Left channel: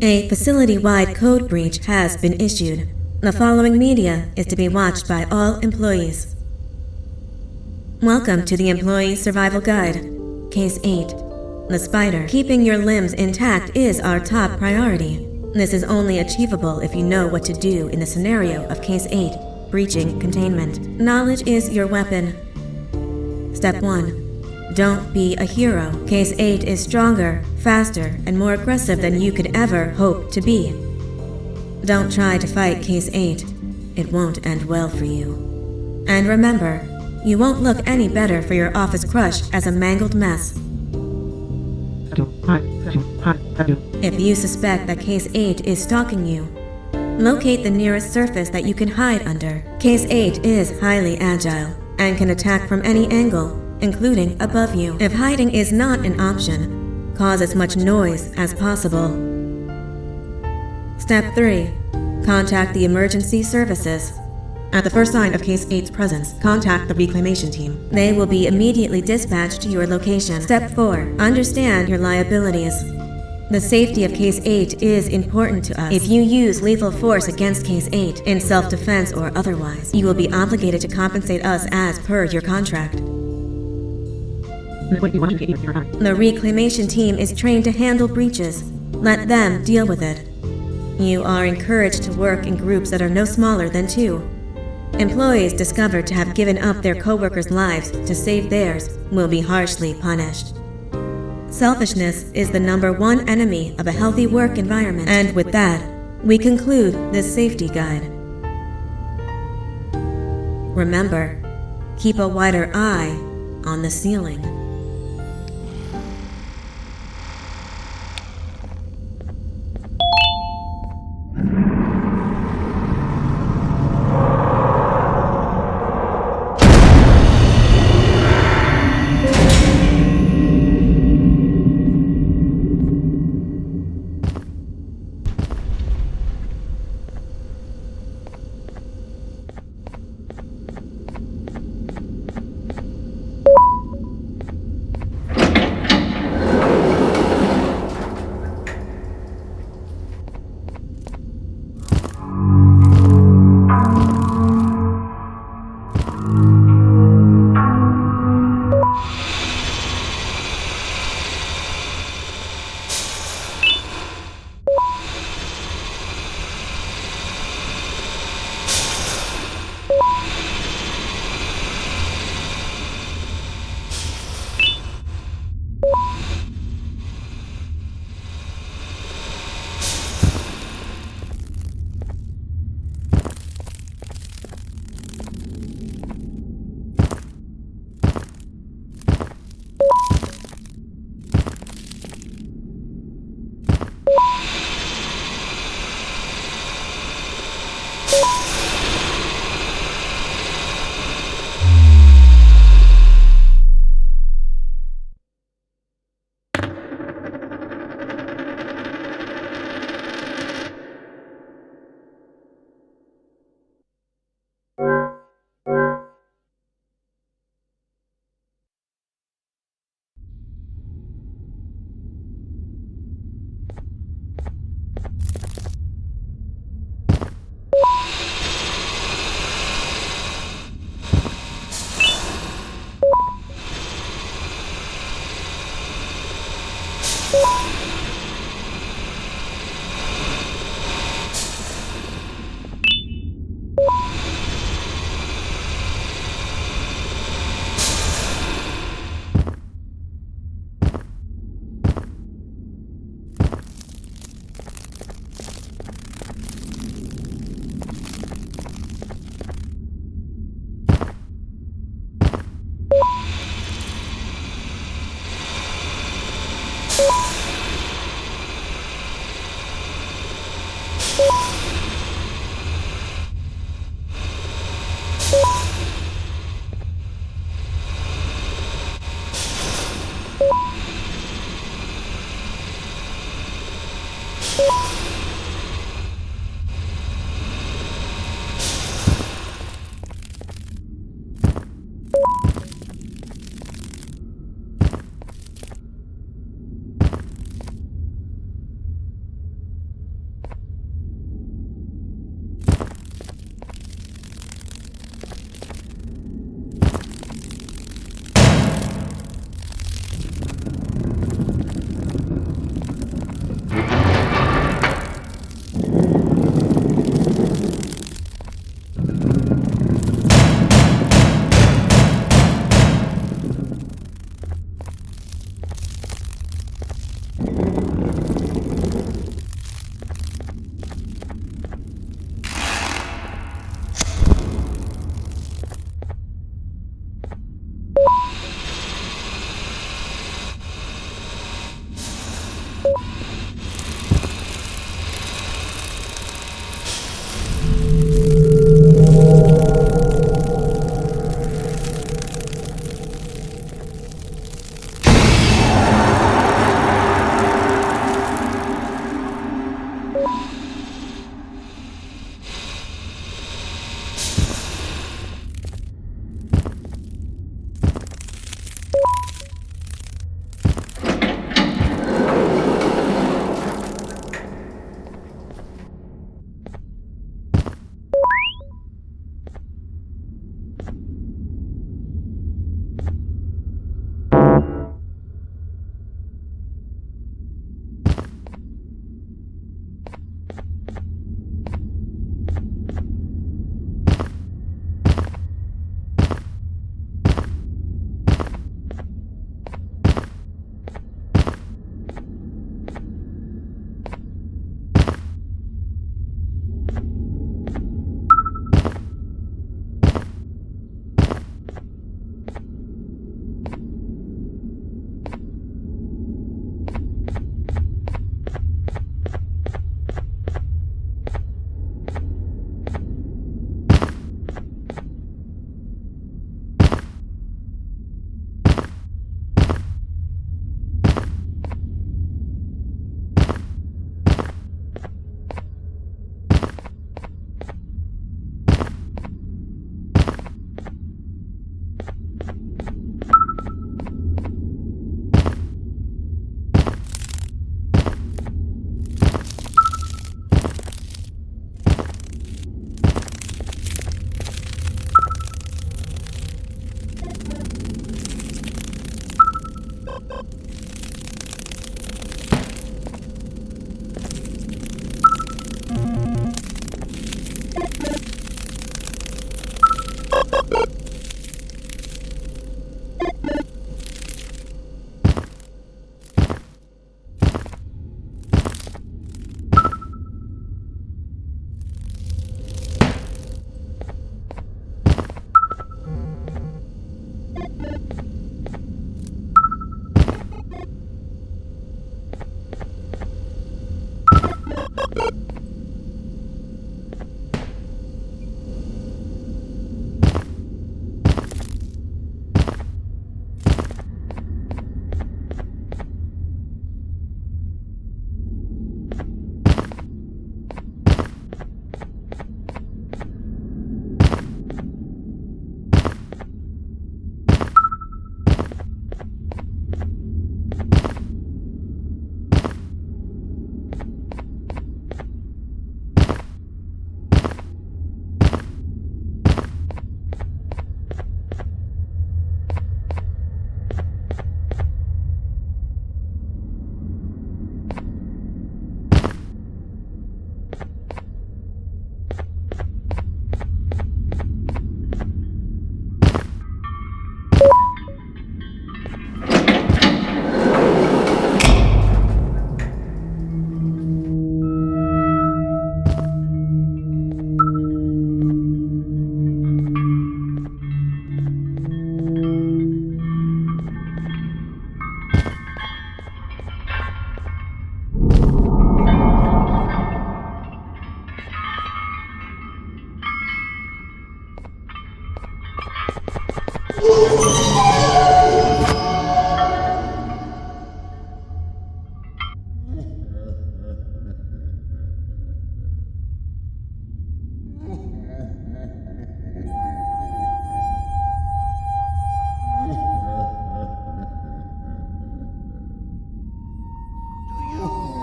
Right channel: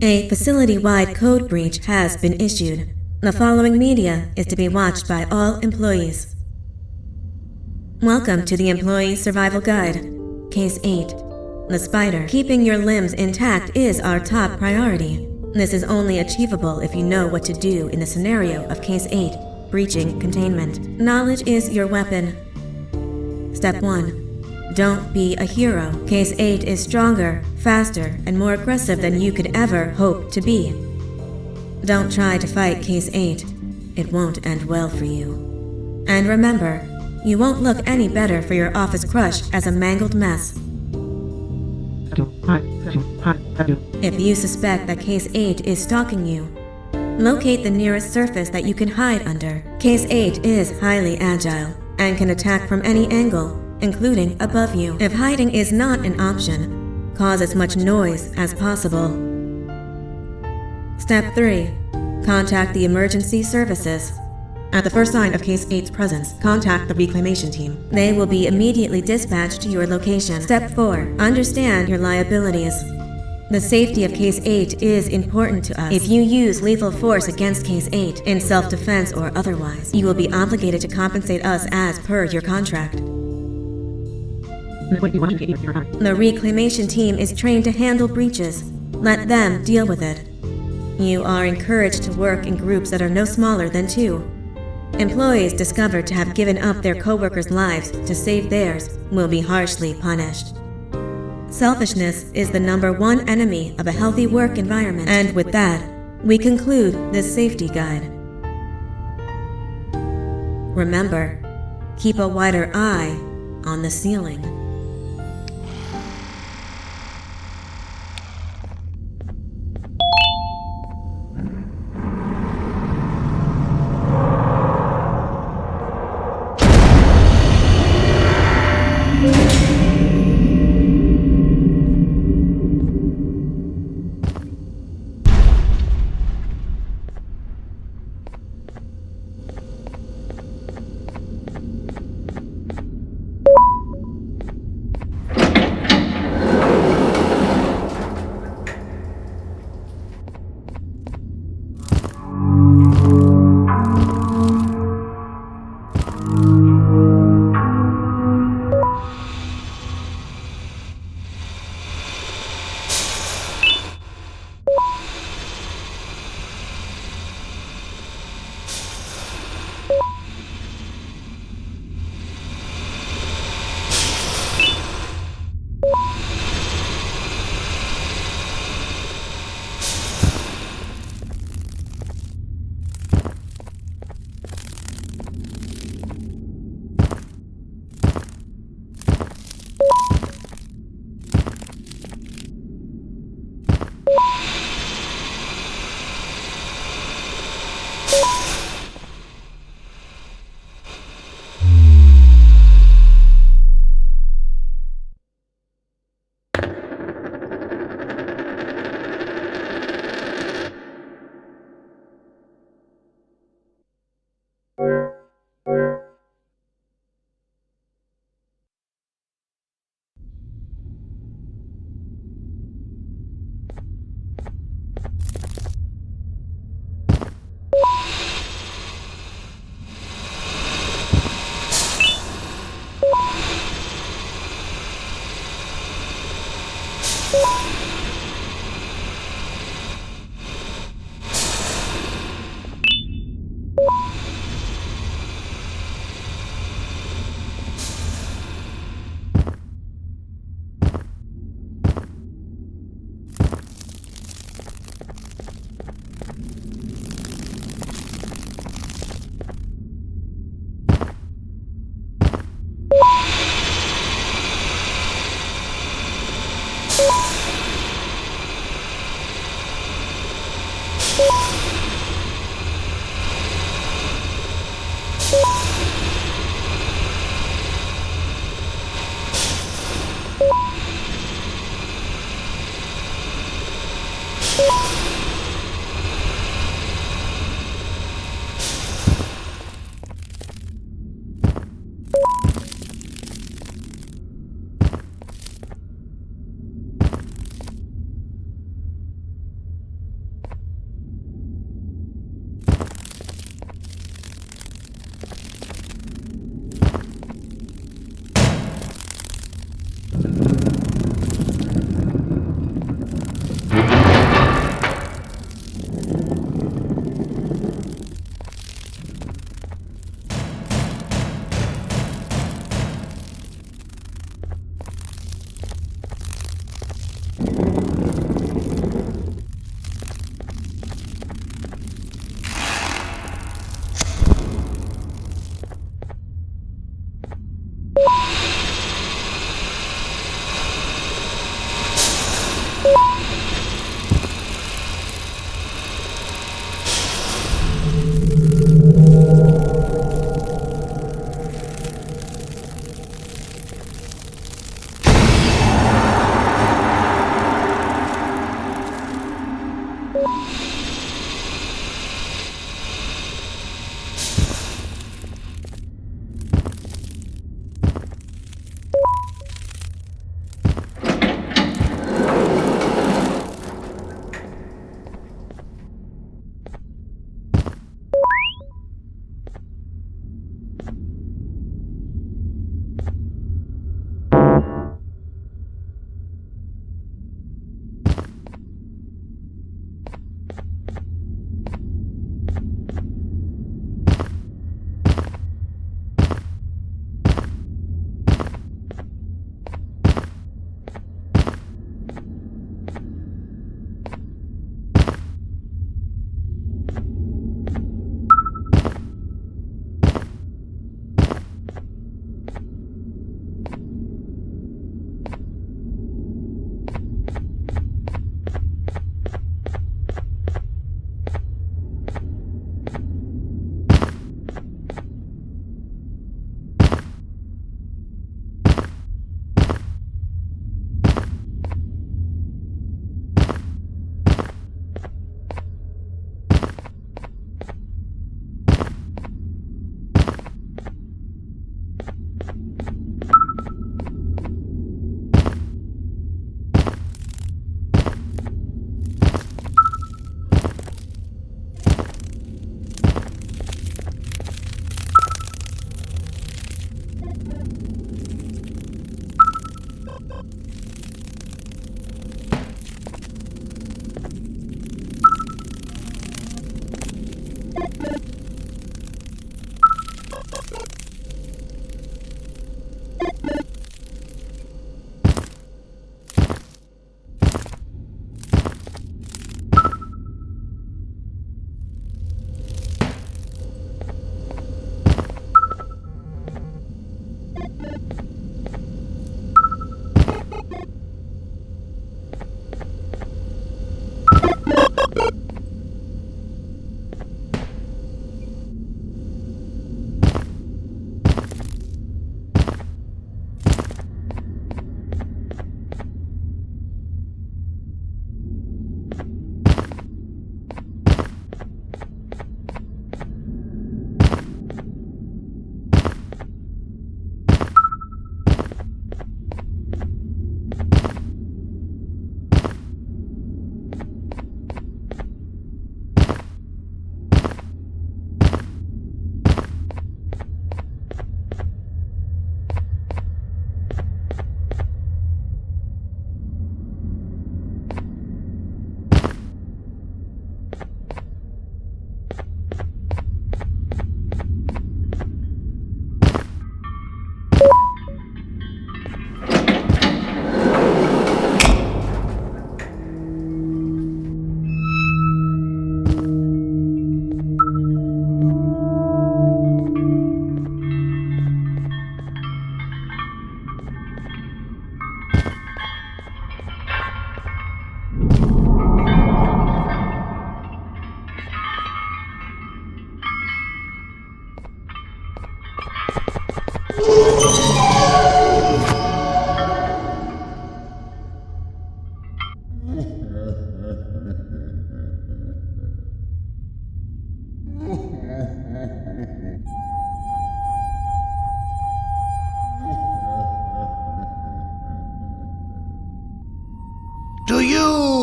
A facility-wide code breach has been issued. The following media is to be watched by all employees. Welcome to the Employee Survival Guide. Case 8. The spider. Keeping your limbs intact is our top priority. This is only achievable if you know what to do in the scenario of Case 8, breaching containment. Knowledge is your weapon. Step 1. Don't be a hero. Case 8 is stronger, faster, and more aggressive than you could ever hope to be. Don't try to fight Case 8. It won't end well for you. And remember, you won't look any better for your office crush as a mangled mess. If you suspect that Case 8 is stalking you, locate the nearest surface that you can hide under. Case 8 is highly agile and can attack from any angle, including above you. If hiding is not an option, cause as much noise as possible. Step 3. Contact the emergency services. At the first sign of Case 8's presence, contact the reclamation team. They will be immediately dispatched to your location. Step 4. Understand your liabilities. The safety of Case 8 is important to us. If you use lethal force against Case 8, in self-defense or otherwise, you will be obligated to compensate us as per your contract. The reclamation team is trained to handle breaches. Let them deal with it. You are encouraged to work in groups that are no smaller than 2. Employees discovered to have given up their co-workers' lives to save theirs will be harshly punished. Selfishness is the #1 enemy of a healthy work environment. And with that, we conclude this safety guide. Remember, keep a wider eye on the ceiling.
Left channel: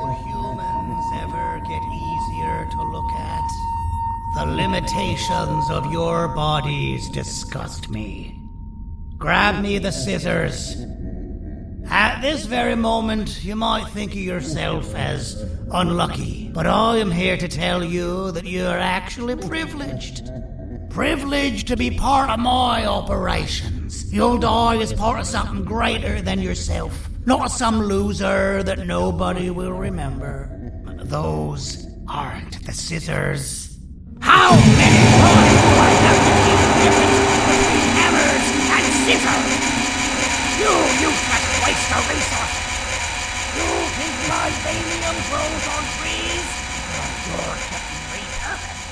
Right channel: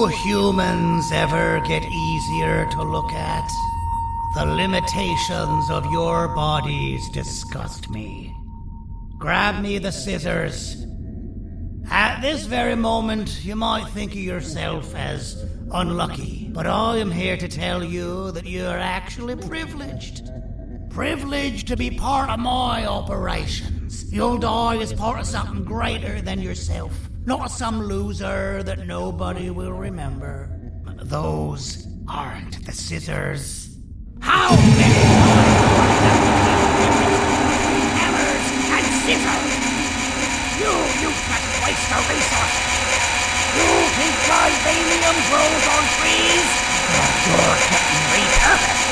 you humans ever get easier to look at? The limitations of your bodies disgust me. Grab me the scissors. At this very moment, you might think of yourself as unlucky, but I am here to tell you that you are actually privileged. Privileged to be part of my operations. You'll die as part of something greater than yourself, not some loser that nobody will remember. Those aren't the scissors. How many times do I have to keep the difference between hammers and scissors? You useless waste of resources! You think vibranium grows on trees? You're getting repurposed!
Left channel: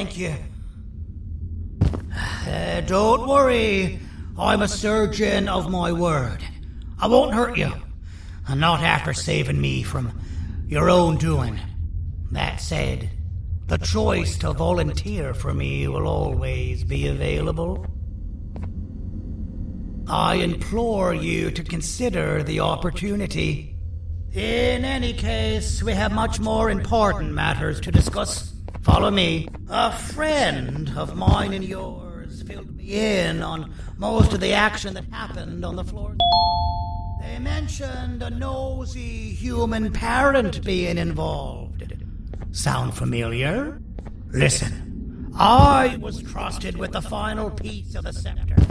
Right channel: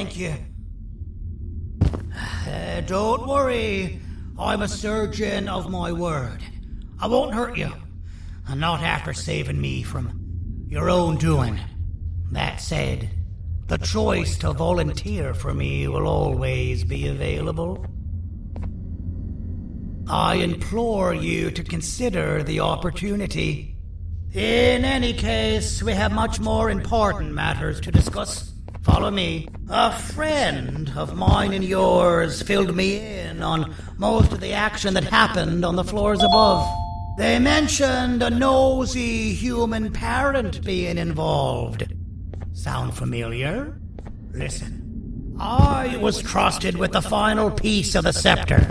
thank you. Don't worry. I'm a surgeon of my word. I won't hurt you. And not after saving me from your own doing. That said, the choice to volunteer for me will always be available. I implore you to consider the opportunity. In any case, we have much more important matters to discuss. Follow me. A friend of mine and yours filled me in on most of the action that happened on the floors above. They mentioned a nosy human parent being involved. Sound familiar? Listen, I was trusted with the final piece of the scepter,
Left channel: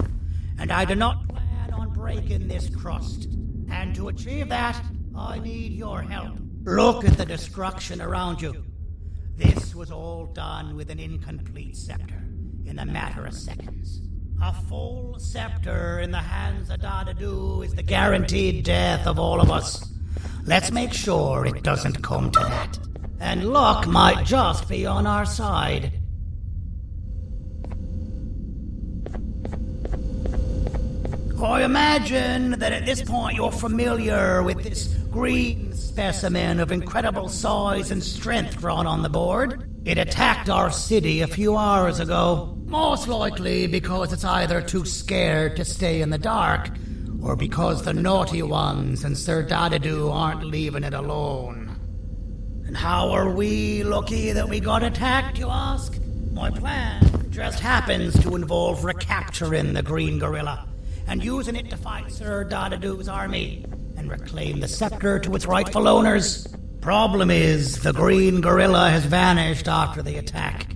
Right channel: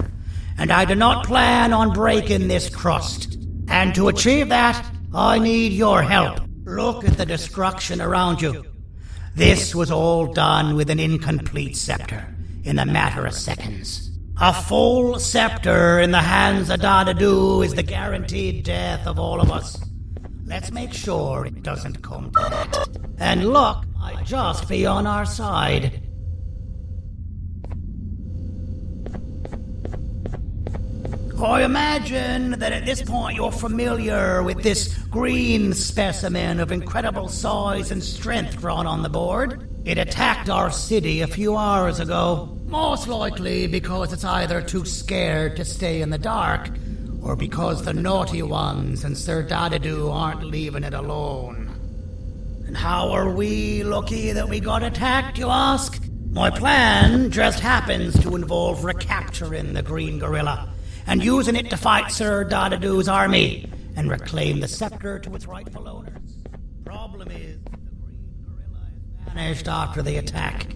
and I do not plan on breaking this trust. And to achieve that, I need your help. Look at the destruction around you. This was all done with an incomplete scepter in a matter of seconds. A full scepter in the hands of Dadadu is the guaranteed death of all of us. Let's make sure it doesn't come to that. And luck might just be on our side. I imagine that at this point you're familiar with this green specimen of incredible size and strength drawn on the board. It attacked our city a few hours ago, most likely because it's either too scared to stay in the dark, or because the naughty ones and Sir Dadadu aren't leaving it alone. And how are we lucky that we got attacked, you ask? My plan just happens to involve recapturing the green gorilla and using it to fight Sir Dadadu's army and reclaim the scepter to its rightful owners. Problem is, the green gorilla has vanished after the attack,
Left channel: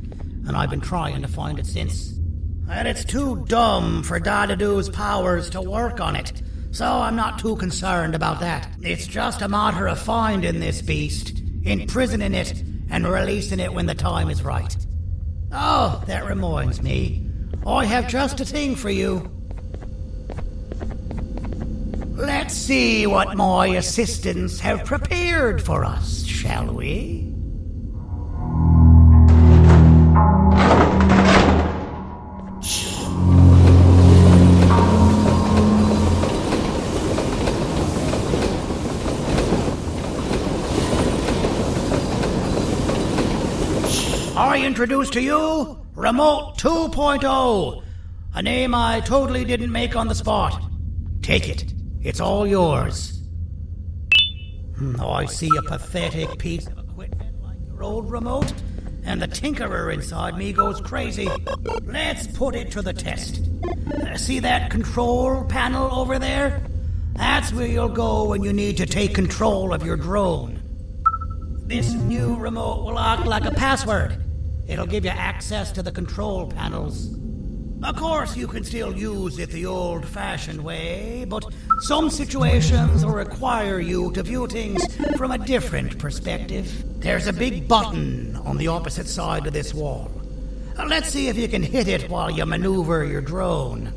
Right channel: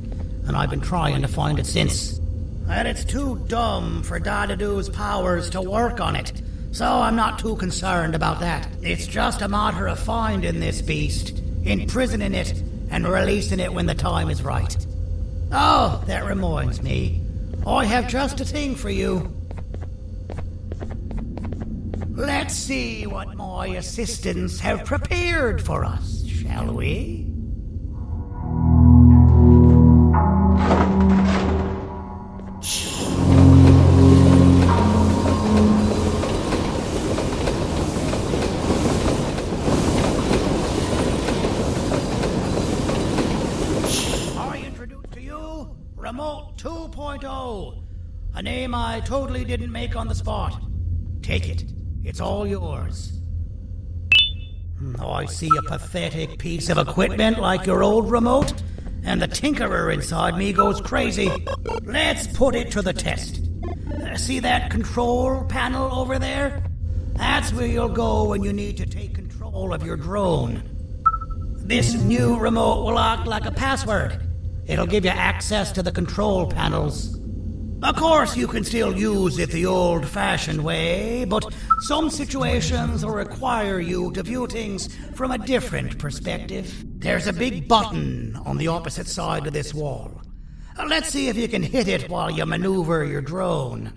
and I've been trying to find it since. And it's too dumb for Dadadu's powers to work on it, so I'm not too concerned about that. It's just a matter of finding this beast, imprisoning it, and releasing it when the time is right. Oh, that reminds me. I have just a thing for you. Let's see what my assistants have prepared for us, shall we? I introduce to you Remote 2.0, a name I totally didn't make on the spot. Take it. It's all yours. I see a pathetic piece of equipment like your old remote, and the tinkerer inside me goes crazy. Let's put it to the test. See that control panel over there? That's where you'll go when you need to take control of your drone. This new remote will act like a password. It'll give you access to the control panels. Of course, you can still use it the old-fashioned way, but some situations will require you to view things from a different perspective. There's a big button on the opposite side of this wall. Let's see if you can hit it while you maneuver your drone.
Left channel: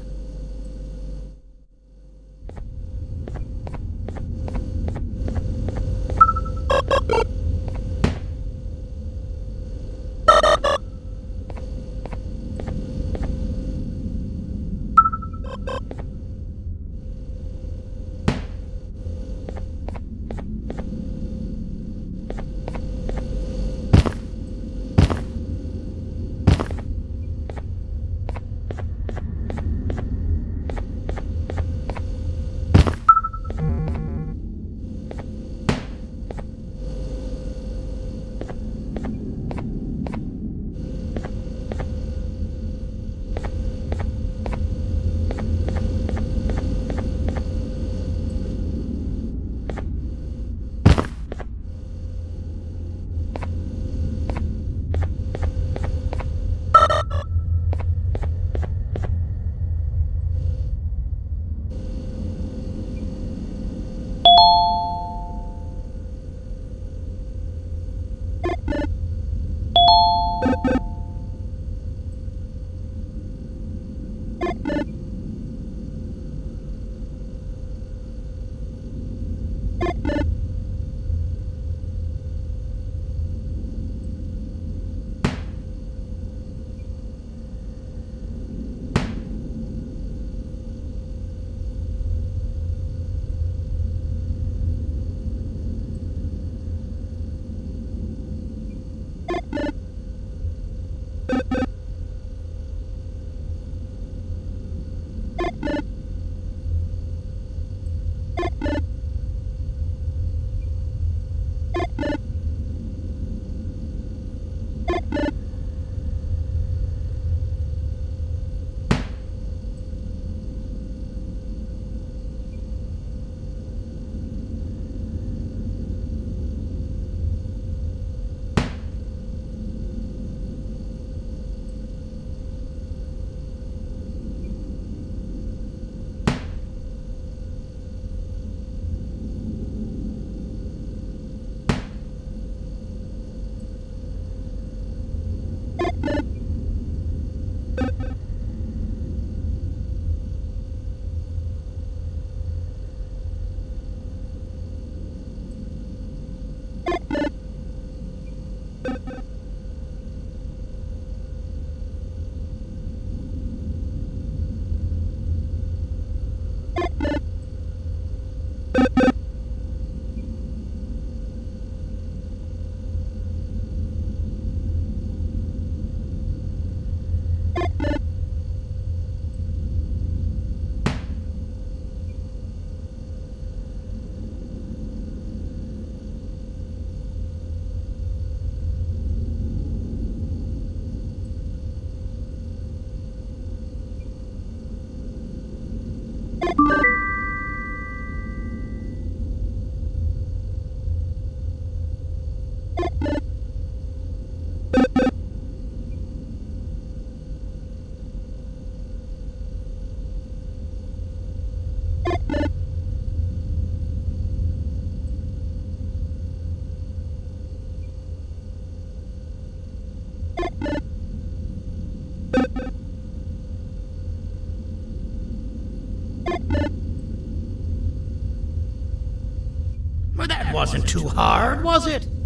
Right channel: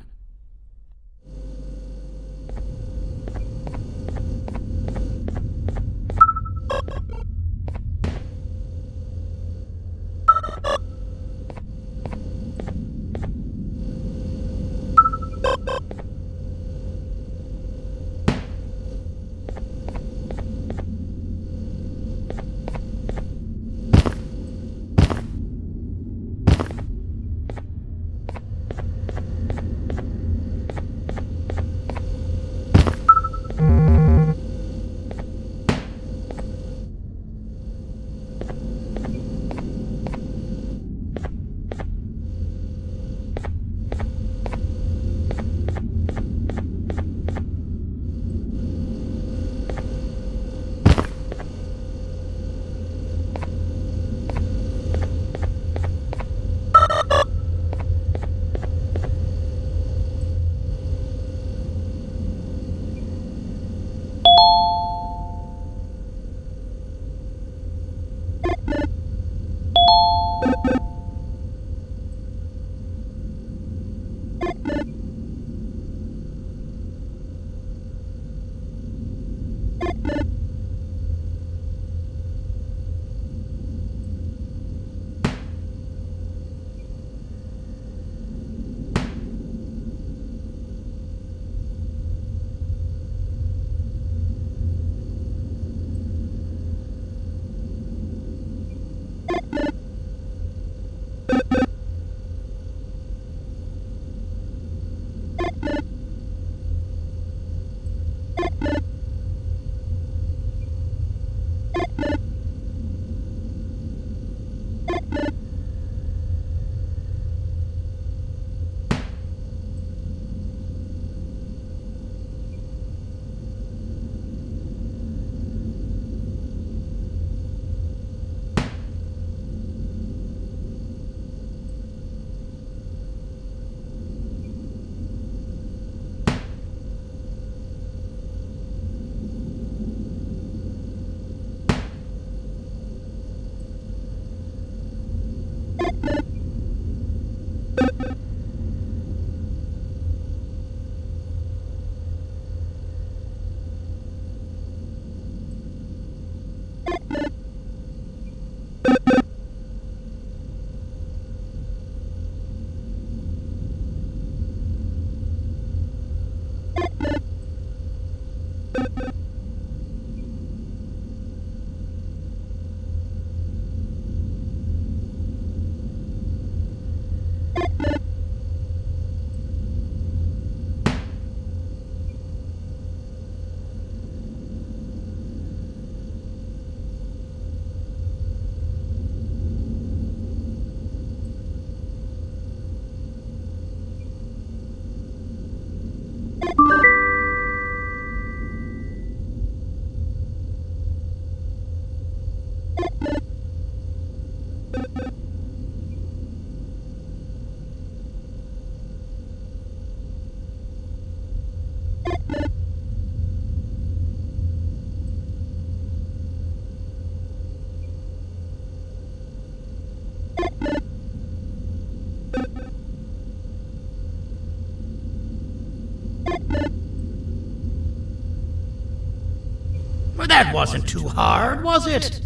Well, that wasn't too hard, was it?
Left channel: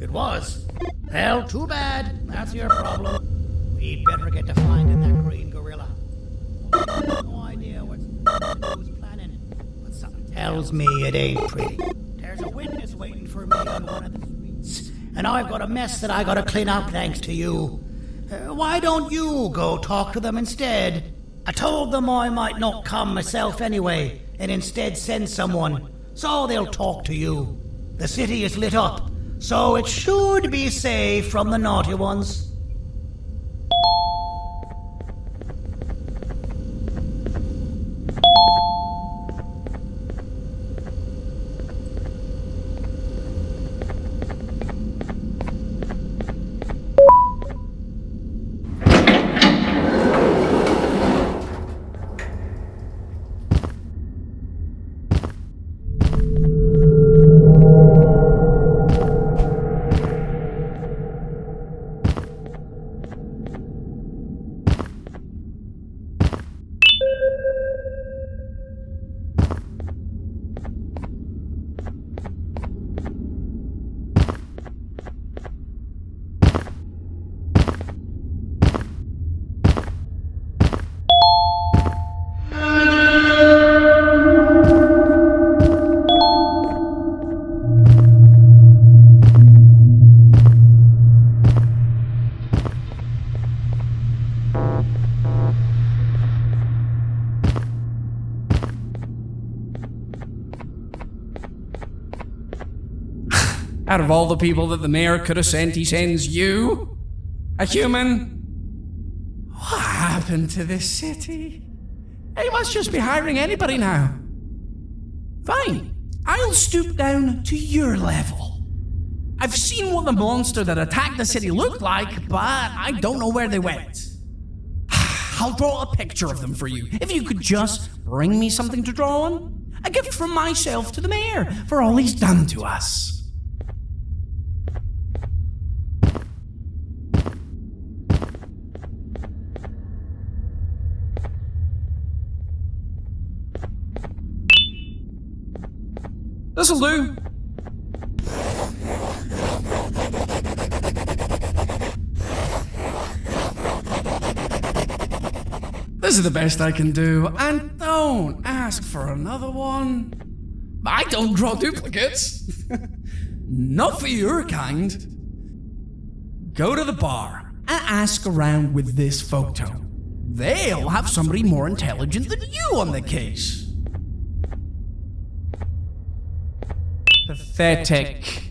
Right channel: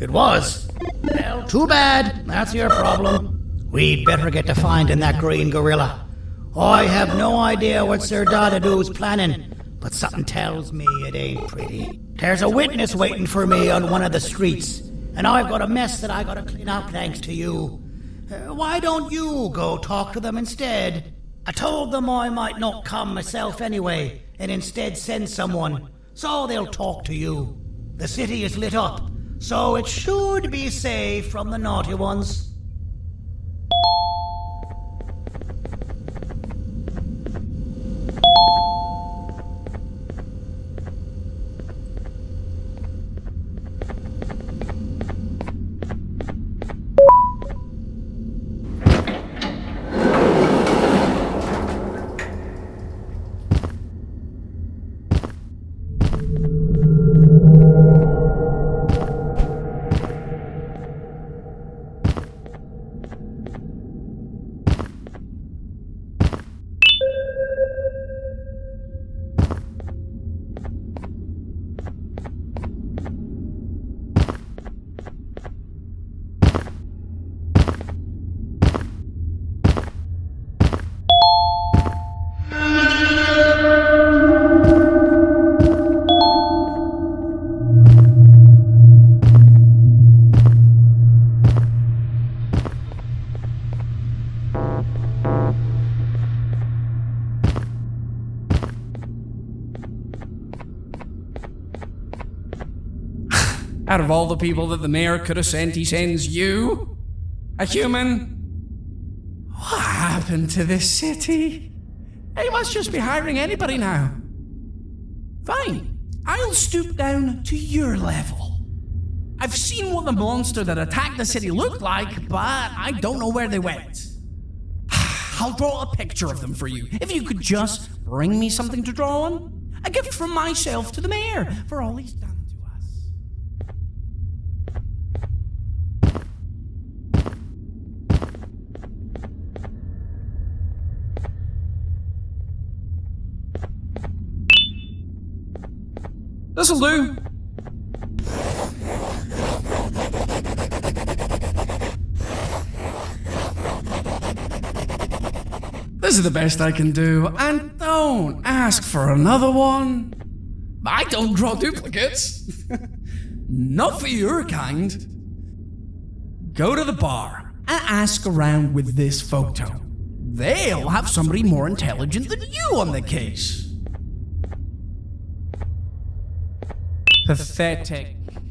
It was. Well, too bad. That's your problem. We'd better get to finding that green gorilla. I have no idea what Sir Dodado's planning, but something tells me it ain't pretty. There's a witness waiting for me on one of the streets, and I've got a mess that I gotta clean up thanks to you. Why don't you go talk to them instead? I told them I might not come myself anyway, and instead send someone, so they'll talk to you. The city is lit up, so it should be safe from the naughty ones. Out of all the people that the mayor could have sent, he sends you? A human? What happened to this city? He must just be hiring anybody now. Fine, I'll stoop down to your level. I've seen what the monster that attacked the city looked like, but I don't know where they went. I'll draw a picture of them for you, if you could just bring me something to draw on. A gift from myself to the mayor for all he's done to us. This'll do. This is the best I can do, and don't ask for another one. I don't draw duplicates. Not for your kind. Go to the bar and ask around with this photo. They'll have somebody more intelligent than you on the case. Pathetic.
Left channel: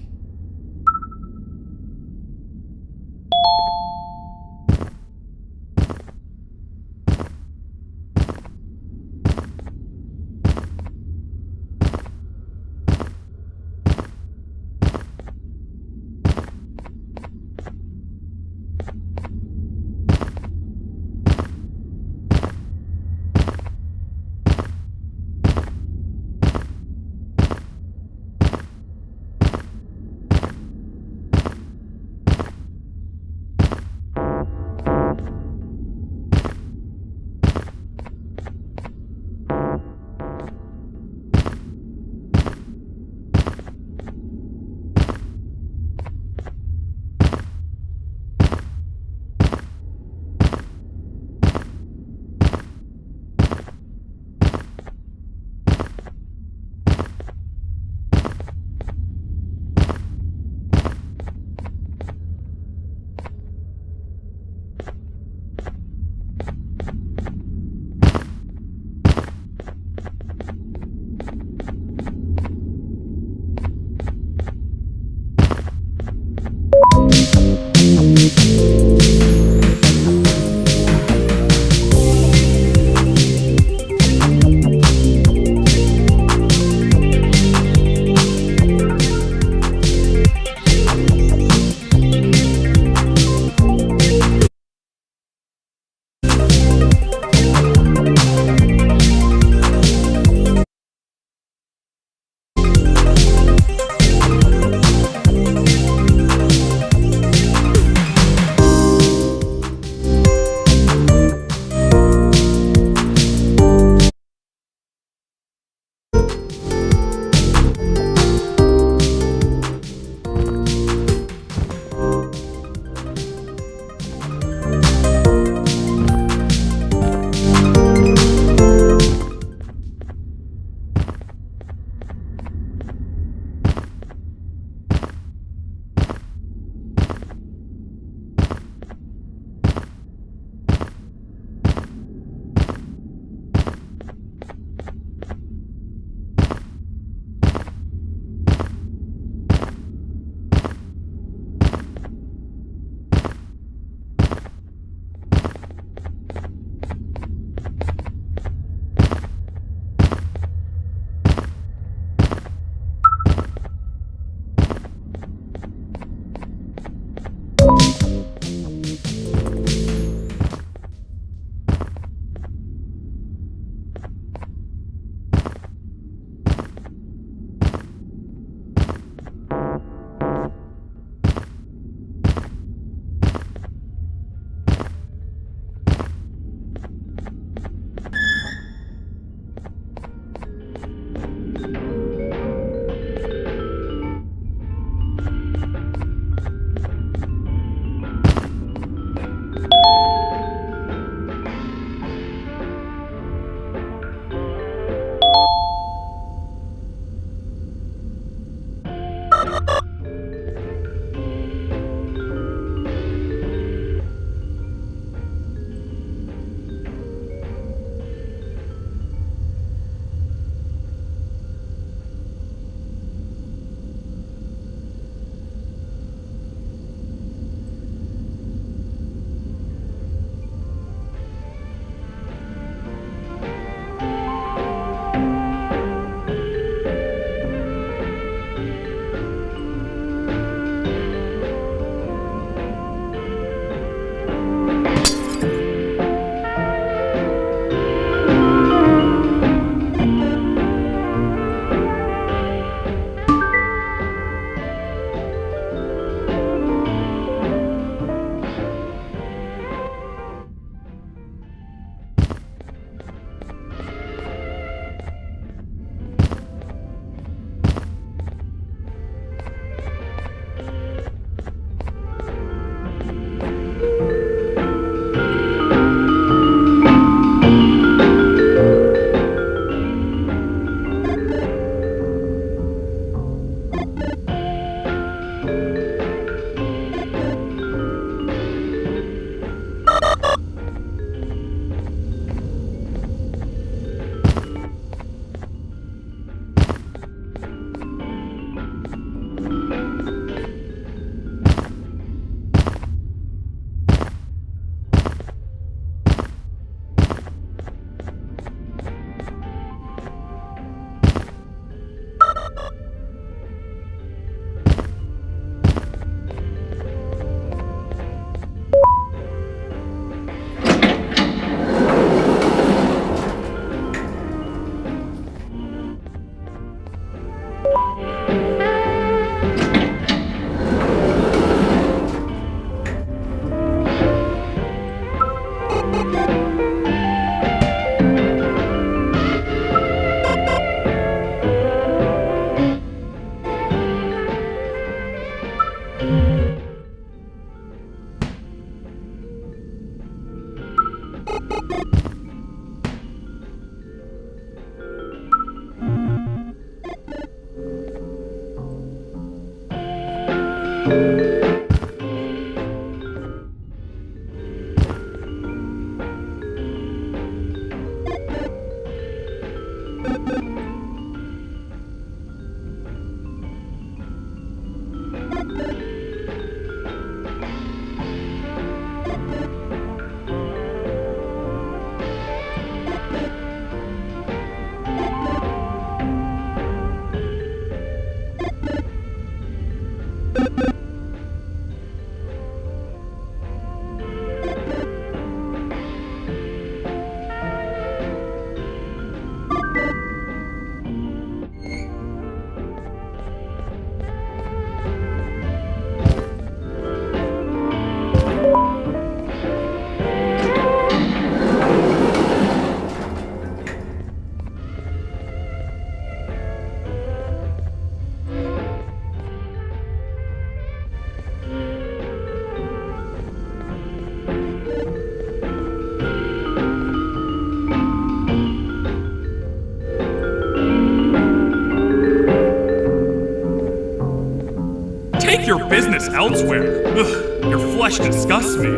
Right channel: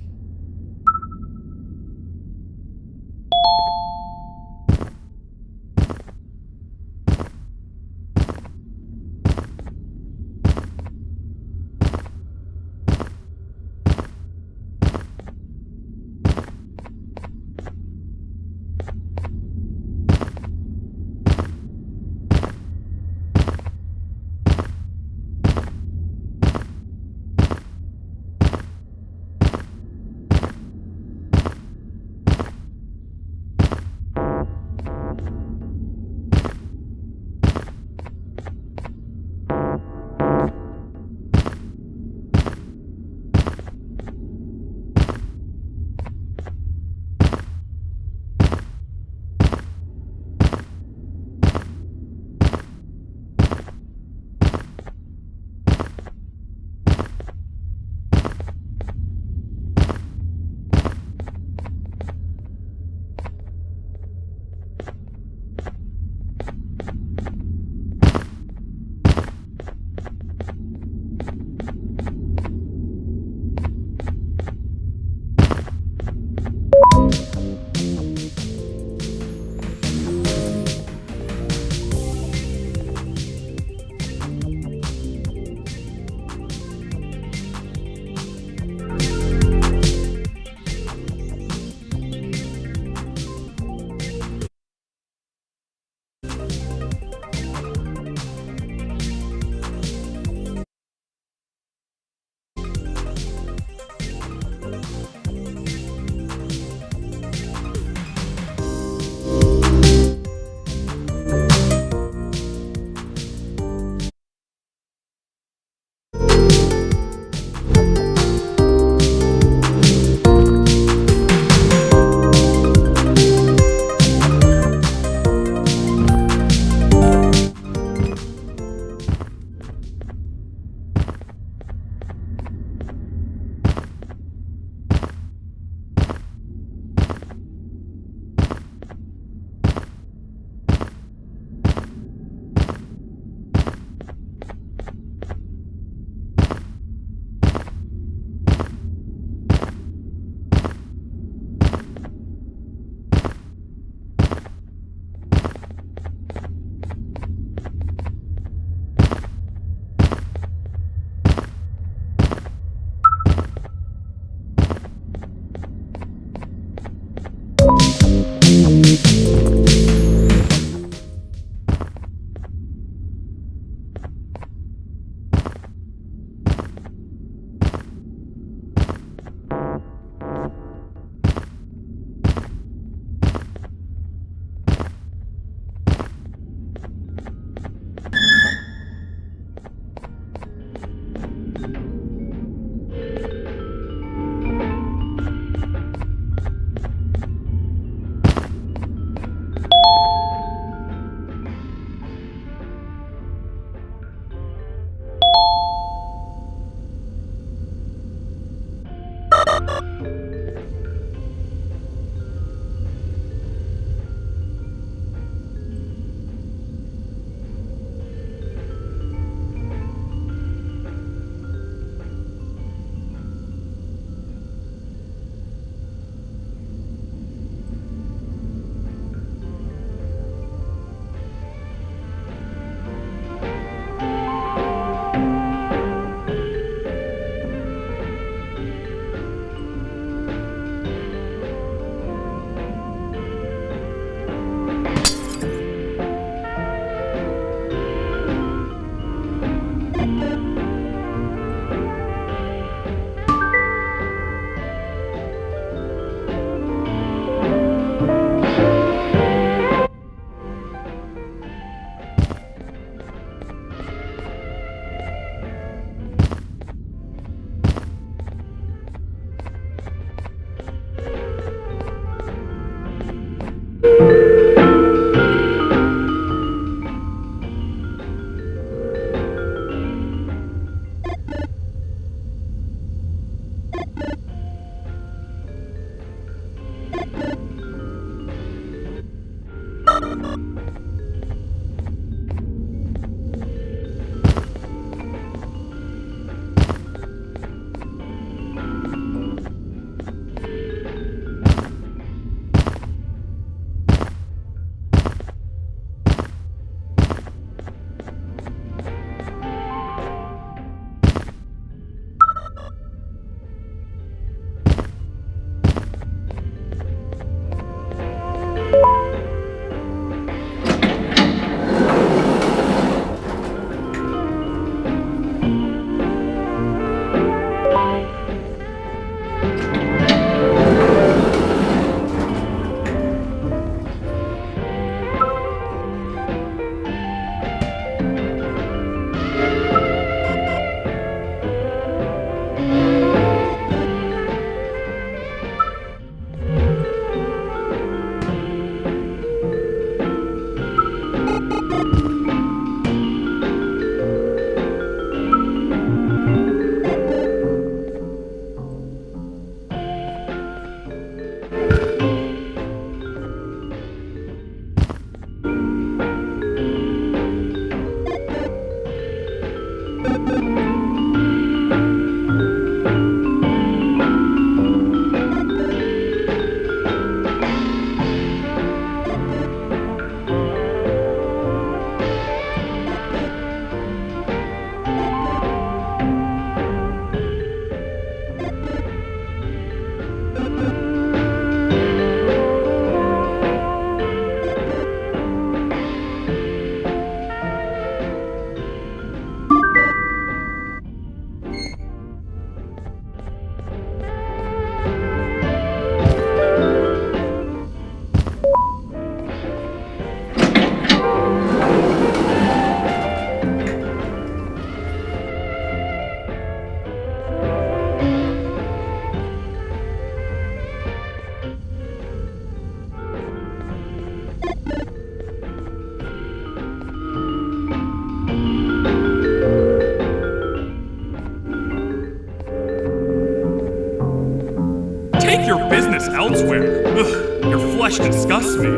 Take your business elsewhere. Ugh, your flesh disgusts me.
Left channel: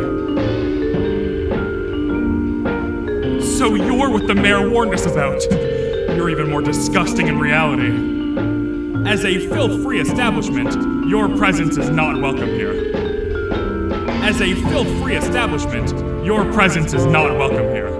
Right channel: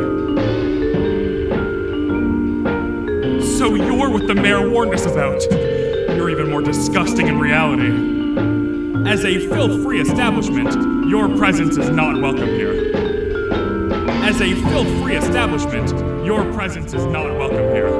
So you're what the mayor warned us about. You're even more disgusting in reality. As a filth-free establishment, your presence is not welcome here. As a filth-free establishment, your presence is not welcome here.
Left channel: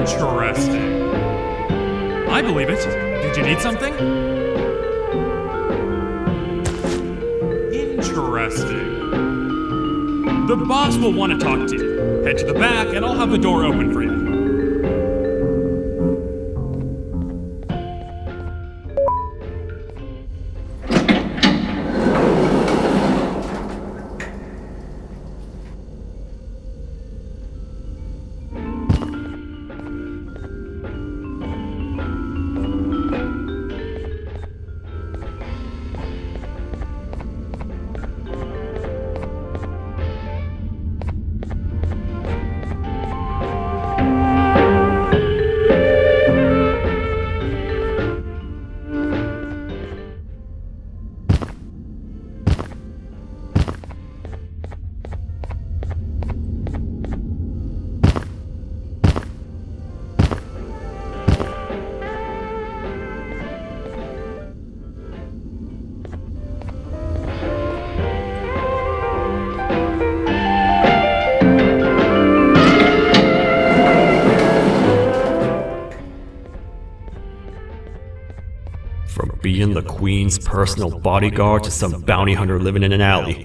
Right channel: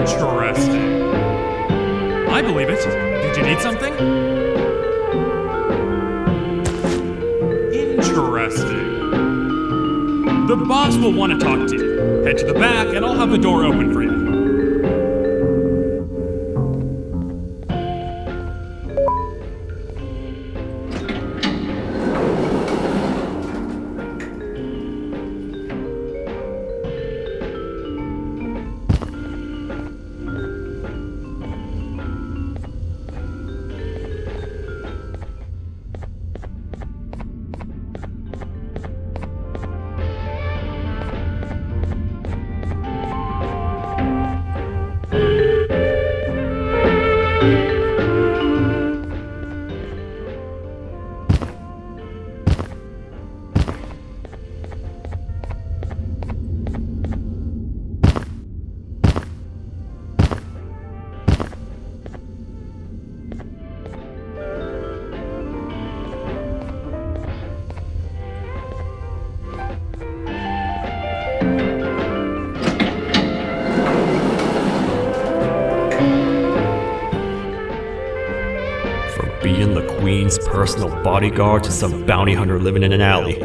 Interesting. I believe it. Did you need something? Interesting. The boss will want to talk to you. Head to the back and I'll have the door open for you. Being the Queen's personal bodyguard to some bounty hunter living in an alley.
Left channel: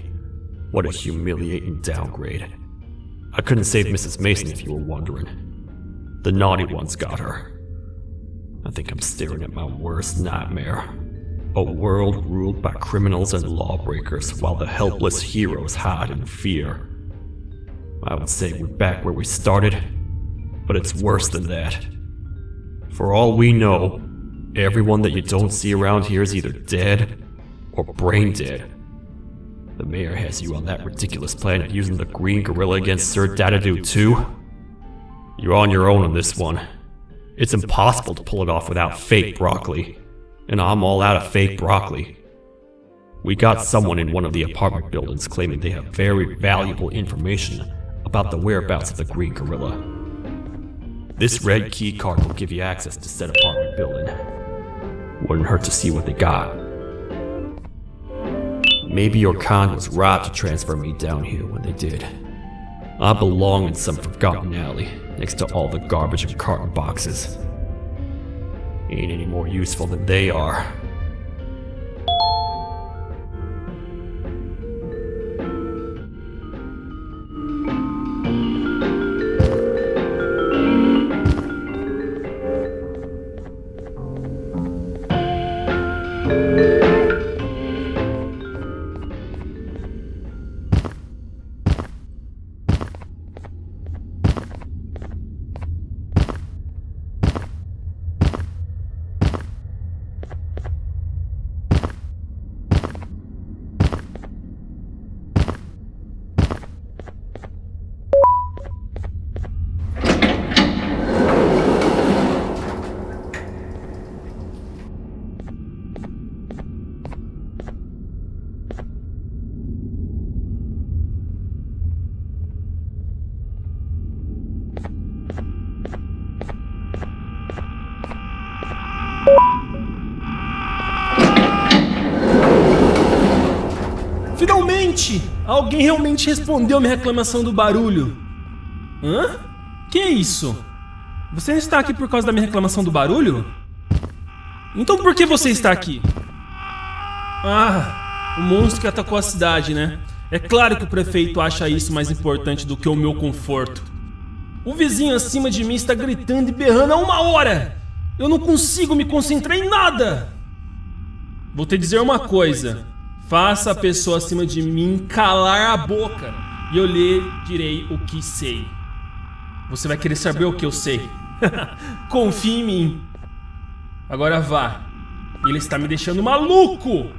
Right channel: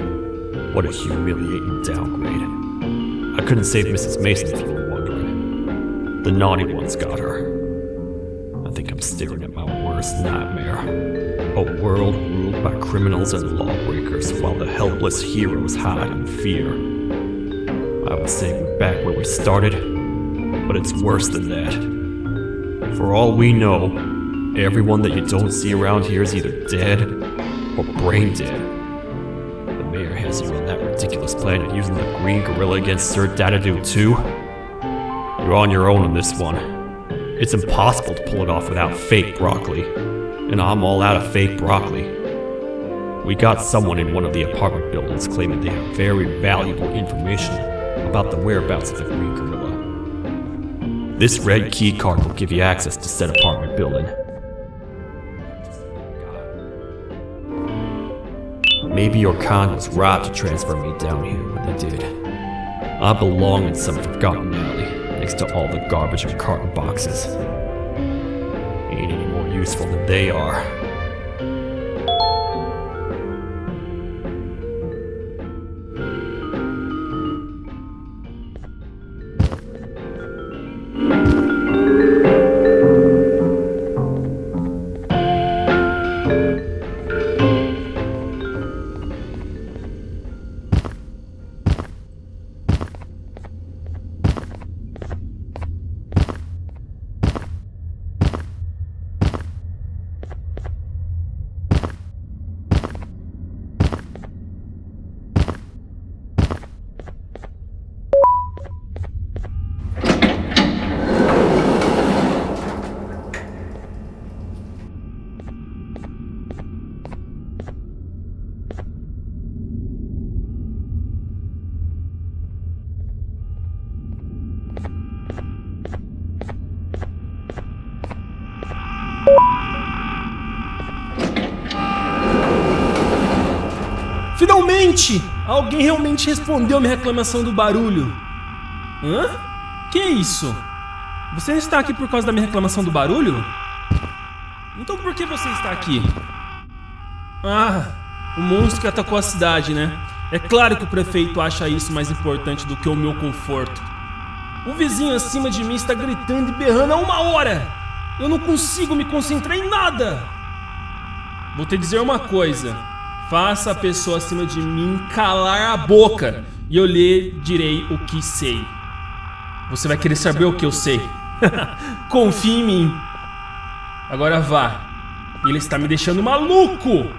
What a humiliating downgrade. I couldn't save Mrs. Mason if you were wondering. The naughty ones got her. I think I'm staring at my worst nightmare. A world ruled by criminals and lawbreakers while the helpless heroes hide in fear. I would say we're back where we started, but it's worse than that. For all we know, everyone that you don't see around here is either dead or brain dead. The mayor has you on that ridiculous planet using the green gorilla against Sir Dadadoo too? You're on your own on this one. It's impossible to pull it off without fake broccoli. And I'm all out of fake broccoli. We got someone in one of the apartment buildings claiming they have very valuable information about the whereabouts of the green gorilla. This red key card will give you access to said apartment building. Wouldn't hurt to see what they got. Maybe your kind was right to transfer me down here when they did. I belong in some forgotten alley next to all the garbage and carton boxes. Ain't any more useful than they are. Finalmente! Alguém realmente respondeu minha reclamação do barulho. Hã? Que é isso? Você está aqui por causa da minha reclamação do barulho? Então por que você está aqui? Ah, o monstro que atacou a cidade, né? É claro que o prefeito acha isso mais importante do que o meu conforto. O vizinho acima de mim está gritando e berrando há 1 hora. Eu não consigo me concentrar em nada. Vou te dizer uma coisa. Faça a pessoa acima de mim calar a boca e eu lhe direi o que sei. Você vai querer saber o que eu sei. Confie em mim. Agora vá. Ele está me deixando maluco.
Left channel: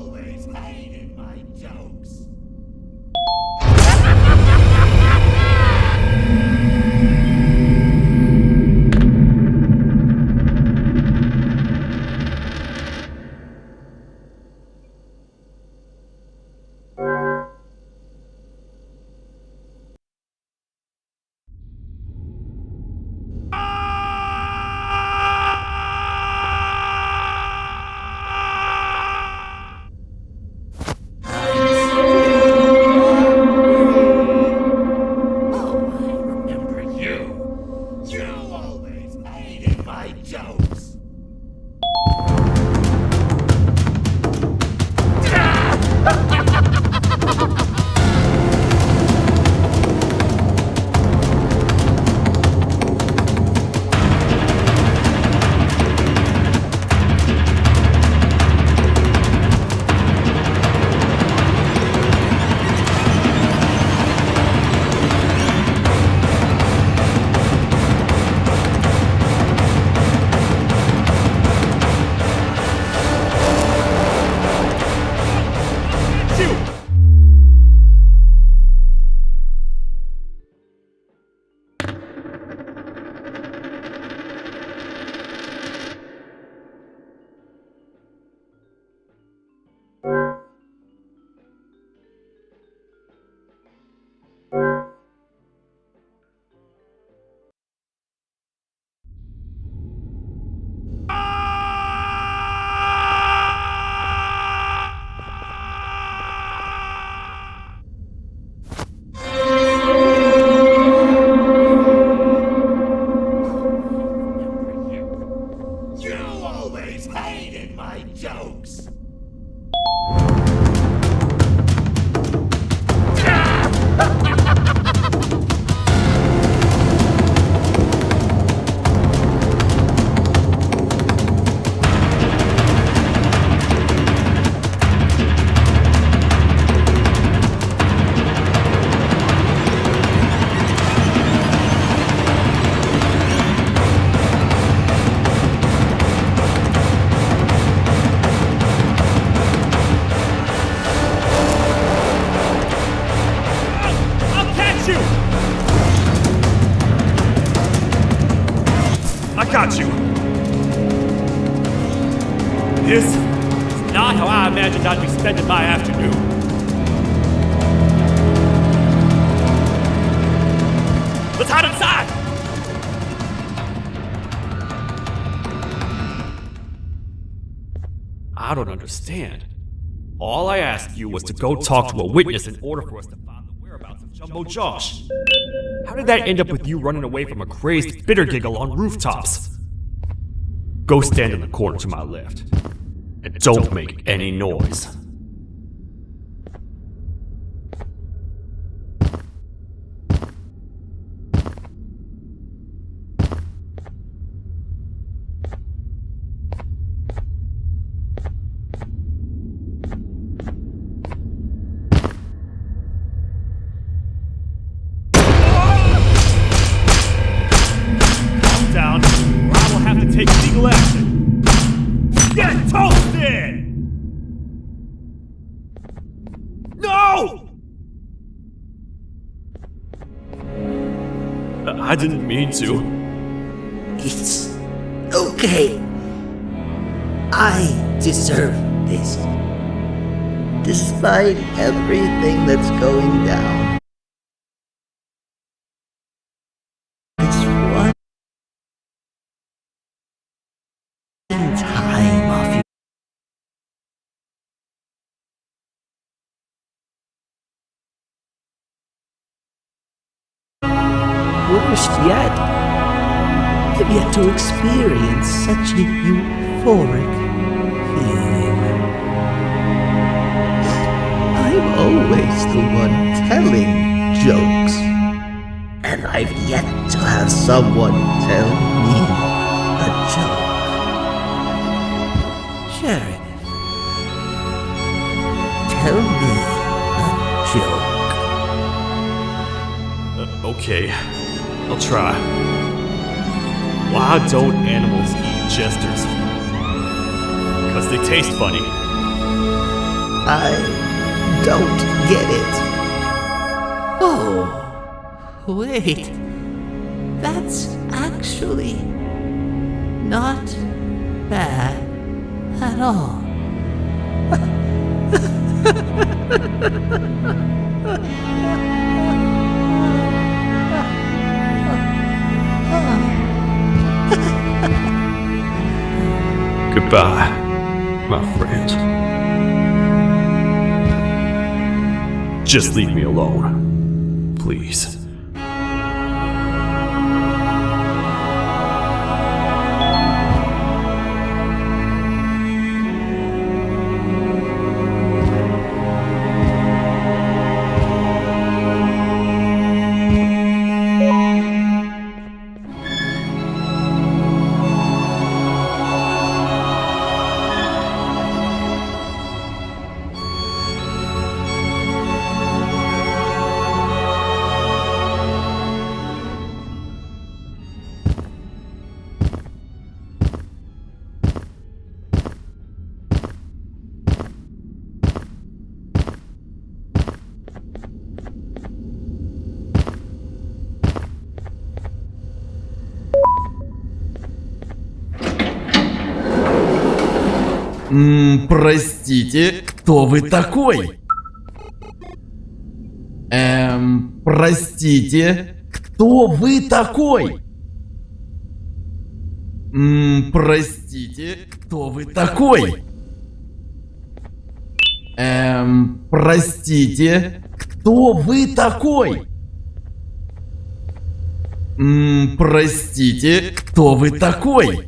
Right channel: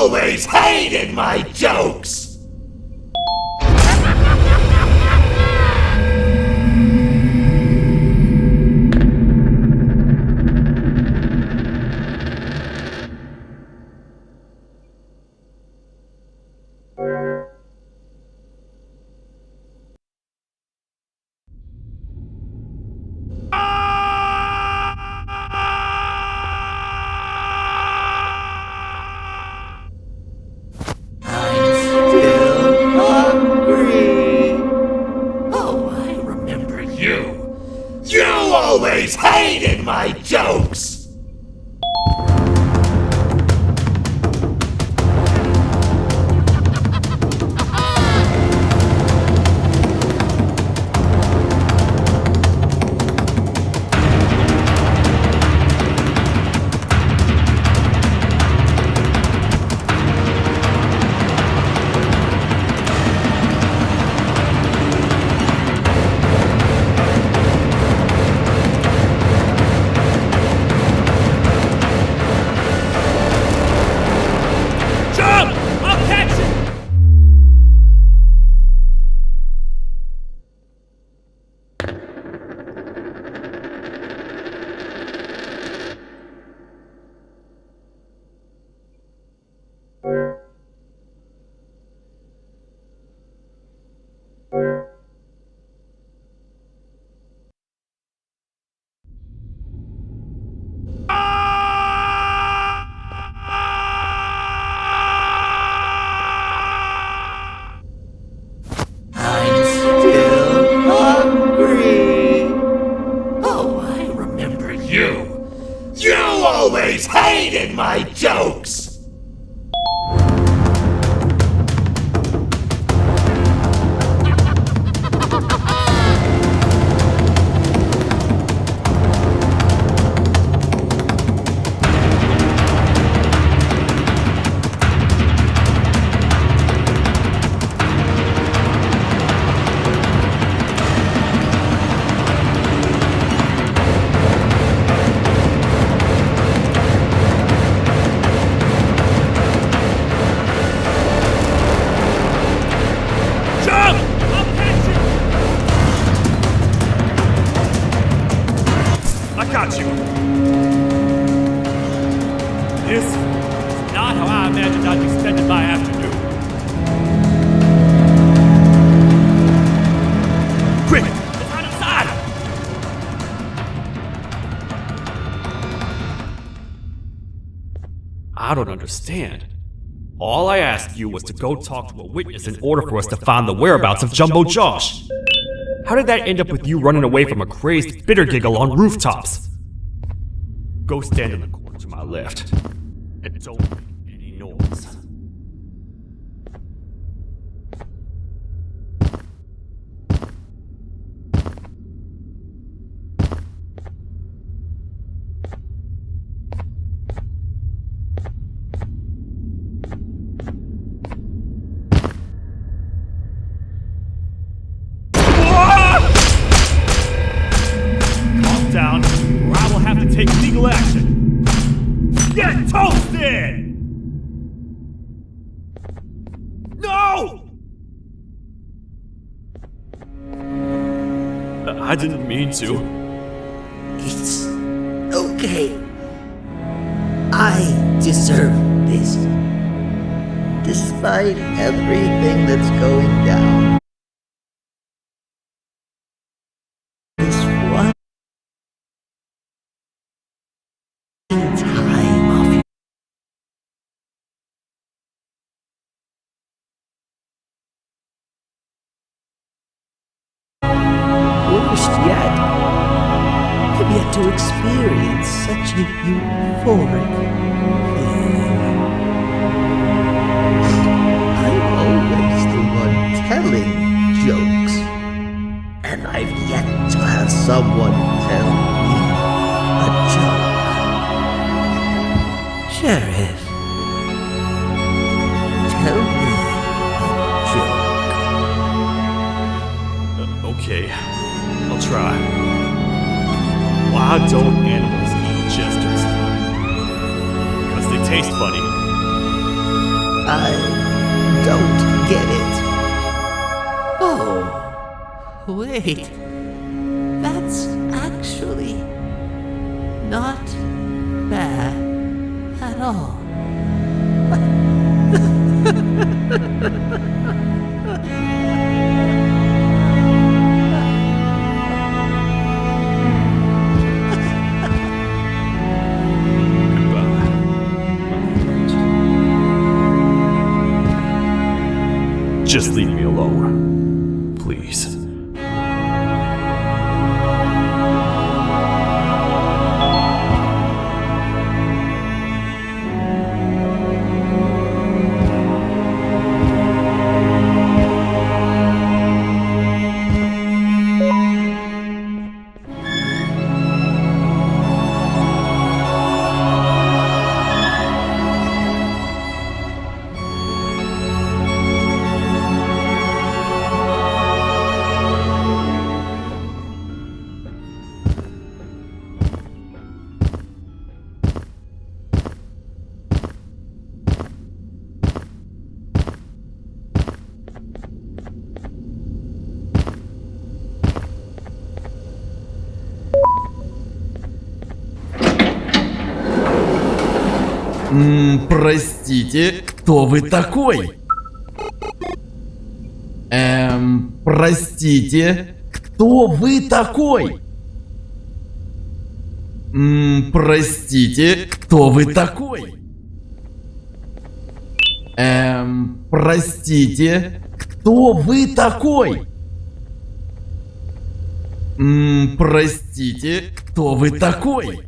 always hated my jokes! Hated my jokes! Hated my jokes! Got you! This is not how I imagined I'd be spending my afternoon. Quick, let's hide inside! I don't understand. All I asked you was to go talk to a witness in order for us to find the whereabouts of Jumbo Josh. How did that end up with you running away from a crazed bitter giggle on rooftops? Go stand in the corner to my left, and don't make any noise. Down, or I will have to take legal action. Get toasted! No! I didn't mean to. It's okay. I deserve this. Despite everything that's going down. This one time of you. Worst yet, I've yet to experience such a euphoric feeling. I'm always the one telling jokes, and I've yet to have someone tell me a joke. Sheriff, tell me a joke. Okay, I'll try. Why don't animals eat jesters? Because they taste funny. I don't get it. Oh, wait. That's actually not bad at all. Goodbye, my friend. Just leave me alone, please. Простите, кто вы такой? Простите, кто вы такой? Простите, кто вы такой? Простите, кто вы такой? Простите, кто вы такой?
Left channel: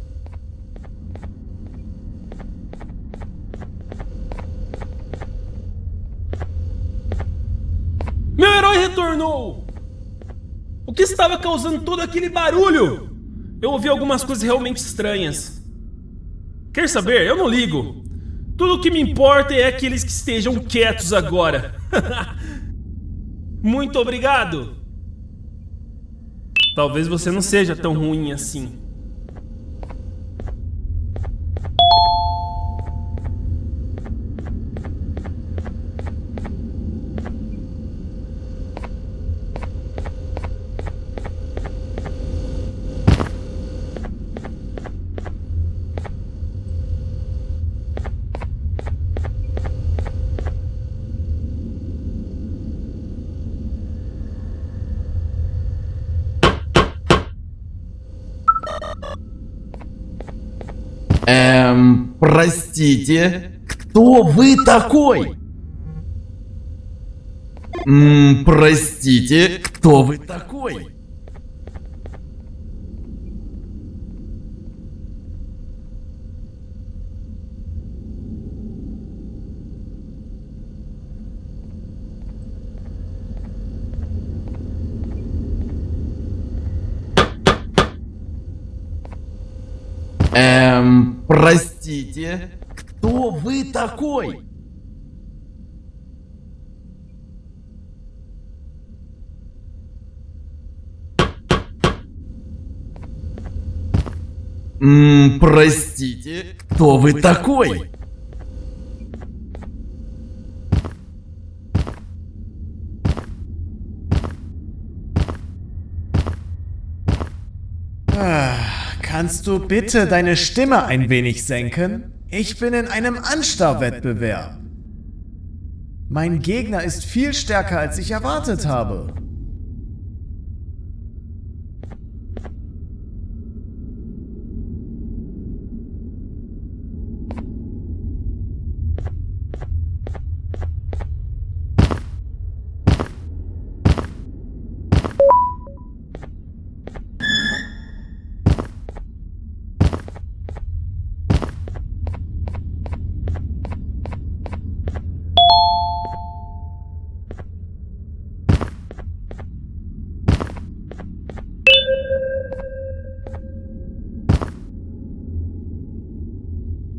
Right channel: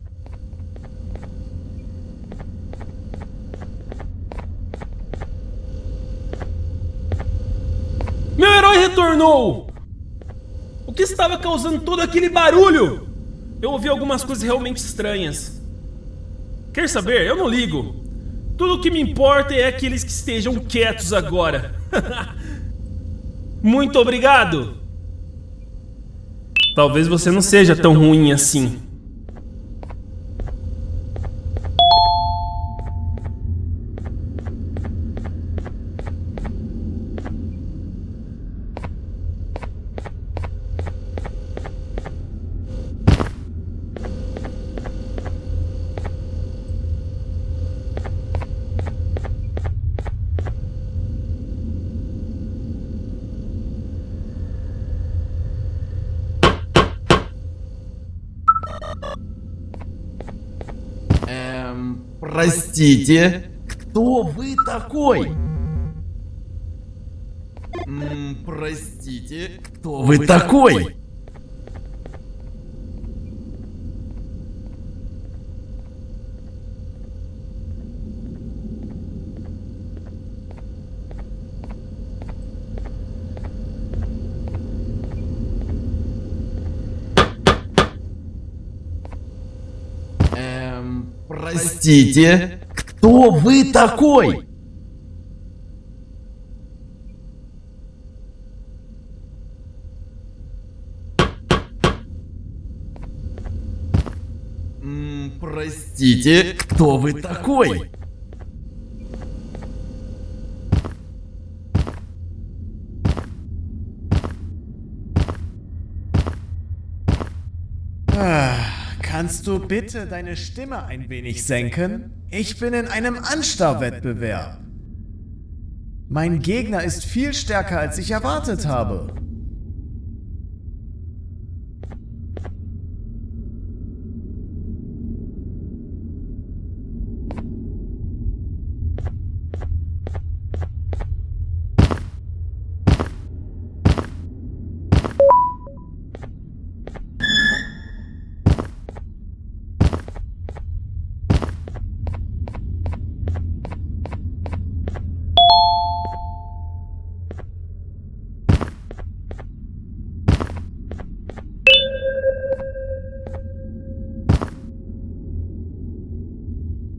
Meu herói retornou! O que estava causando todo aquele barulho? Eu ouvi algumas coisas realmente estranhas. Quer saber? Eu não ligo. Tudo o que me importa é aqueles que estejam quietos agora. Muito obrigado! Talvez você não seja tão ruim assim. Простите, кто вы такой? Простите, кто вы такой? Простите, кто вы такой? Простите, кто вы такой? Kannst du bitte deine Stimme ein wenig senken? Ich bin in einem Anstarrwettbewerb. Mein Gegner ist viel stärker, als ich erwartet habe.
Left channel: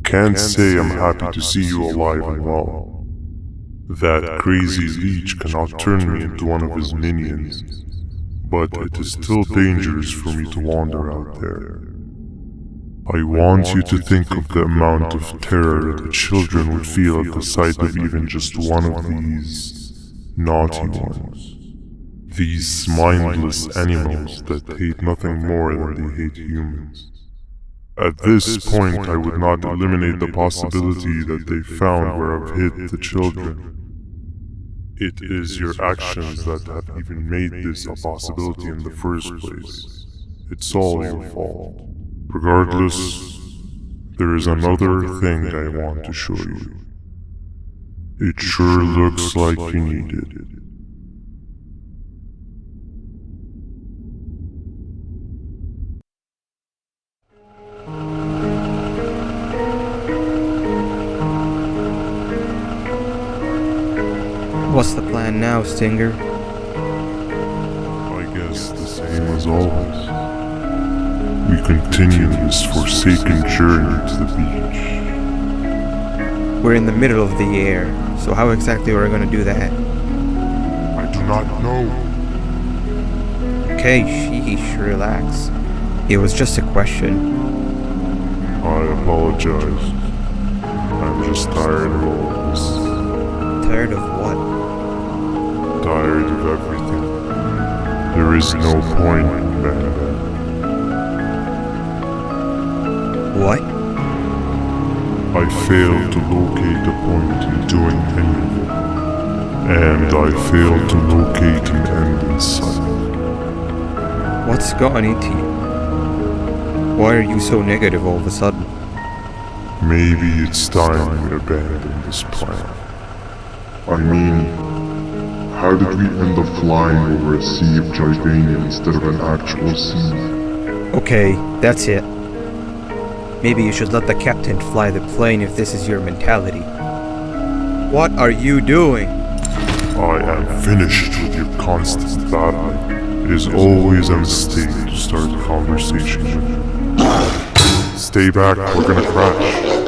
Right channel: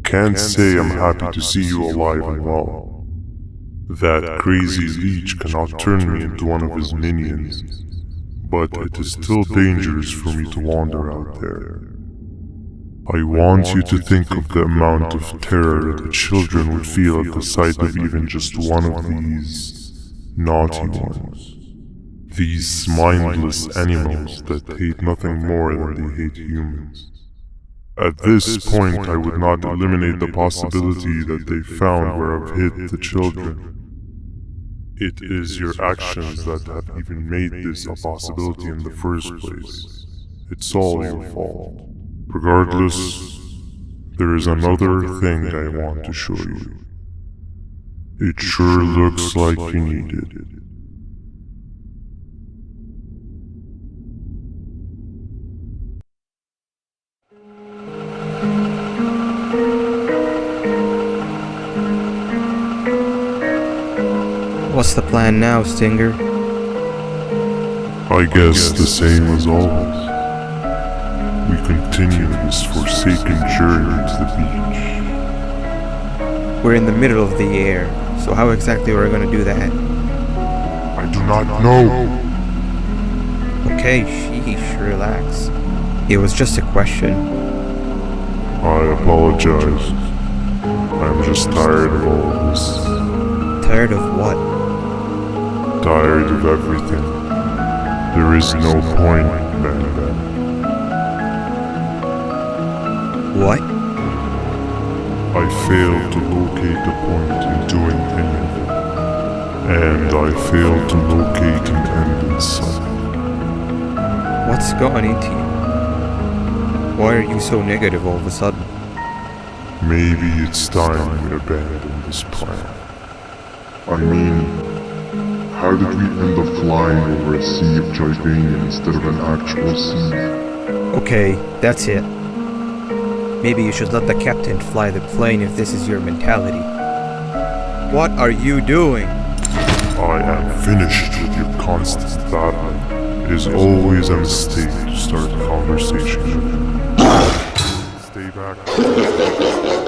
Can't say I'm happy to see you alive and well. That crazy leech cannot turn me into one of his minions, but it is still dangerous for me to wander out there. I want you to think of the amount of terror that children would feel at the sight of even just one of these naughty ones. These mindless animals that hate nothing more than they hate humans. At this point, I would not eliminate the possibility that they found where I've hid the children. It is your actions that have even made this a possibility in the first place. It's all your fault. Regardless, there is another thing I want to show you. It sure looks like you need it. What's the plan now, Stinger? I guess the same as always. We continue this forsaken journey to the beach. We're in the middle of the air, so how exactly are we going to do that? I do not know. Okay, sheesh, relax. It was just a question. I apologize. I'm just tired of all this. Tired of what? Tired of everything. There is no point, man. What? I failed to locate a point in doing anything. And I failed to locate an end in sight. What's gotten into you? Why are you so negative all of a sudden? Maybe it's time we abandon this plan. I mean, how did we end up flying over a sea of Jordania instead of an actual sea? Okay, that's it. Maybe you should let the captain fly the plane if this is your mentality. What are you doing? I am finished with your constant battling. It is always a mistake to start a conversation with you. Stay back, we're gonna crash.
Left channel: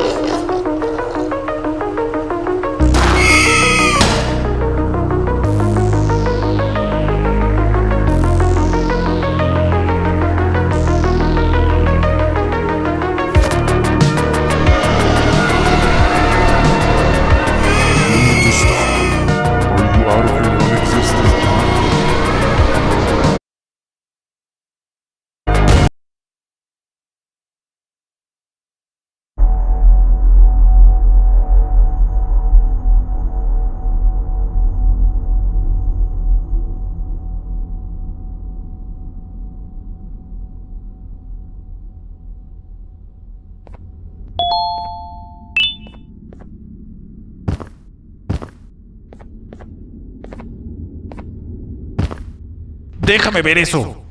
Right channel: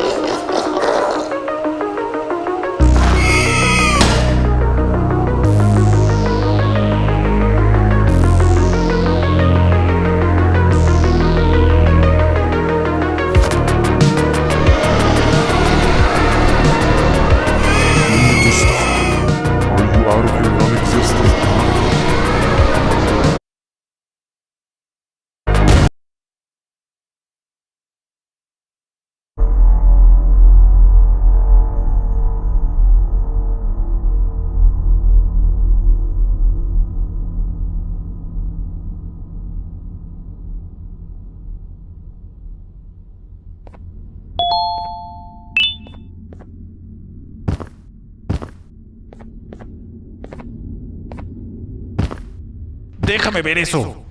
Déjame ver eso.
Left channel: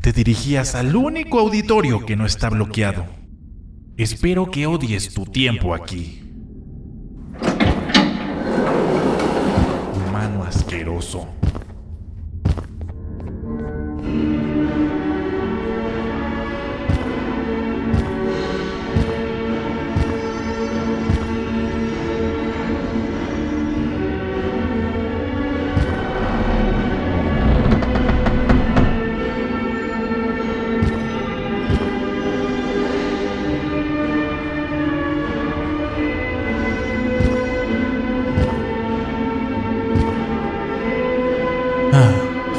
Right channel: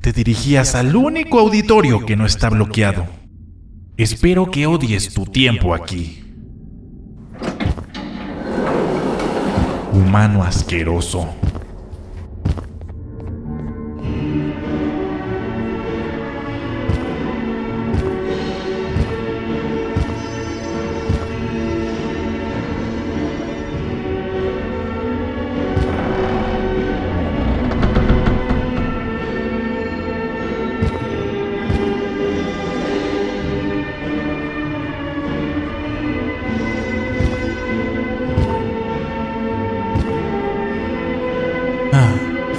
Te dirigías al único auditorio que no está bloqueado. Espero que odies tu tiempo aquí. Humano asqueroso.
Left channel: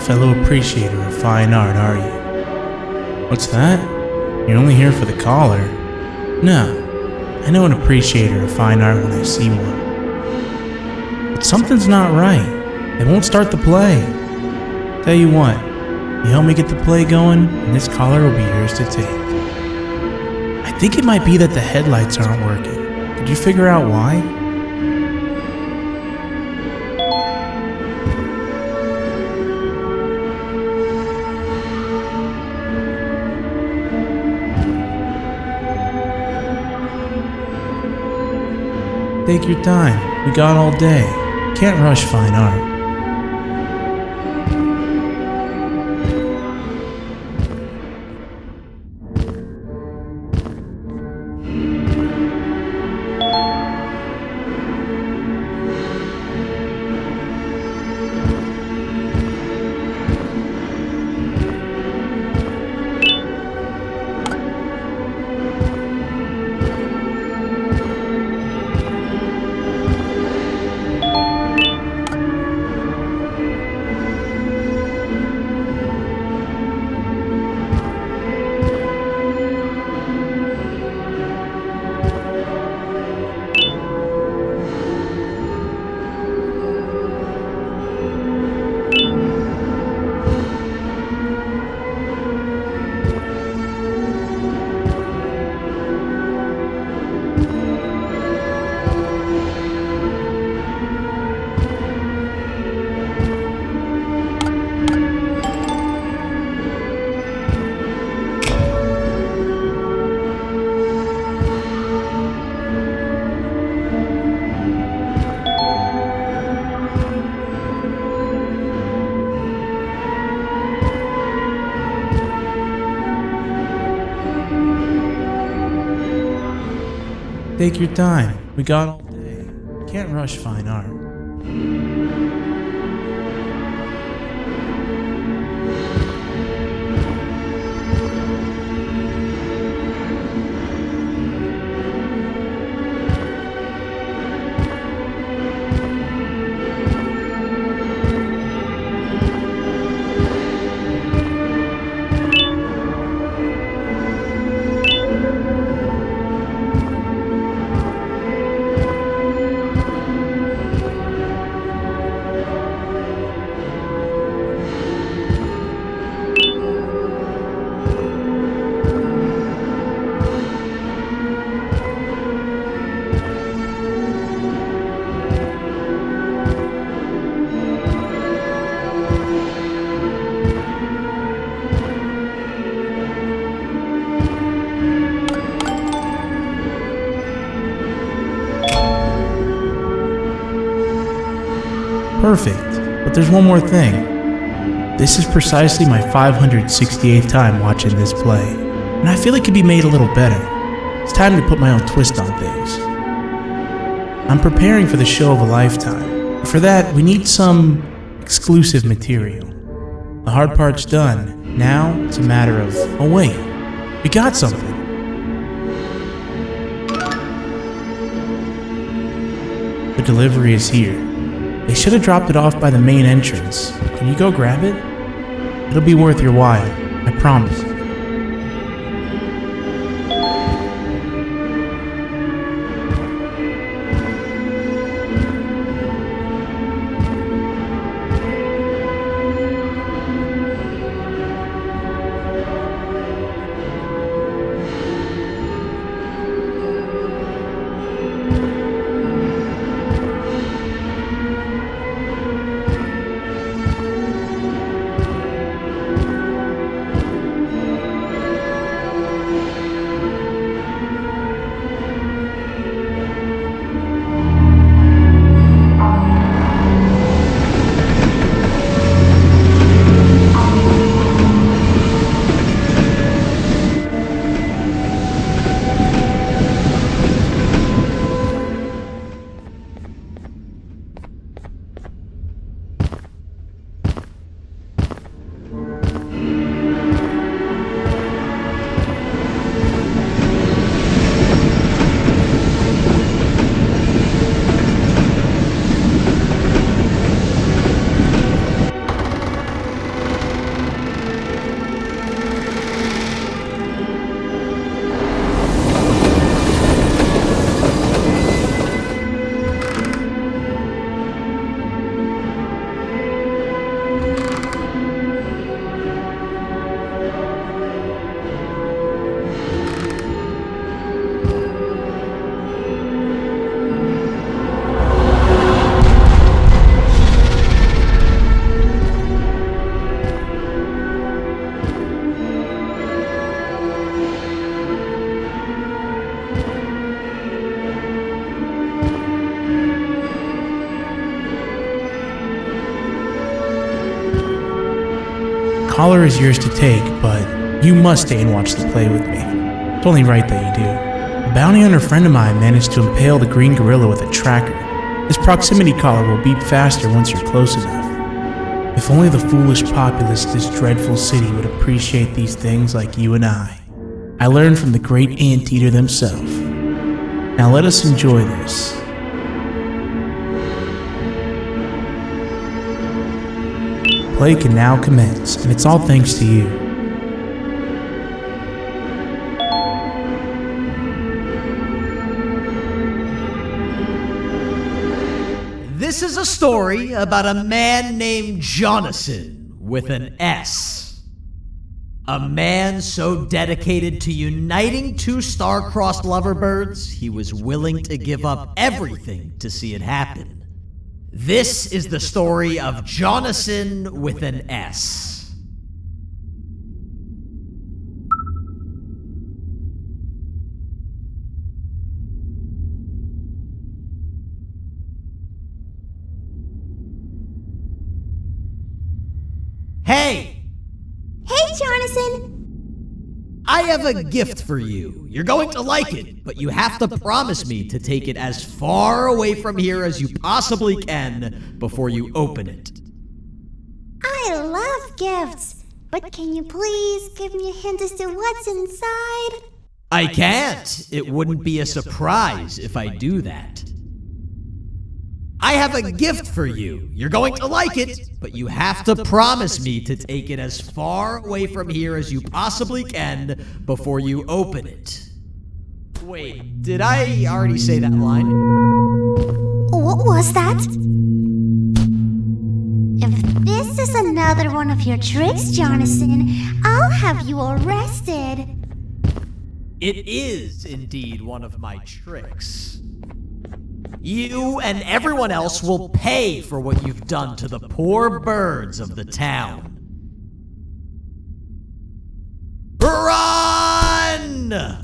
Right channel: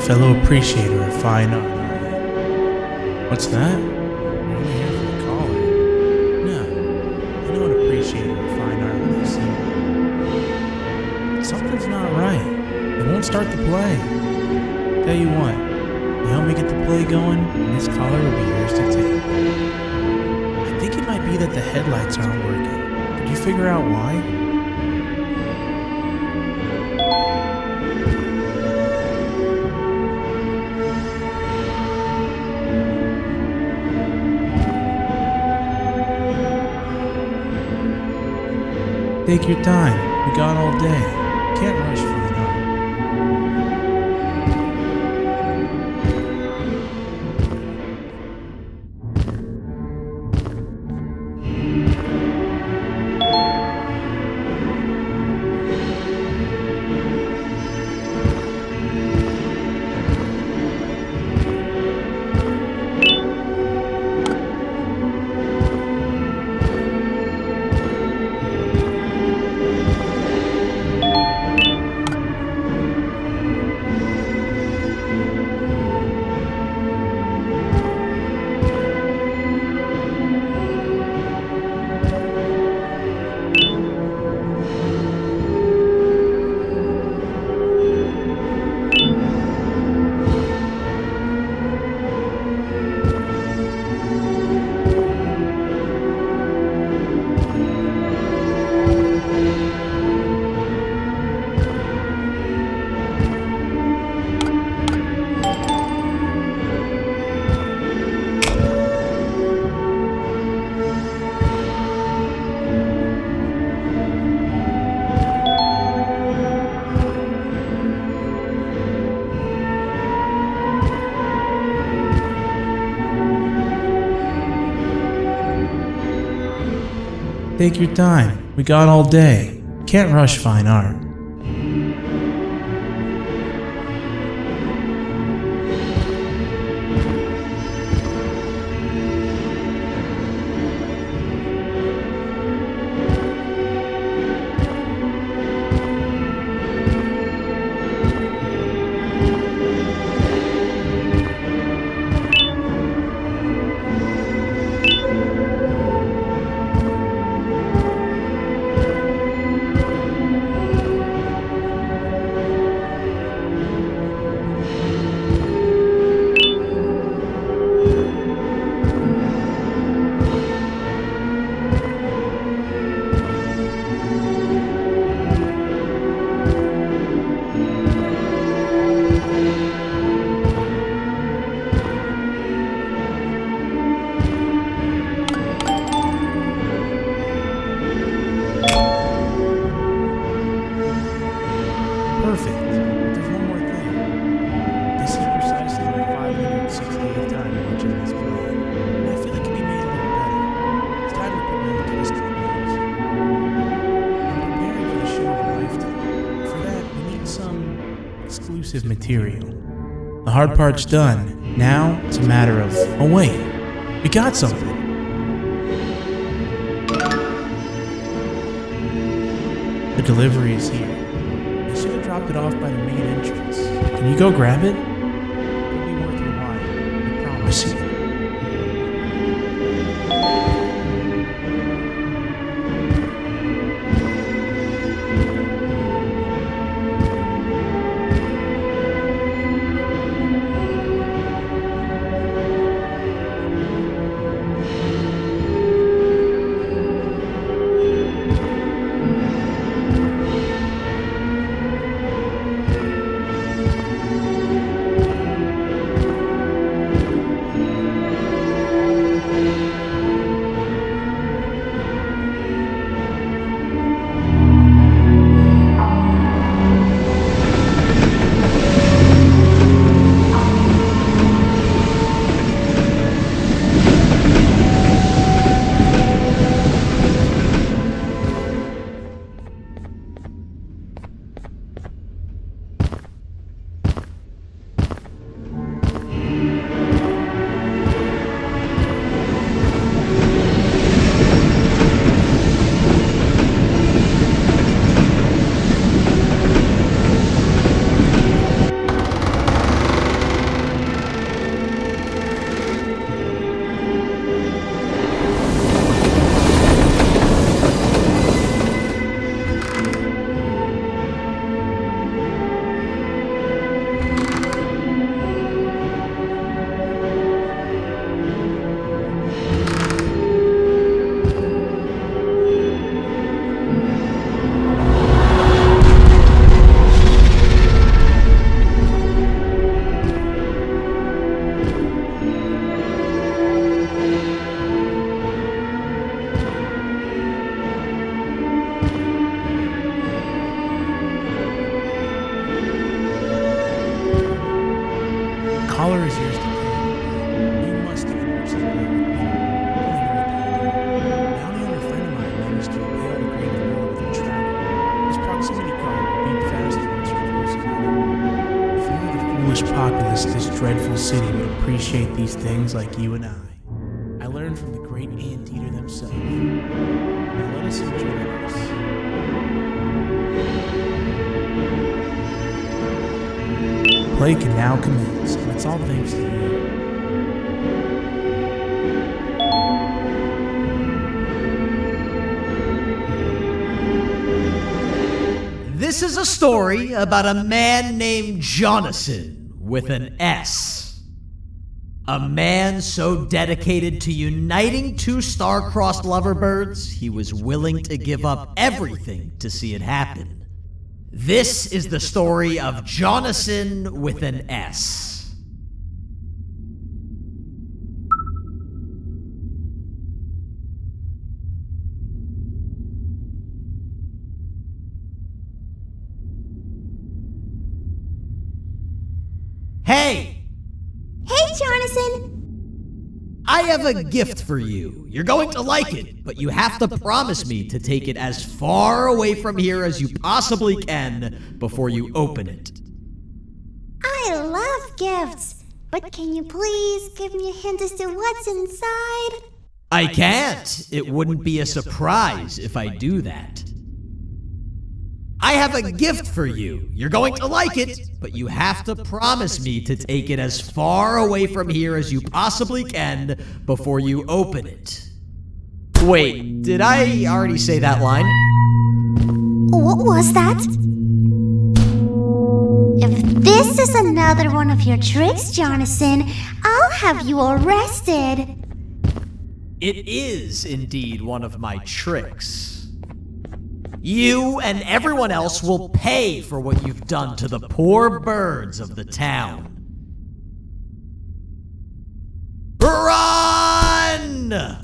Fellow appreciator of fine art, are you? What's that? You're only here for the collar? No, I know an appreciator of fine art when I see one. But something's not right. They won't start the play. Tell you what, you help me get the play going, and this collar will be yours to take. I think it might be that the headlights aren't working. Did you figure out why? Take your time. We got all day. Can't rush fine art. Take your time. We got all day. Can't rush fine art. Perfect, but there's one more thing. This is precisely my 568th time watching this play, and I feel it could be made a little better. It's time to put my own twist on things. I'm preparing for the show of a lifetime. For that, we need some exclusive material. The hard part's done. Now, it's a matter of, oh wait, we got something. The delivery is here. They should have dropped it off by the main entrance. Can you go grab it? It'll be worth your while, I promise you. Collar is yours to take, but you must stay and watch the play with me. It's only right that you do. A bounty hunter friend of mine managed to impale the green gorilla with a tracker. This proximity collar will beep faster once you're close enough. If only the foolish populace of this dreadful city would appreciate these things like you and I. I learned from the great anteater themselves. Now let us enjoy this. Play can now commence, and it's all thanks to you. This is a story about a man named Jonathan with an S. A man so dedicated to uniting two star-crossed loverbirds, he was willing to give up everything to see it happen. This is the story of Jonathan with an S. Hey! Hey, Jonathan! I have a gift for you. You're going to like it, but you have to promise me to take it as far away from here as you possibly can before you open it. I love gifts, but can you please give me a hint as to what's inside? I can't. It wouldn't be a surprise if I do that. I have a gift for you. You're going to like it, but you have to promise me to take it as far away from here as you possibly can before you open it. Wait, did I already say that line? What was that? If this is another one of your tricks, Jonathan, I'll have you arrested. It is indeed one of my tricks. You and everyone else will pay for what you've done to the poor birds of the town. Run!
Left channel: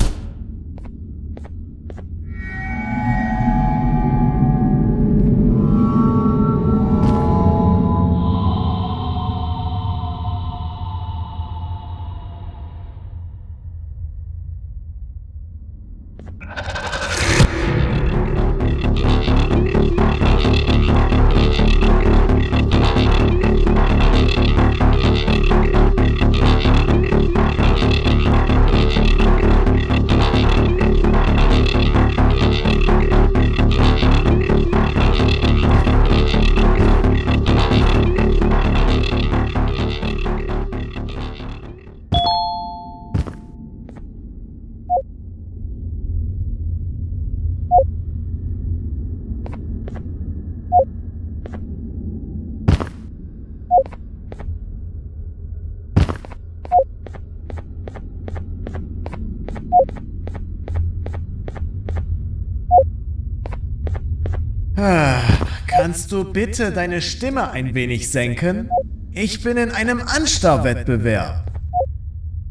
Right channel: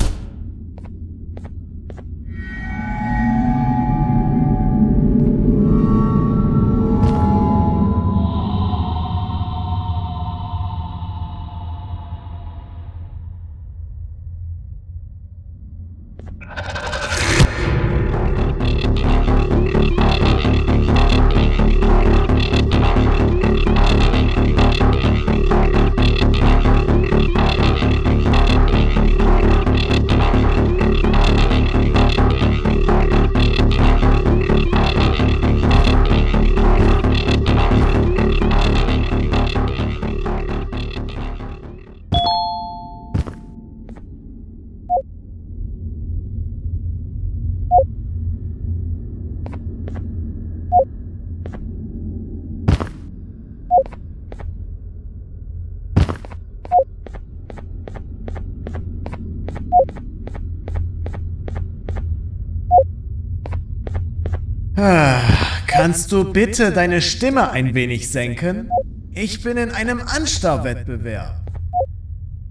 Kannst du bitte deine Stimme ein wenig senken? Ich bin in einem Anstarrwettbewerb.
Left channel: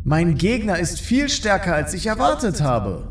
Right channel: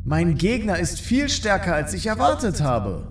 Mein Gegner ist viel stärker, als ich erwartet habe.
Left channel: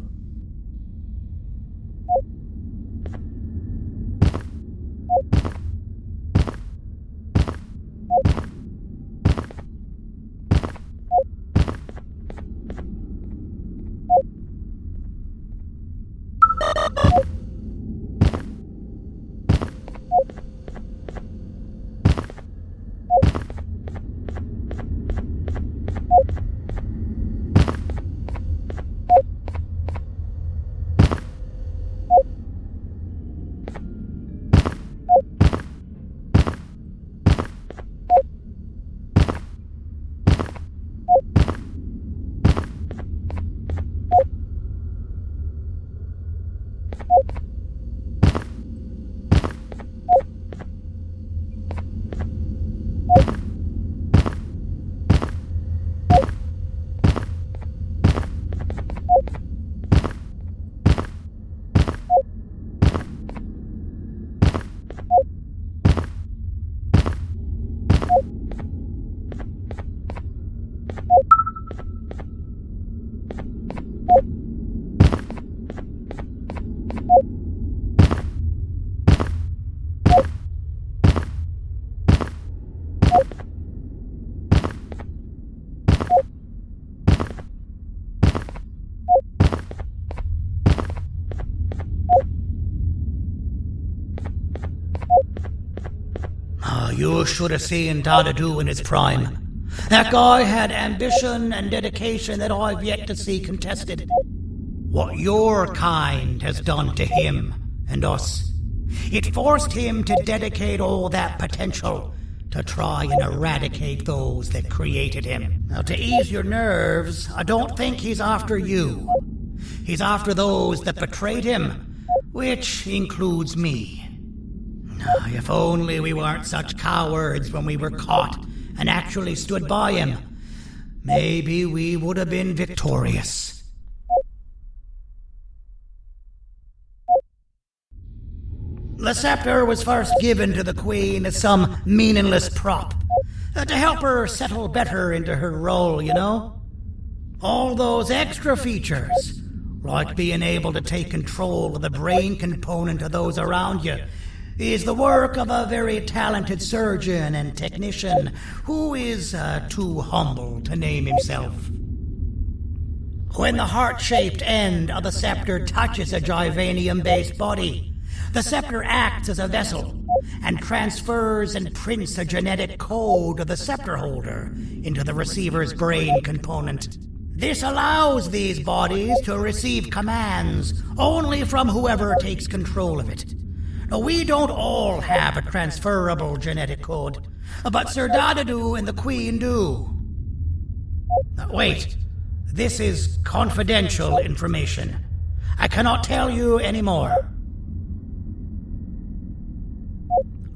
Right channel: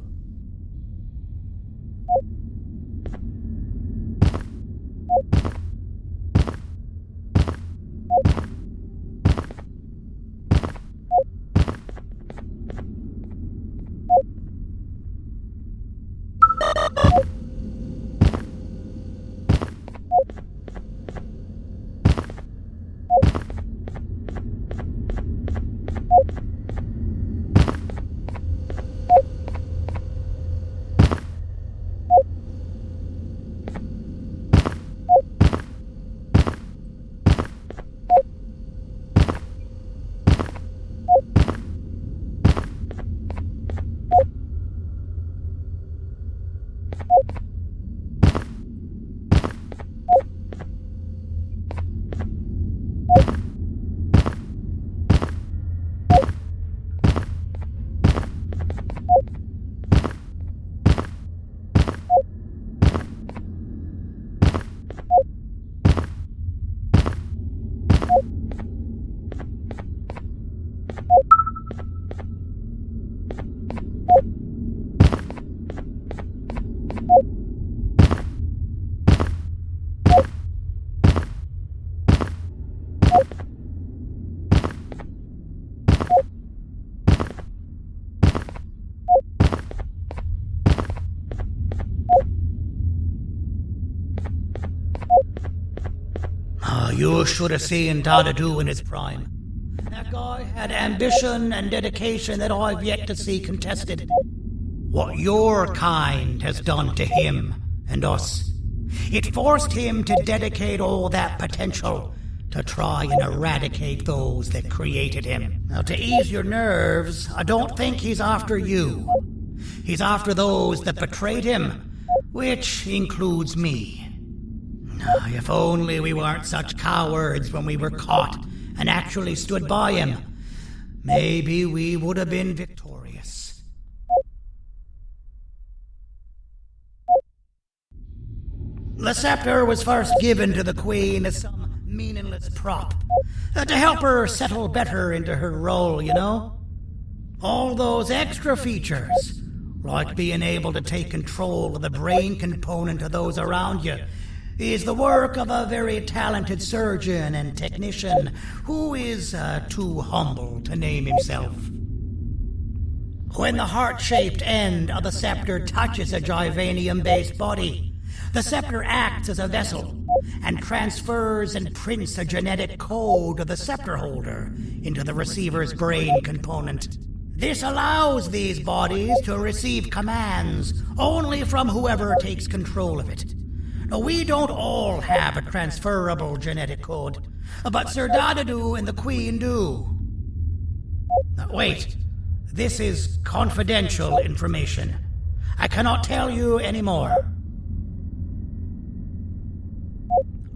You should have seen Dadadu in his prime. That guy had ambition and dedication that I've yet to see contested. What your kind has done to him and us, it forced him to dedicate all that potential to try and eradicate those that created him. Now, to ease your nerves, I don't think he's after you. He's after those that betrayed him, which includes me. If only we weren't such cowards when we were caught and actually stood by him, maybe we would have been victorious. The scepter was first given to the Queen as some meaningless prop, to help her settle better into her role, you know? All those extra features, like being able to take control of the brain component of those around you, is the work of a very talented surgeon and technician who is too humble to name himself. When the heart-shaped end of the scepter touches a Givanium-based body, the scepter acts as a vessel and transfers and prints a genetic code of the scepter holder into the receiver's brain component. This allows these bodies to receive commands only from whoever takes control of it. Now, we don't all have a transferable genetic code, but Sir Dadadu and the Queen do. Now, wait, this is confidential information. I cannot tell you any more.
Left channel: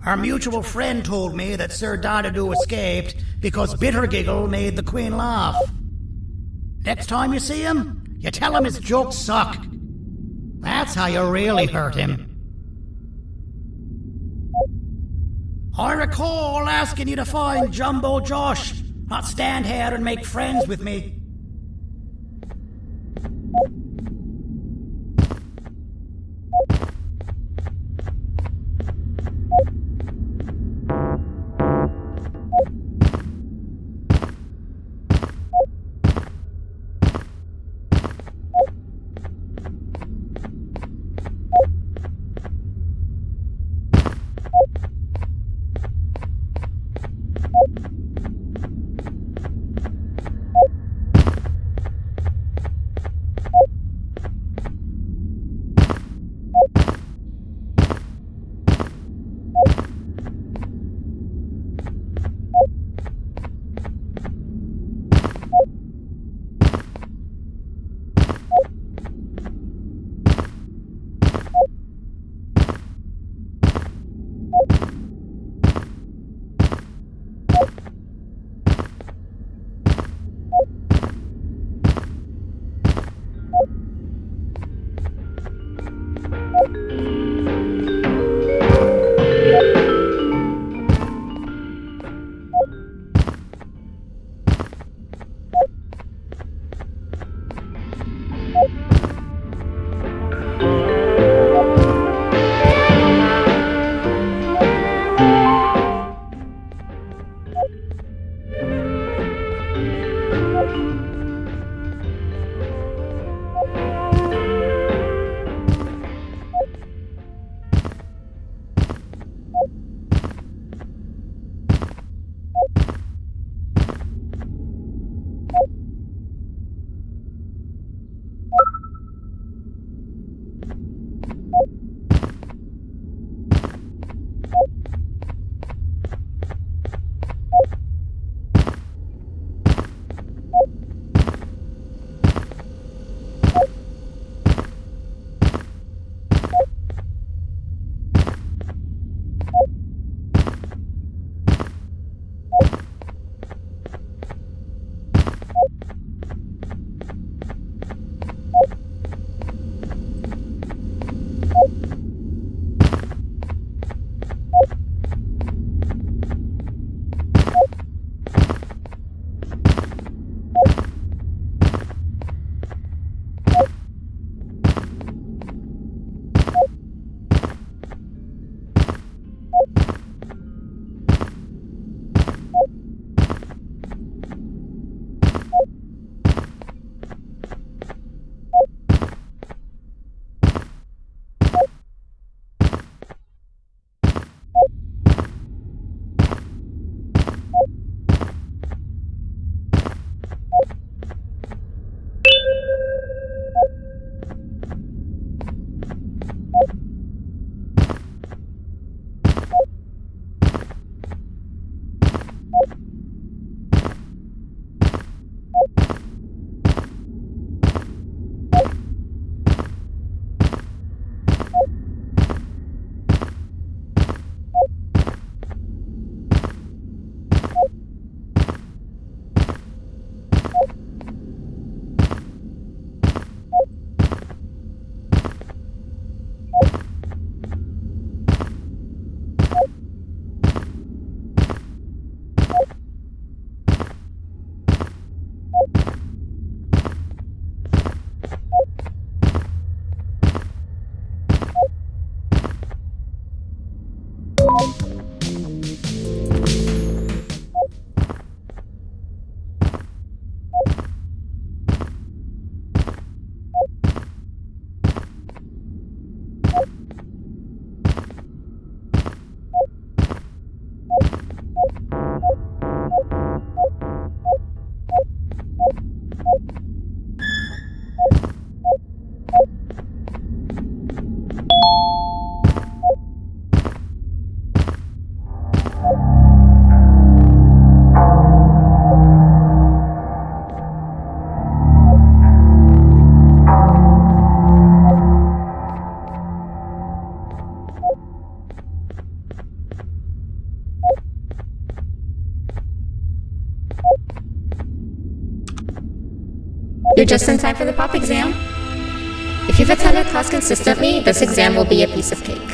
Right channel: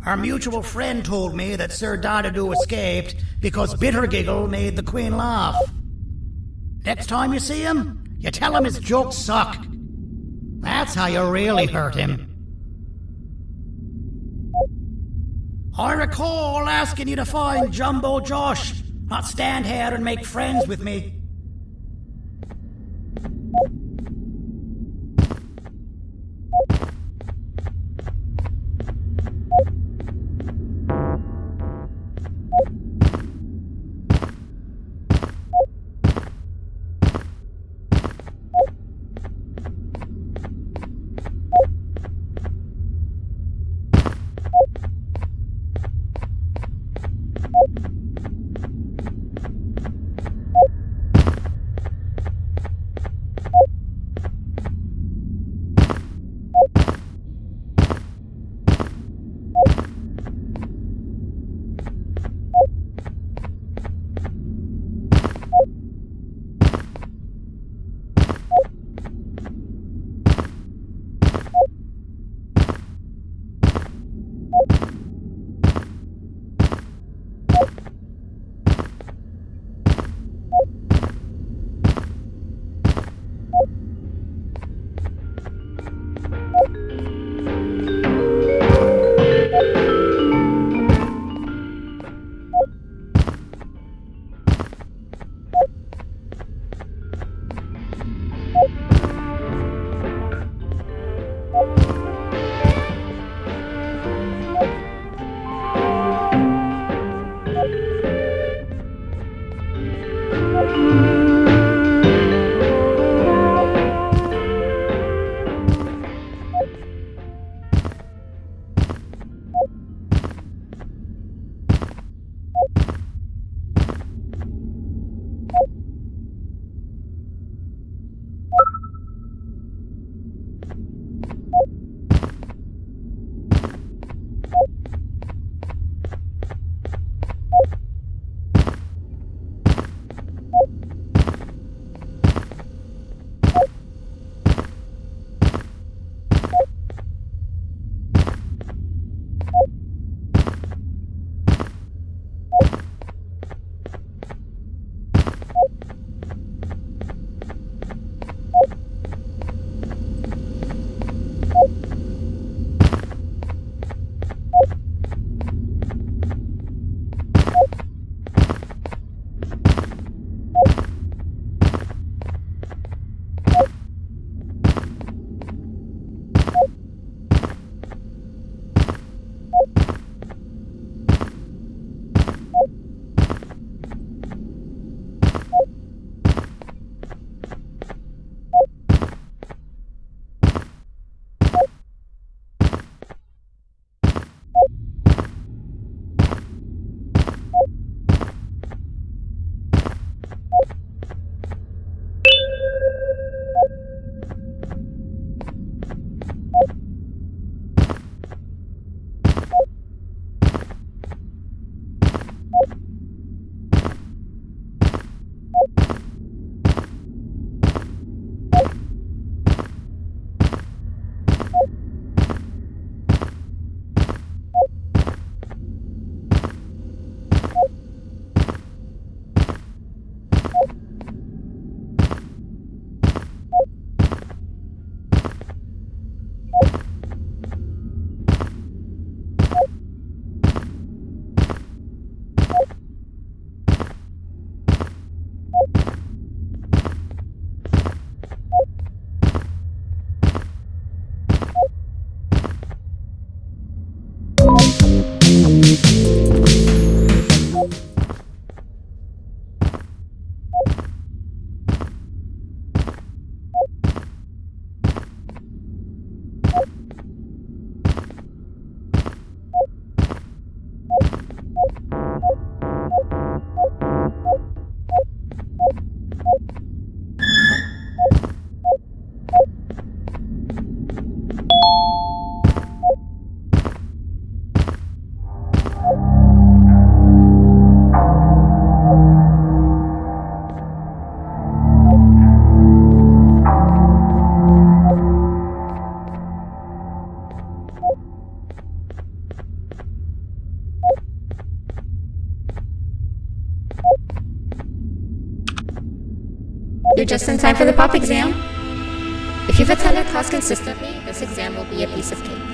Our mutual friend told me that Sir Dadadu escaped because Bitter Giggle made the Queen laugh. Next time you see him, you tell him his jokes suck. That's how you really hurt him. I recall asking you to find Jumbo Josh, not stand here and make friends with me. You're just in time for the pop exam. If you've attended class consistently, this exam will be a piece of cake.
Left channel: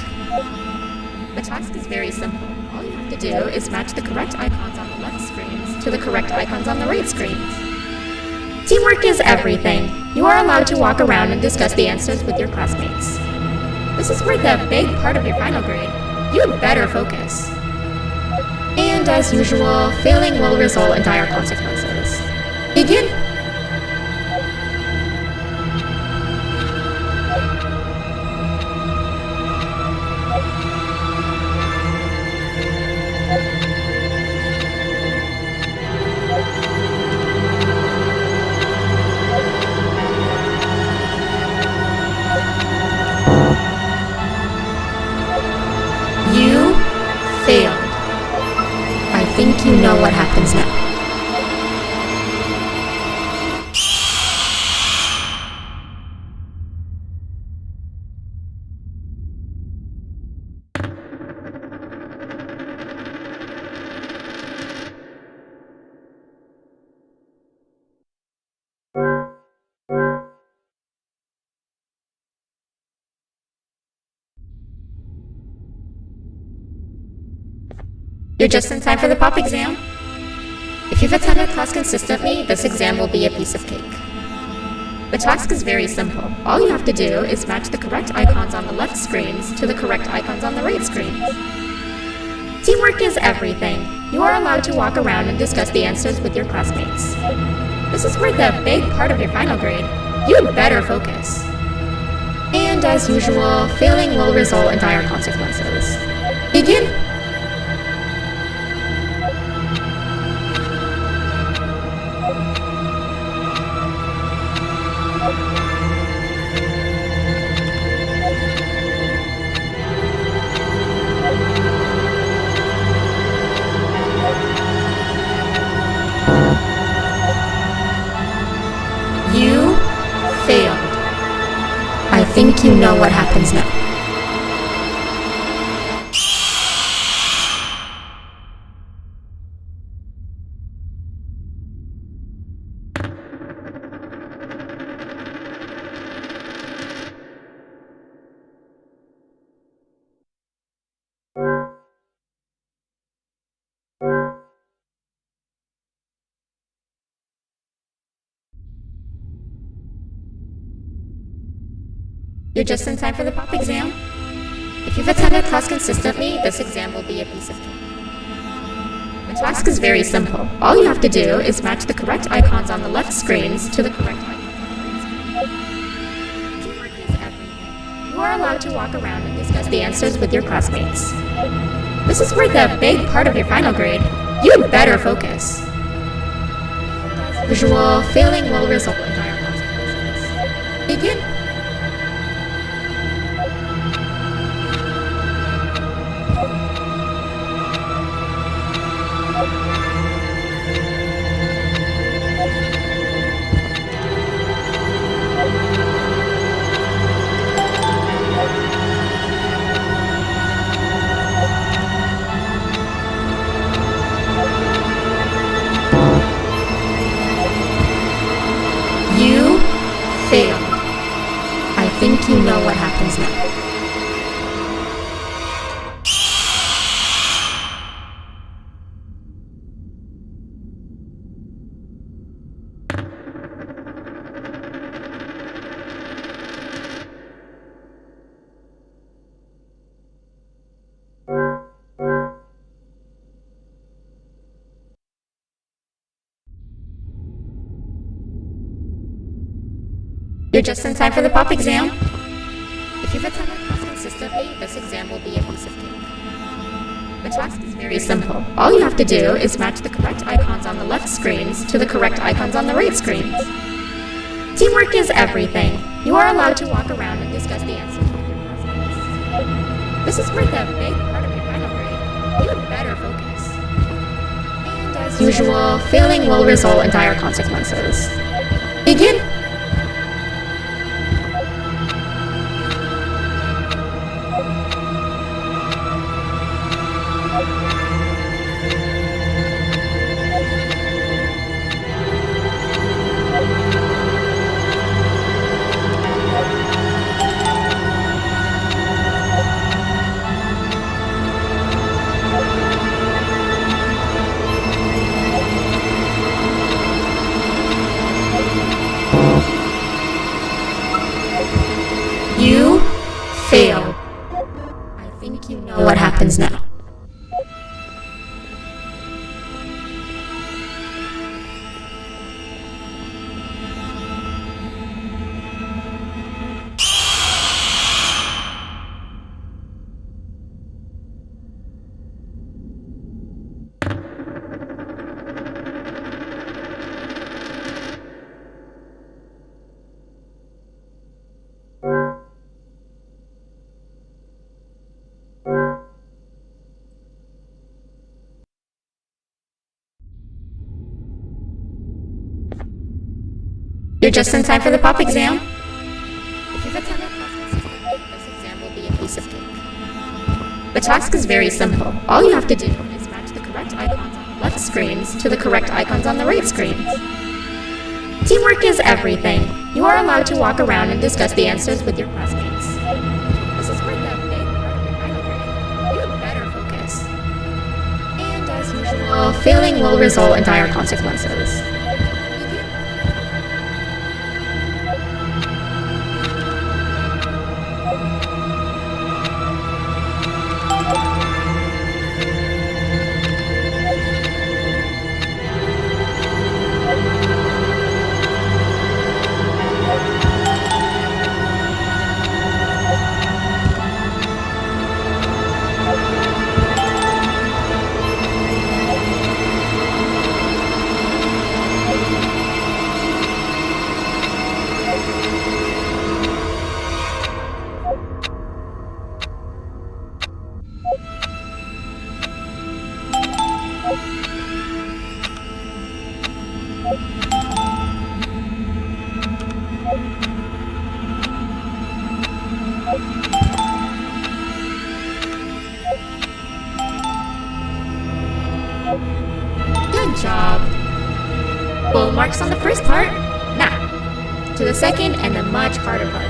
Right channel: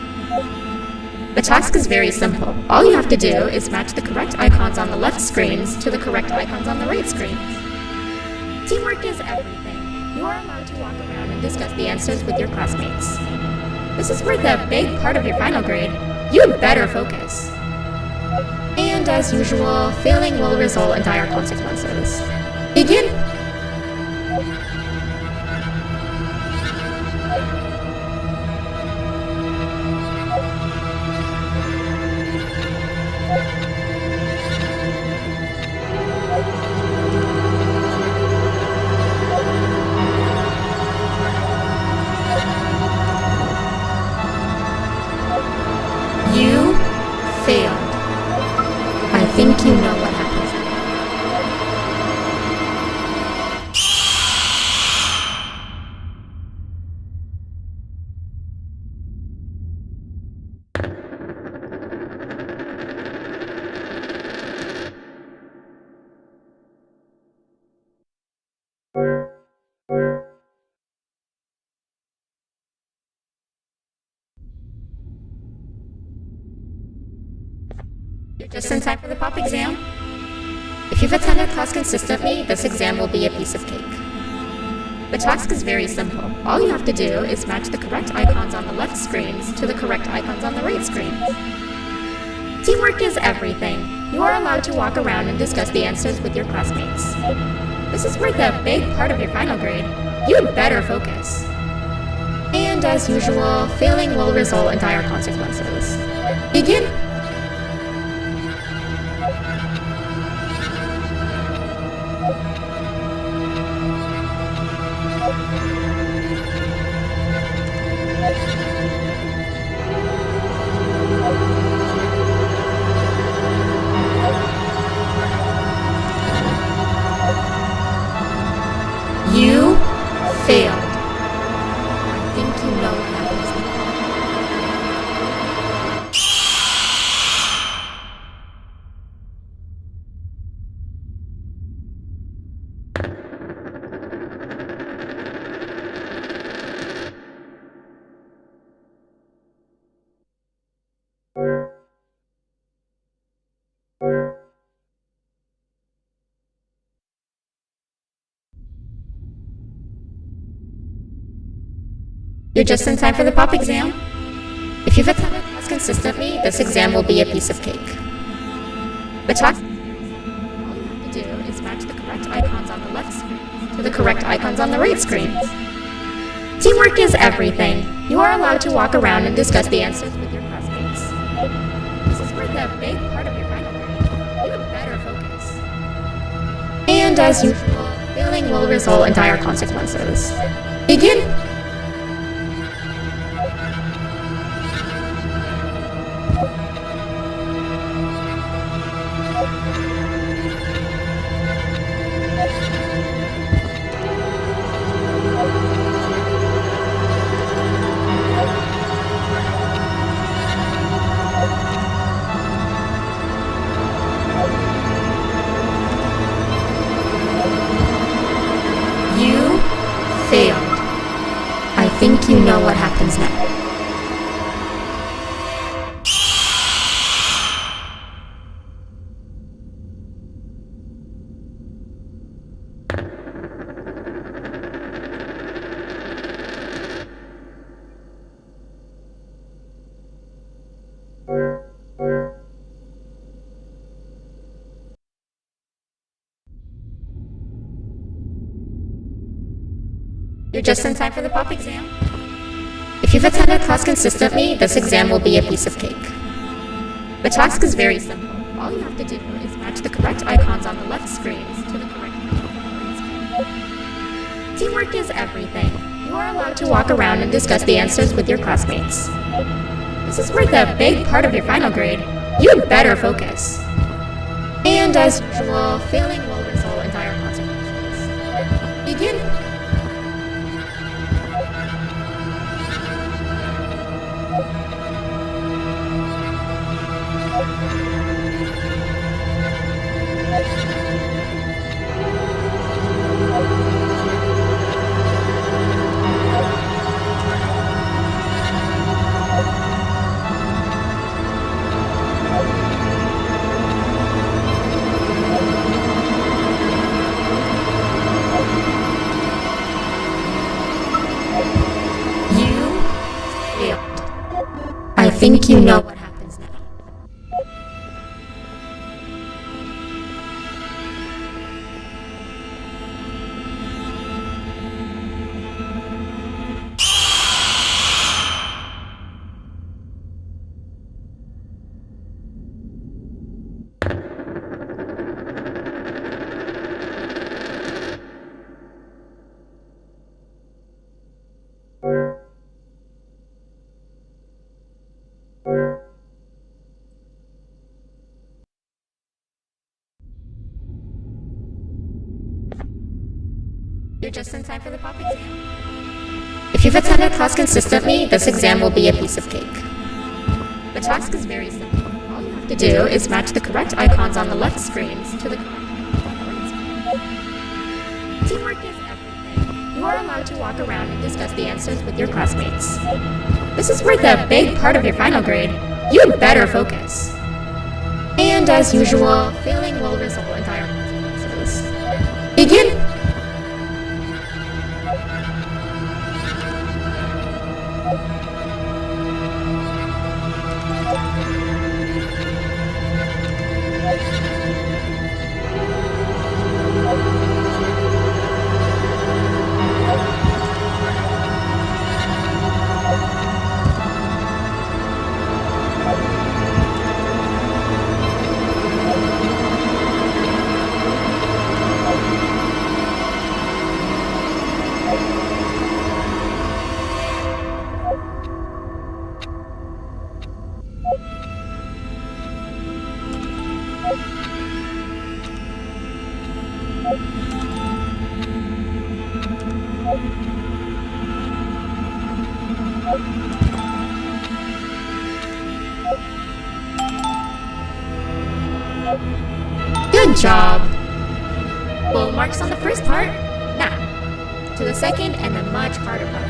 The task is very simple. All you have to do is match the correct icons on the left screens to the correct icons on the right screens. Teamwork is everything. You are allowed to walk around and discuss the answers with your classmates. This is worth a big part of your final grade. You'd better focus. And as usual, failing will result in dire consequences. Begin! You failed. I think you know what happens now. You're just in time for the pop exam. If you've attended class consistently, this exam will be a piece of cake. The task is very simple. All you have to do is match the correct icons on the left screens to the correct icons on the right screens. Teamwork is everything. You are allowed to walk around and discuss the answers with your classmates. This is worth a big part of your final grade. You'd better focus. And as usual, failing will result in dire consequences. Begin! You failed. I think you know what happens now. You're just in time for the pop exam. If you've attended class consistently, this exam will be a piece of cake. The task is very simple. All you have to do is match the correct icons on the left screens to the correct icons on the right screens. Teamwork is everything. You are allowed to walk around and discuss the answers with your classmates. This is worth a big part of your final grade. You'd better focus. And as usual, failing will result in dire consequences. Begin! You failed. I think you know what happens now. You're just in time for the pop exam. If you've attended class consistently, this exam will be a piece of cake. The task is very simple. All you have to do is match the correct icons on the left screens to the correct icons on the right screens. Teamwork is everything. You are allowed to walk around and discuss the answers with your classmates. This is worth a big part of your final grade. You had better focus. And as usual, failing will result in dire consequences. Begin. You failed. I think you know what happens now. You're just in time for the pop exam. If you've attended class consistently, this exam will be a piece of cake. The task is very simple. All you have to do is match the correct icons on the left screens to the correct icons on the right screens. Teamwork is everything. You are allowed to walk around and discuss the answers with your classmates. This is worth a big part of your final grade. You had better focus. And as usual, failing will result in dire consequences. Begin. Good job. Full marks on the first part. Now, to the second and the much harder part.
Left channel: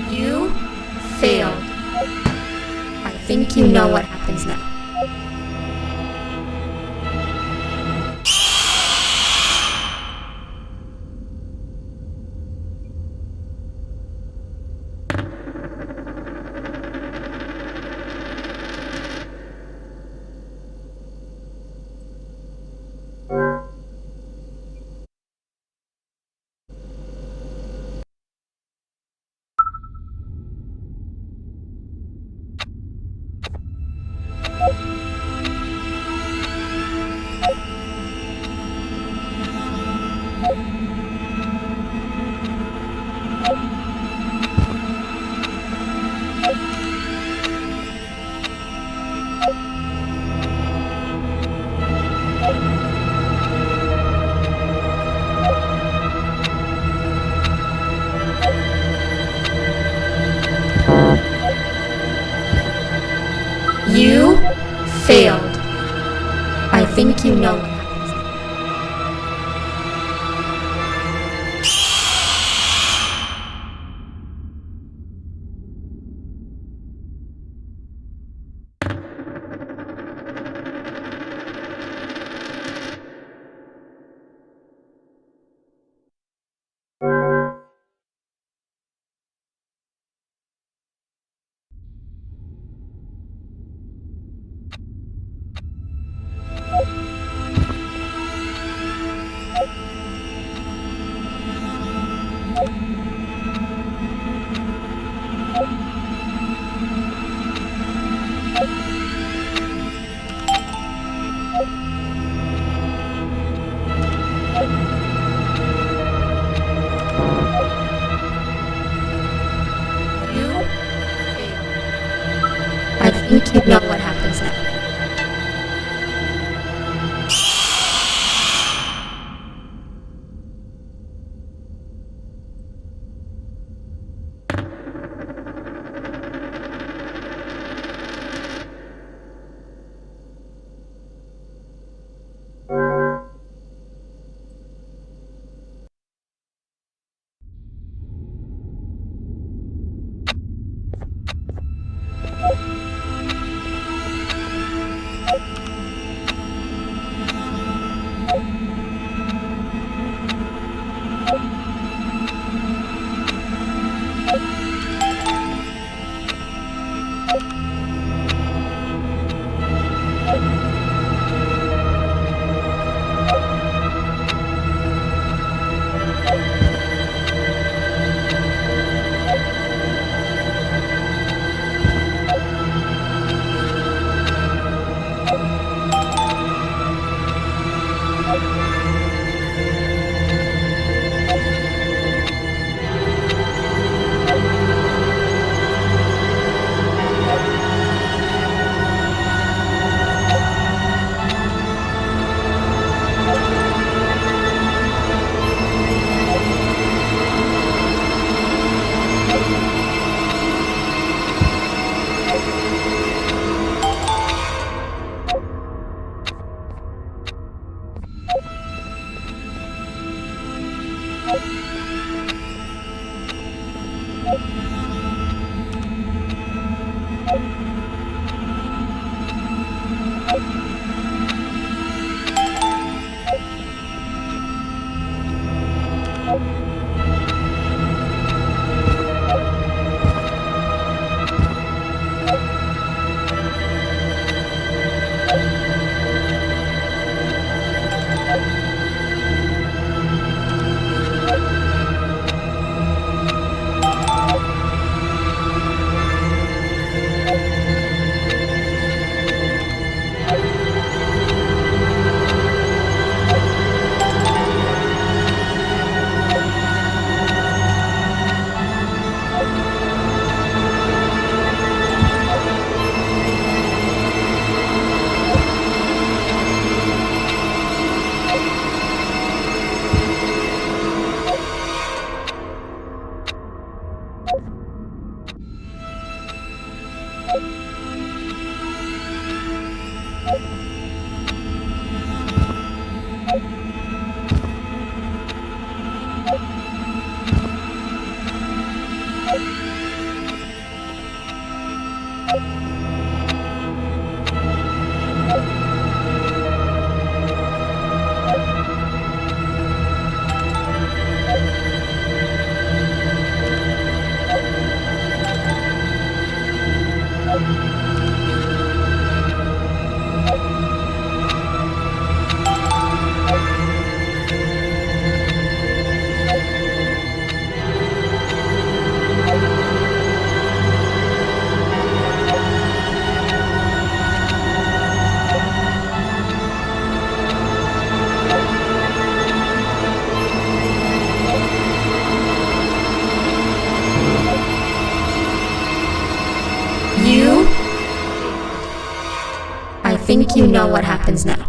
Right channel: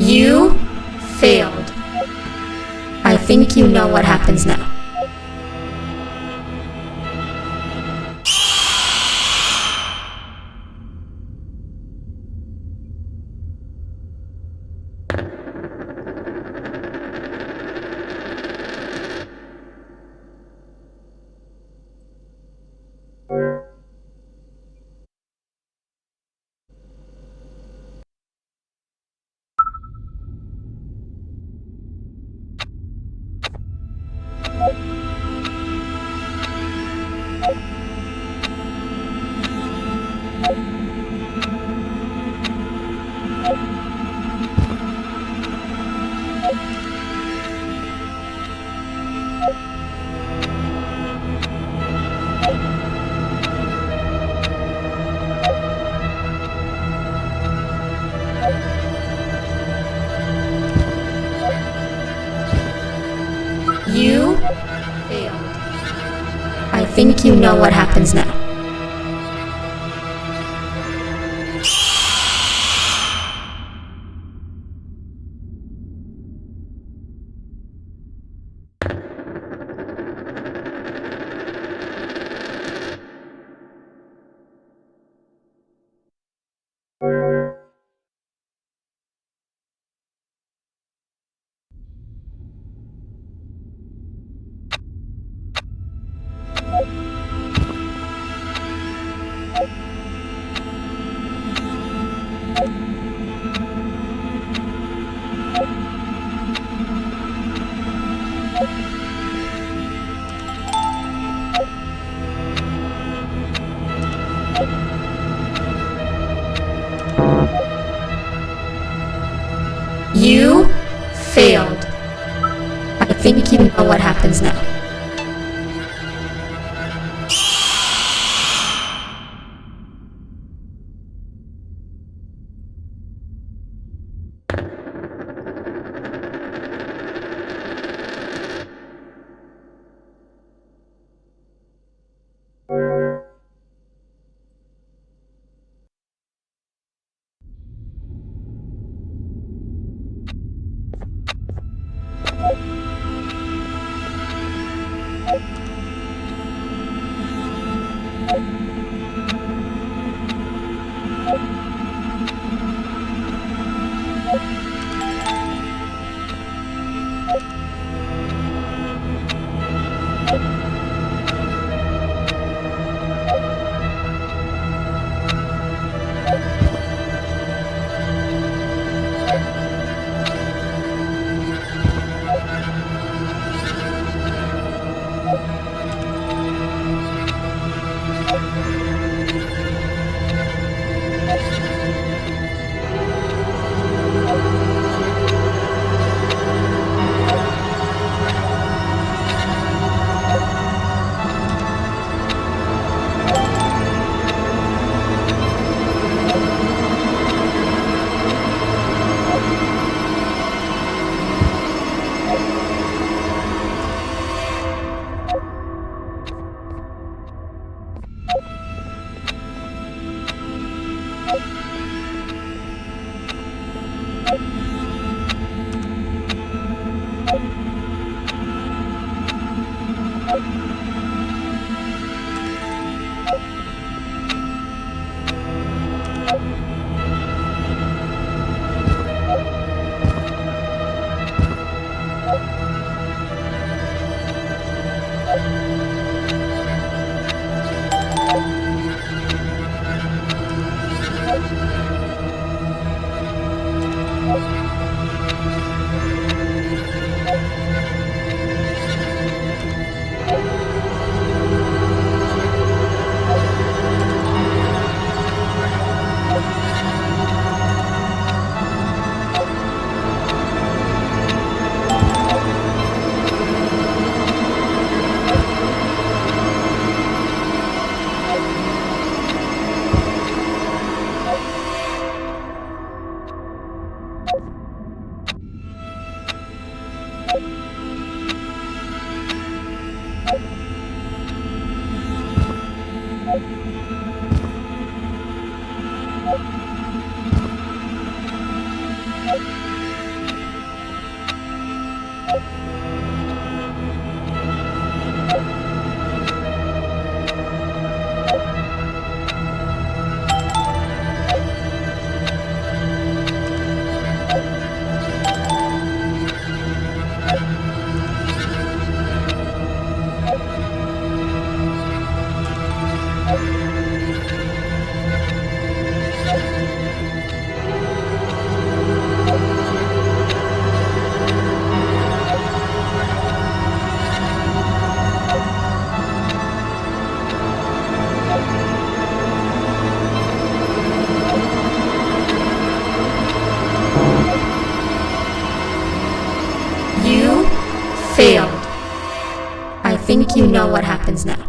You failed. I think you know what happens now. you know what happens now. You failed. I think you know what happens now. think you know what happens now.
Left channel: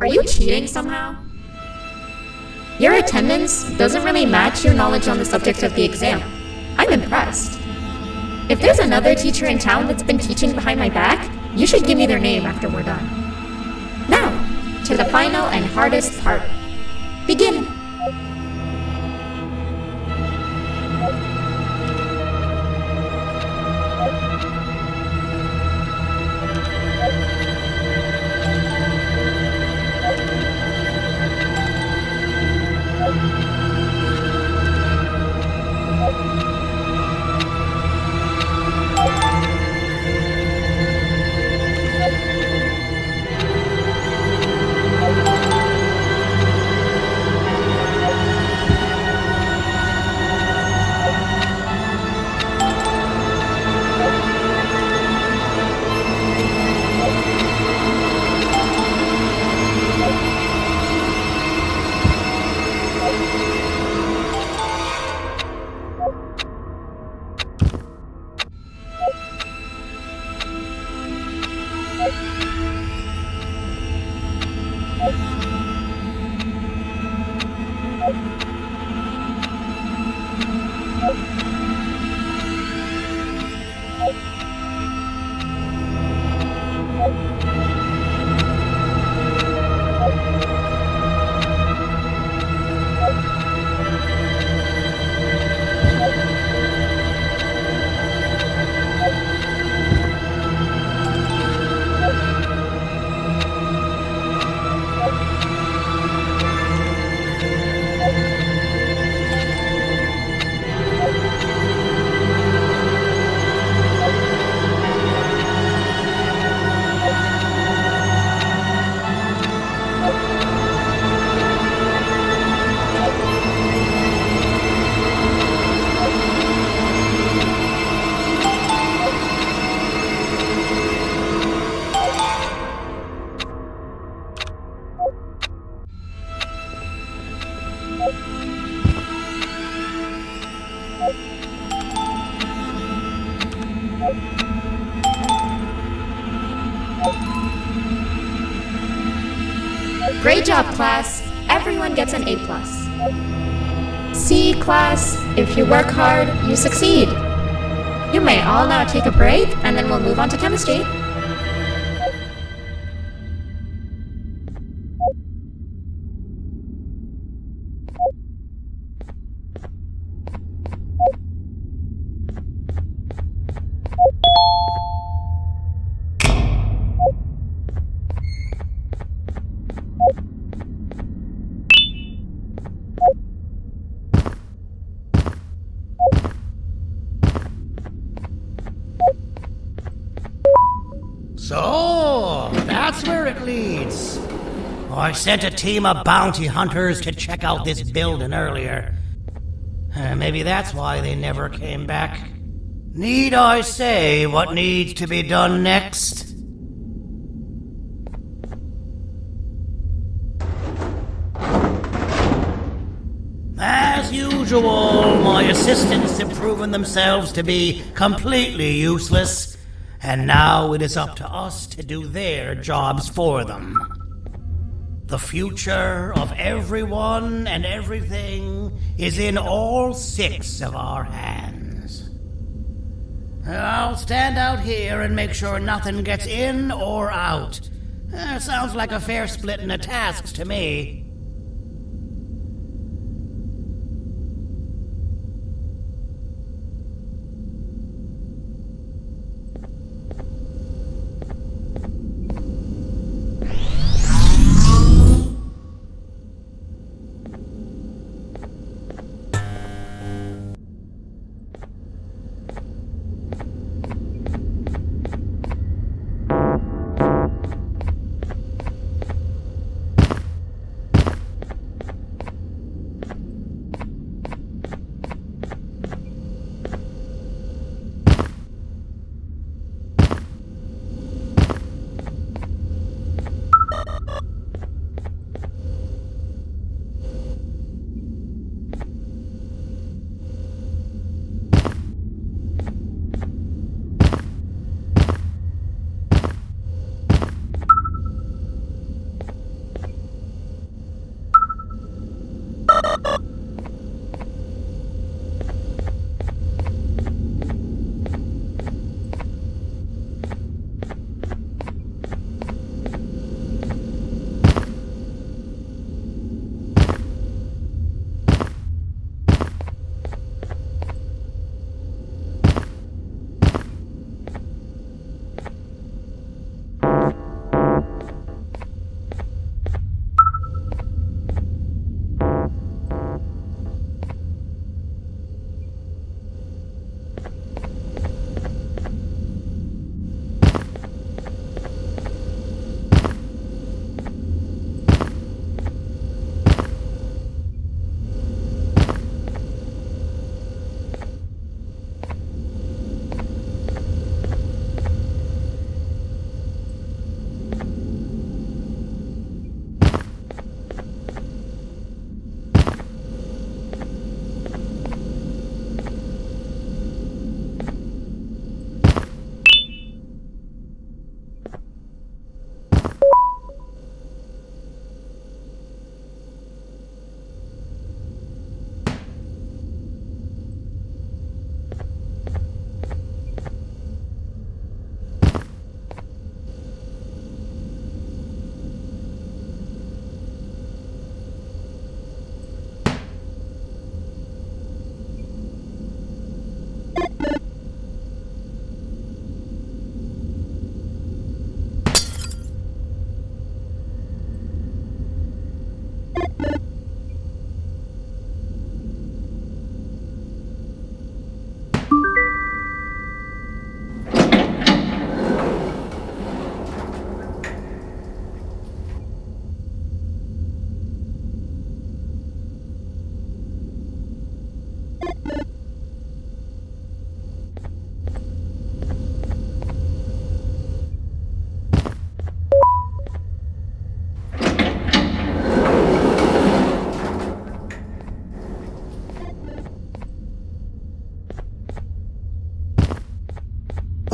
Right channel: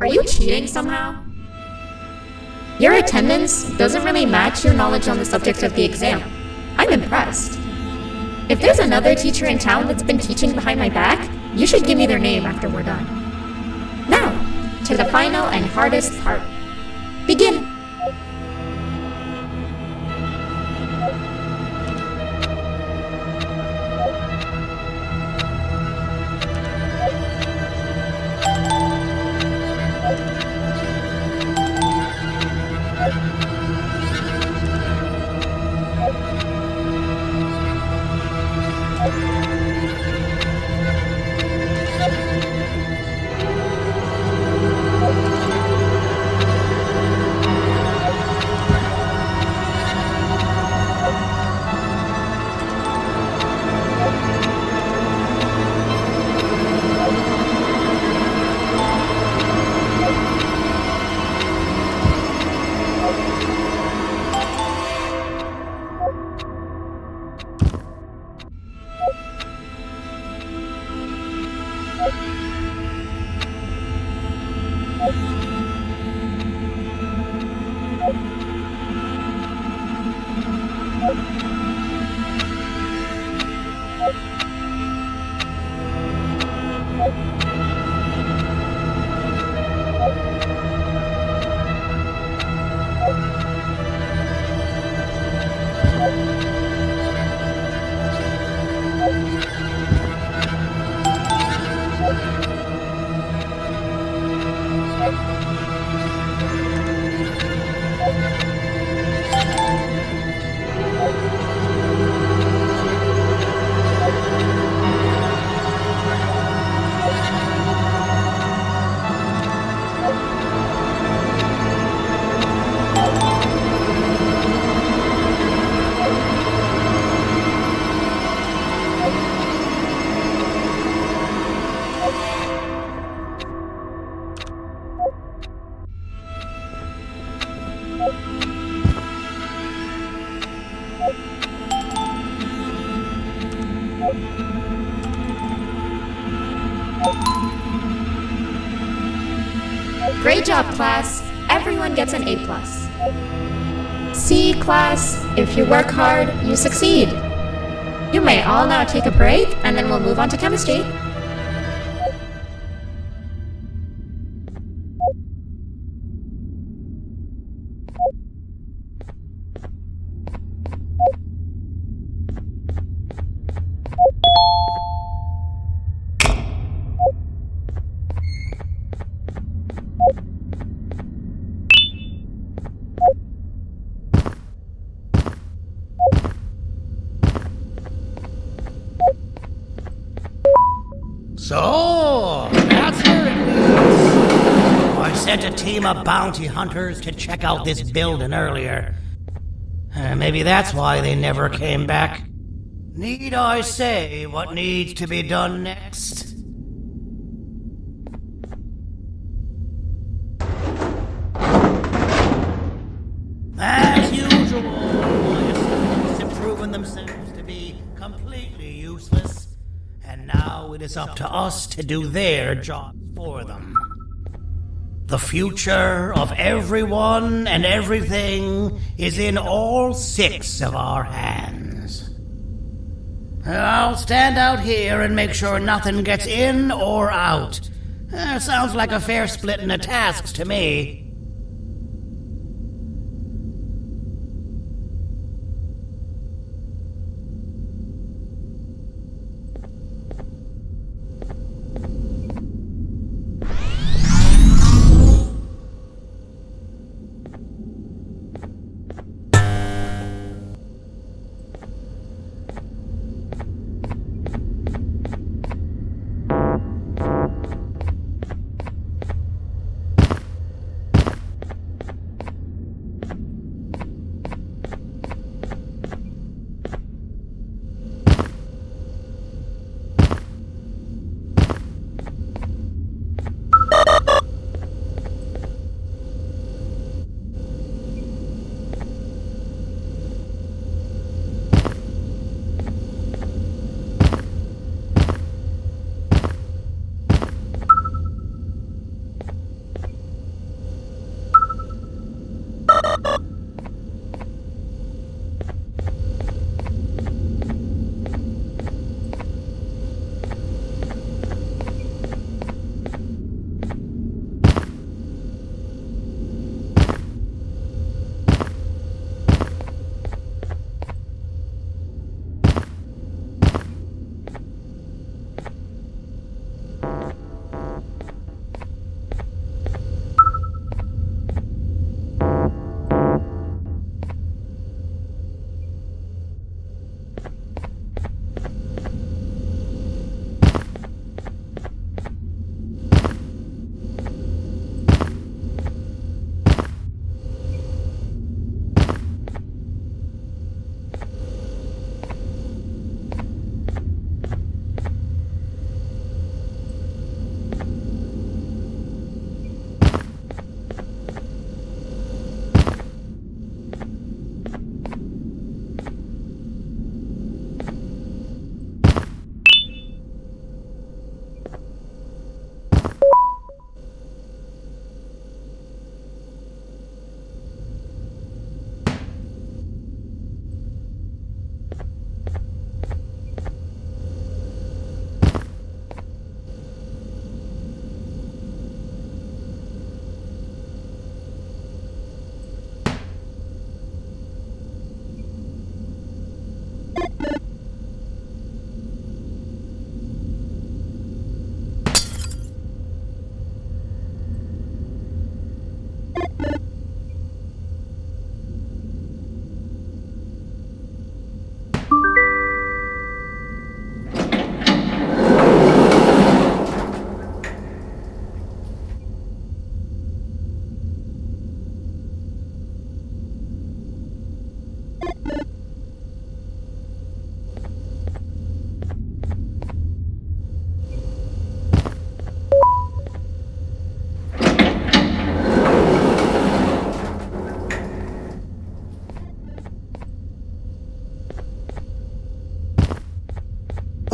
Are you cheating somehow? Your attendance doesn't really match your knowledge on the subject of the exam. I'm impressed. If there's another teacher in town that's been teaching behind my back, you should give me their name after we're done. Now, to the final and hardest part. Begin! Great job, class. Everyone gets an A+. C, class. If you work hard, you succeed. You may all now take a break, and then we'll move on to chemistry. So, that's where it leads. I sent a team of bounty hunters to check out this building earlier. Maybe that's why they never came back. Need I say what needs to be done next? As usual, my assistants have proven themselves to be completely useless. And now it is up to us to do their jobs for them. The future of everyone and everything is in all 6 of our hands. I'll stand out here and make sure nothing gets in or out. Sounds like a fair splitting of tasks to me.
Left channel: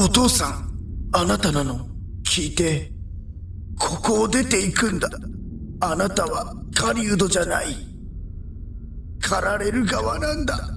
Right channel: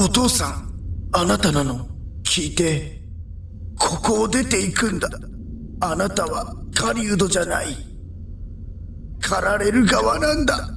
お父さん、あなたなの？聞いて。ここを出ていくんだ。あなたは狩人じゃない。狩られる側なんだ。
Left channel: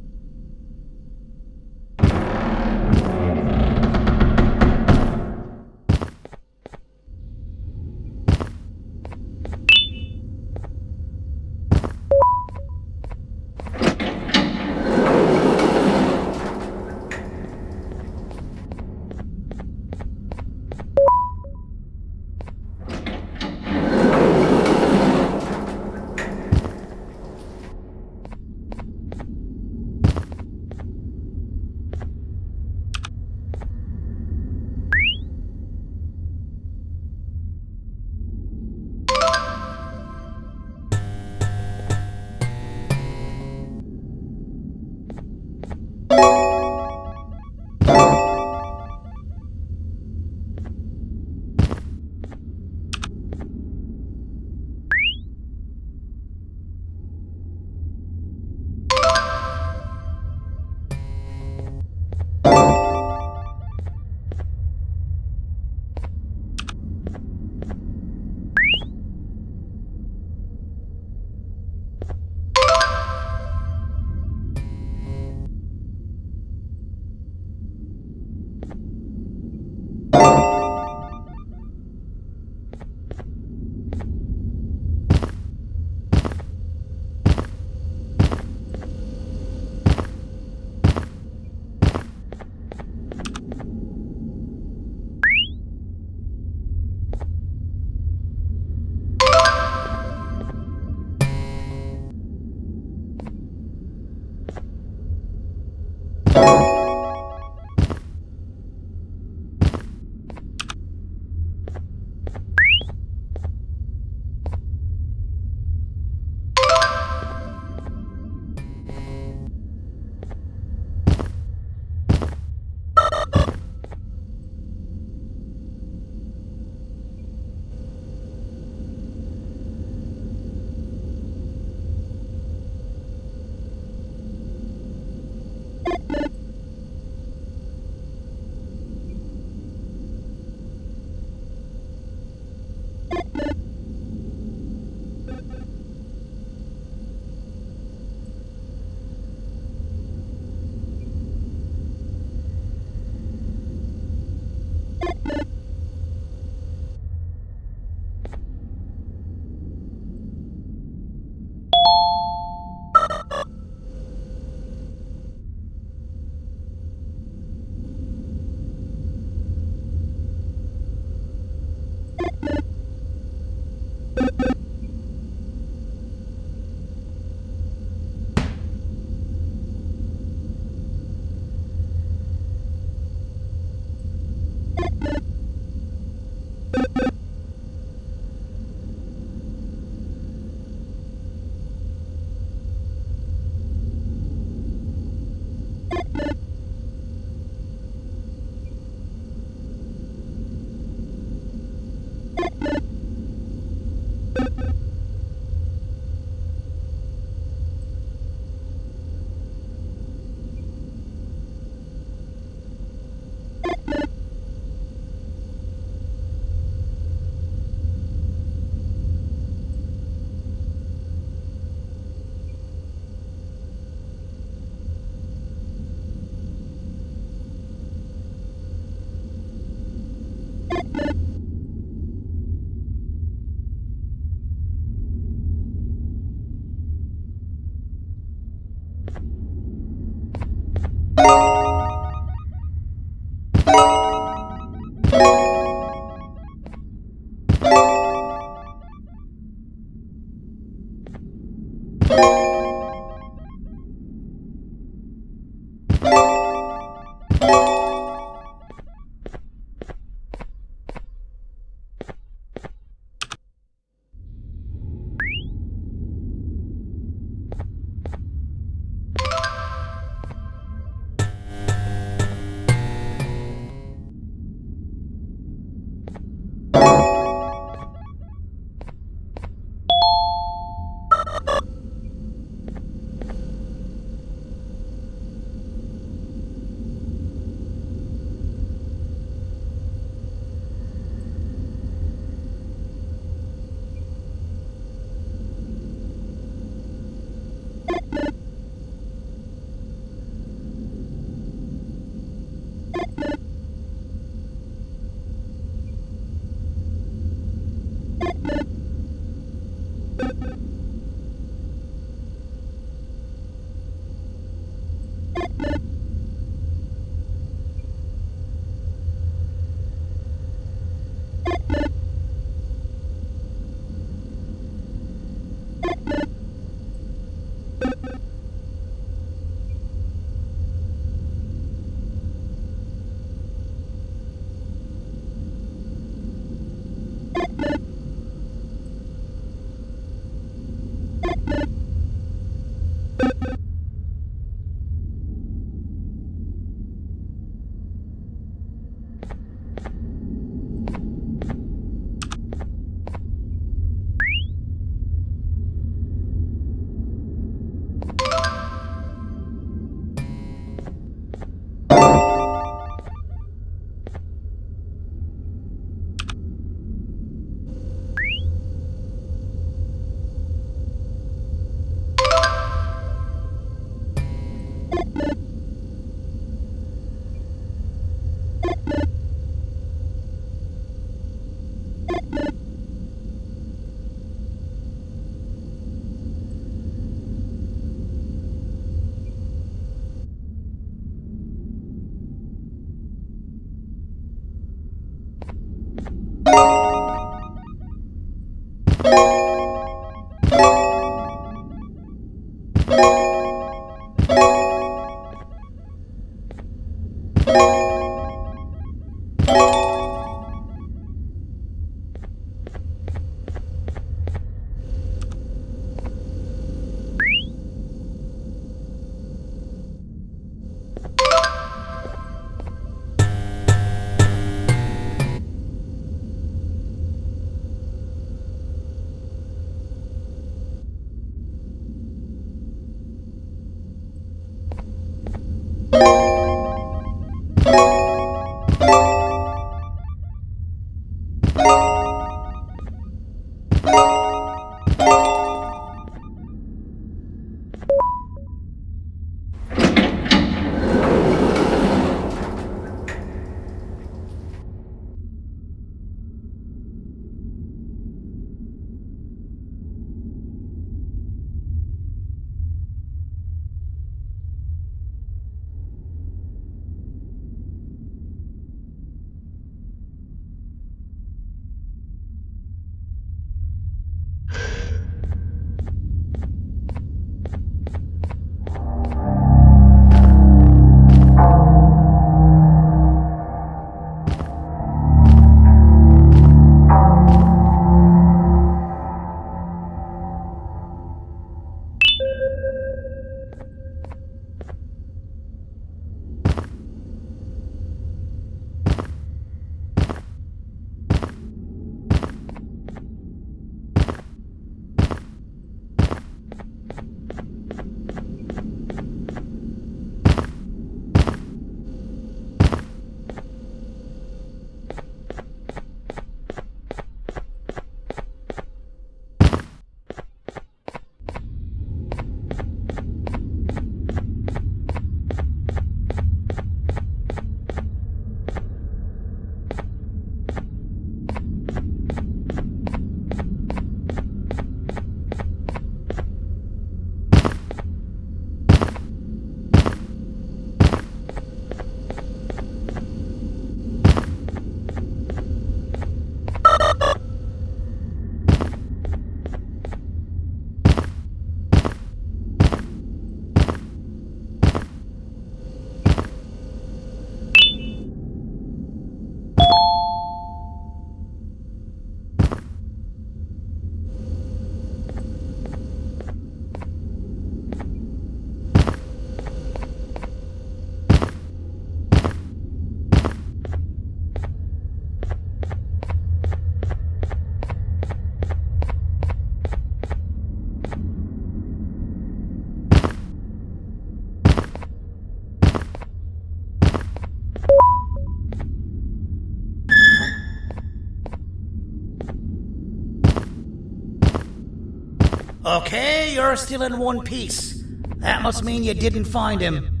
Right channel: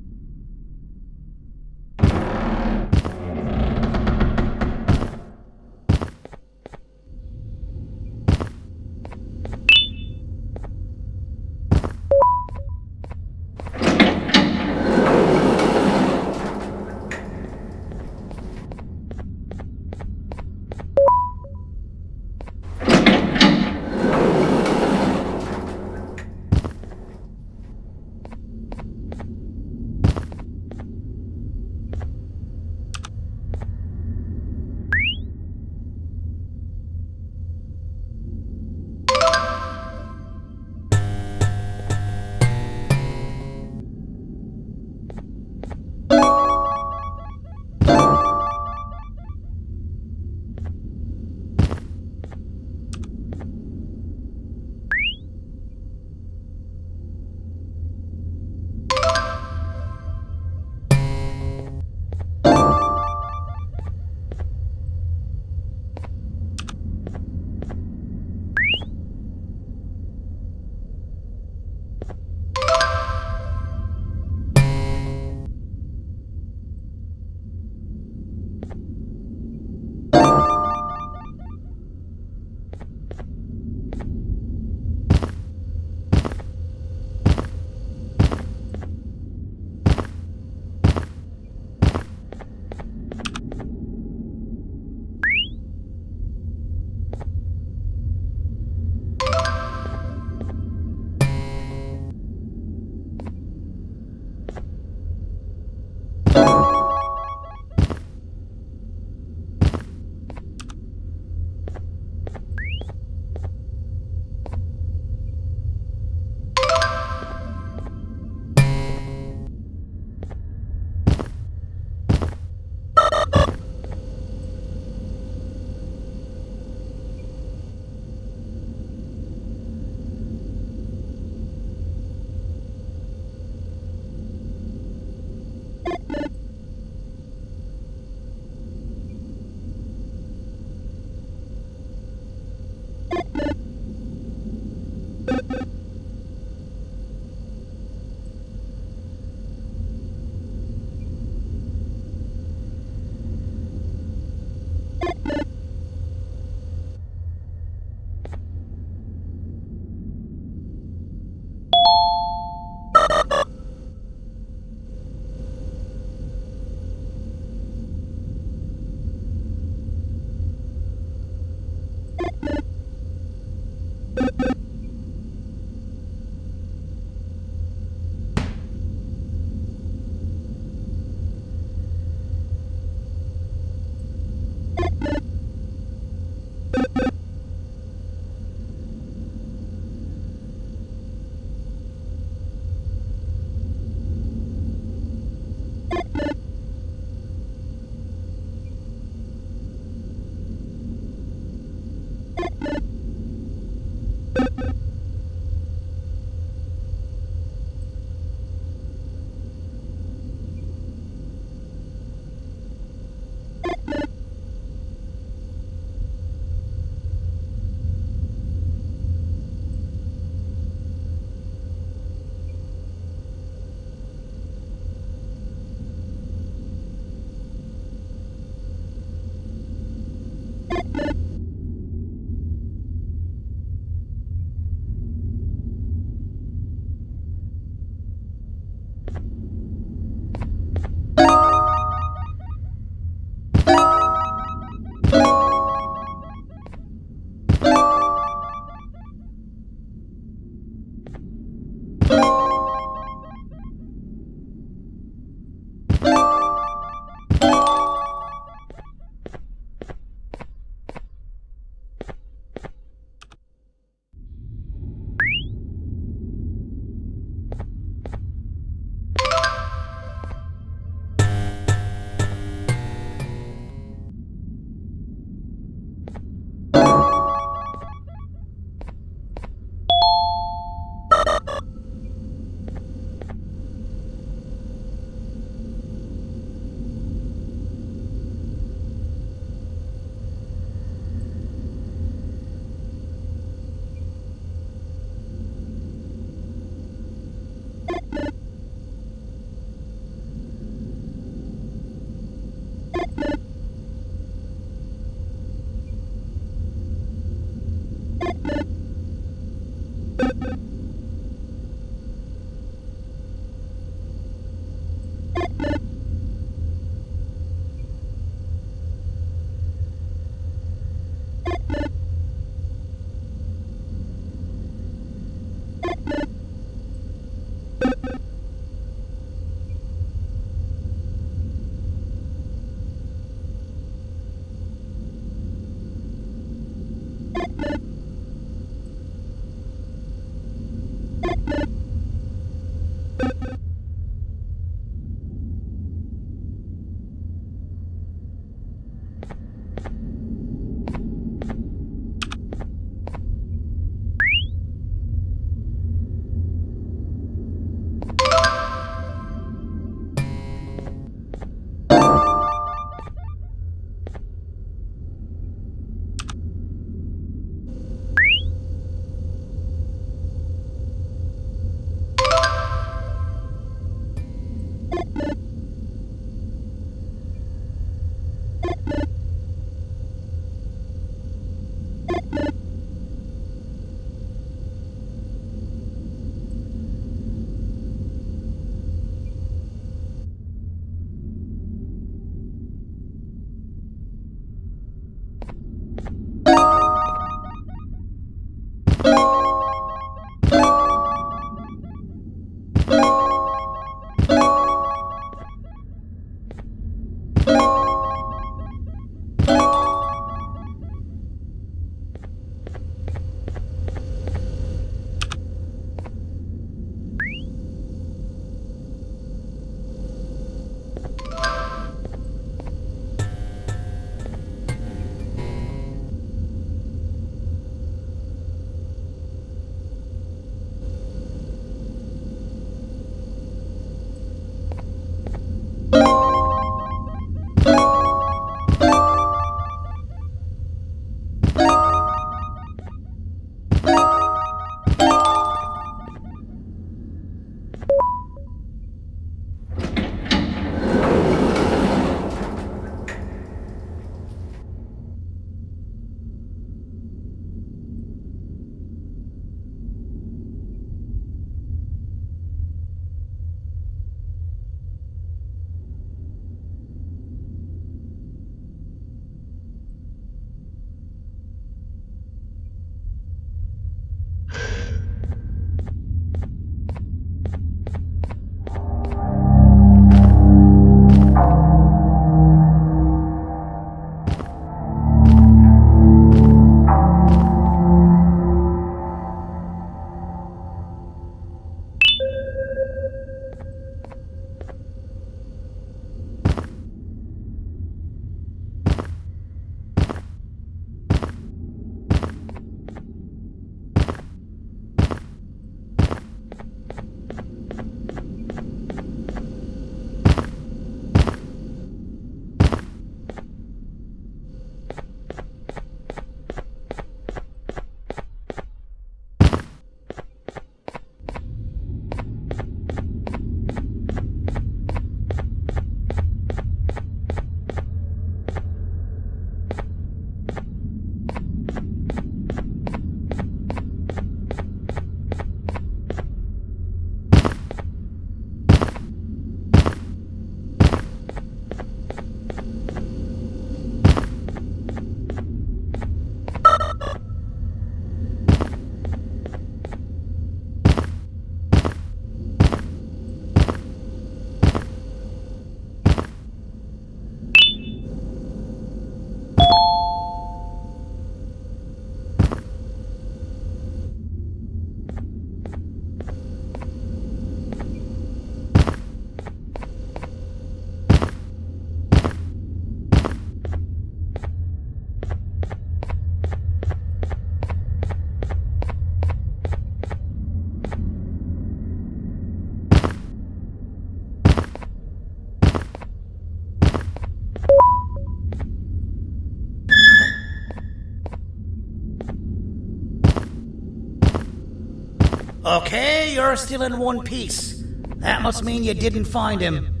Okay, you're still in one piece. That must mean you didn't find him.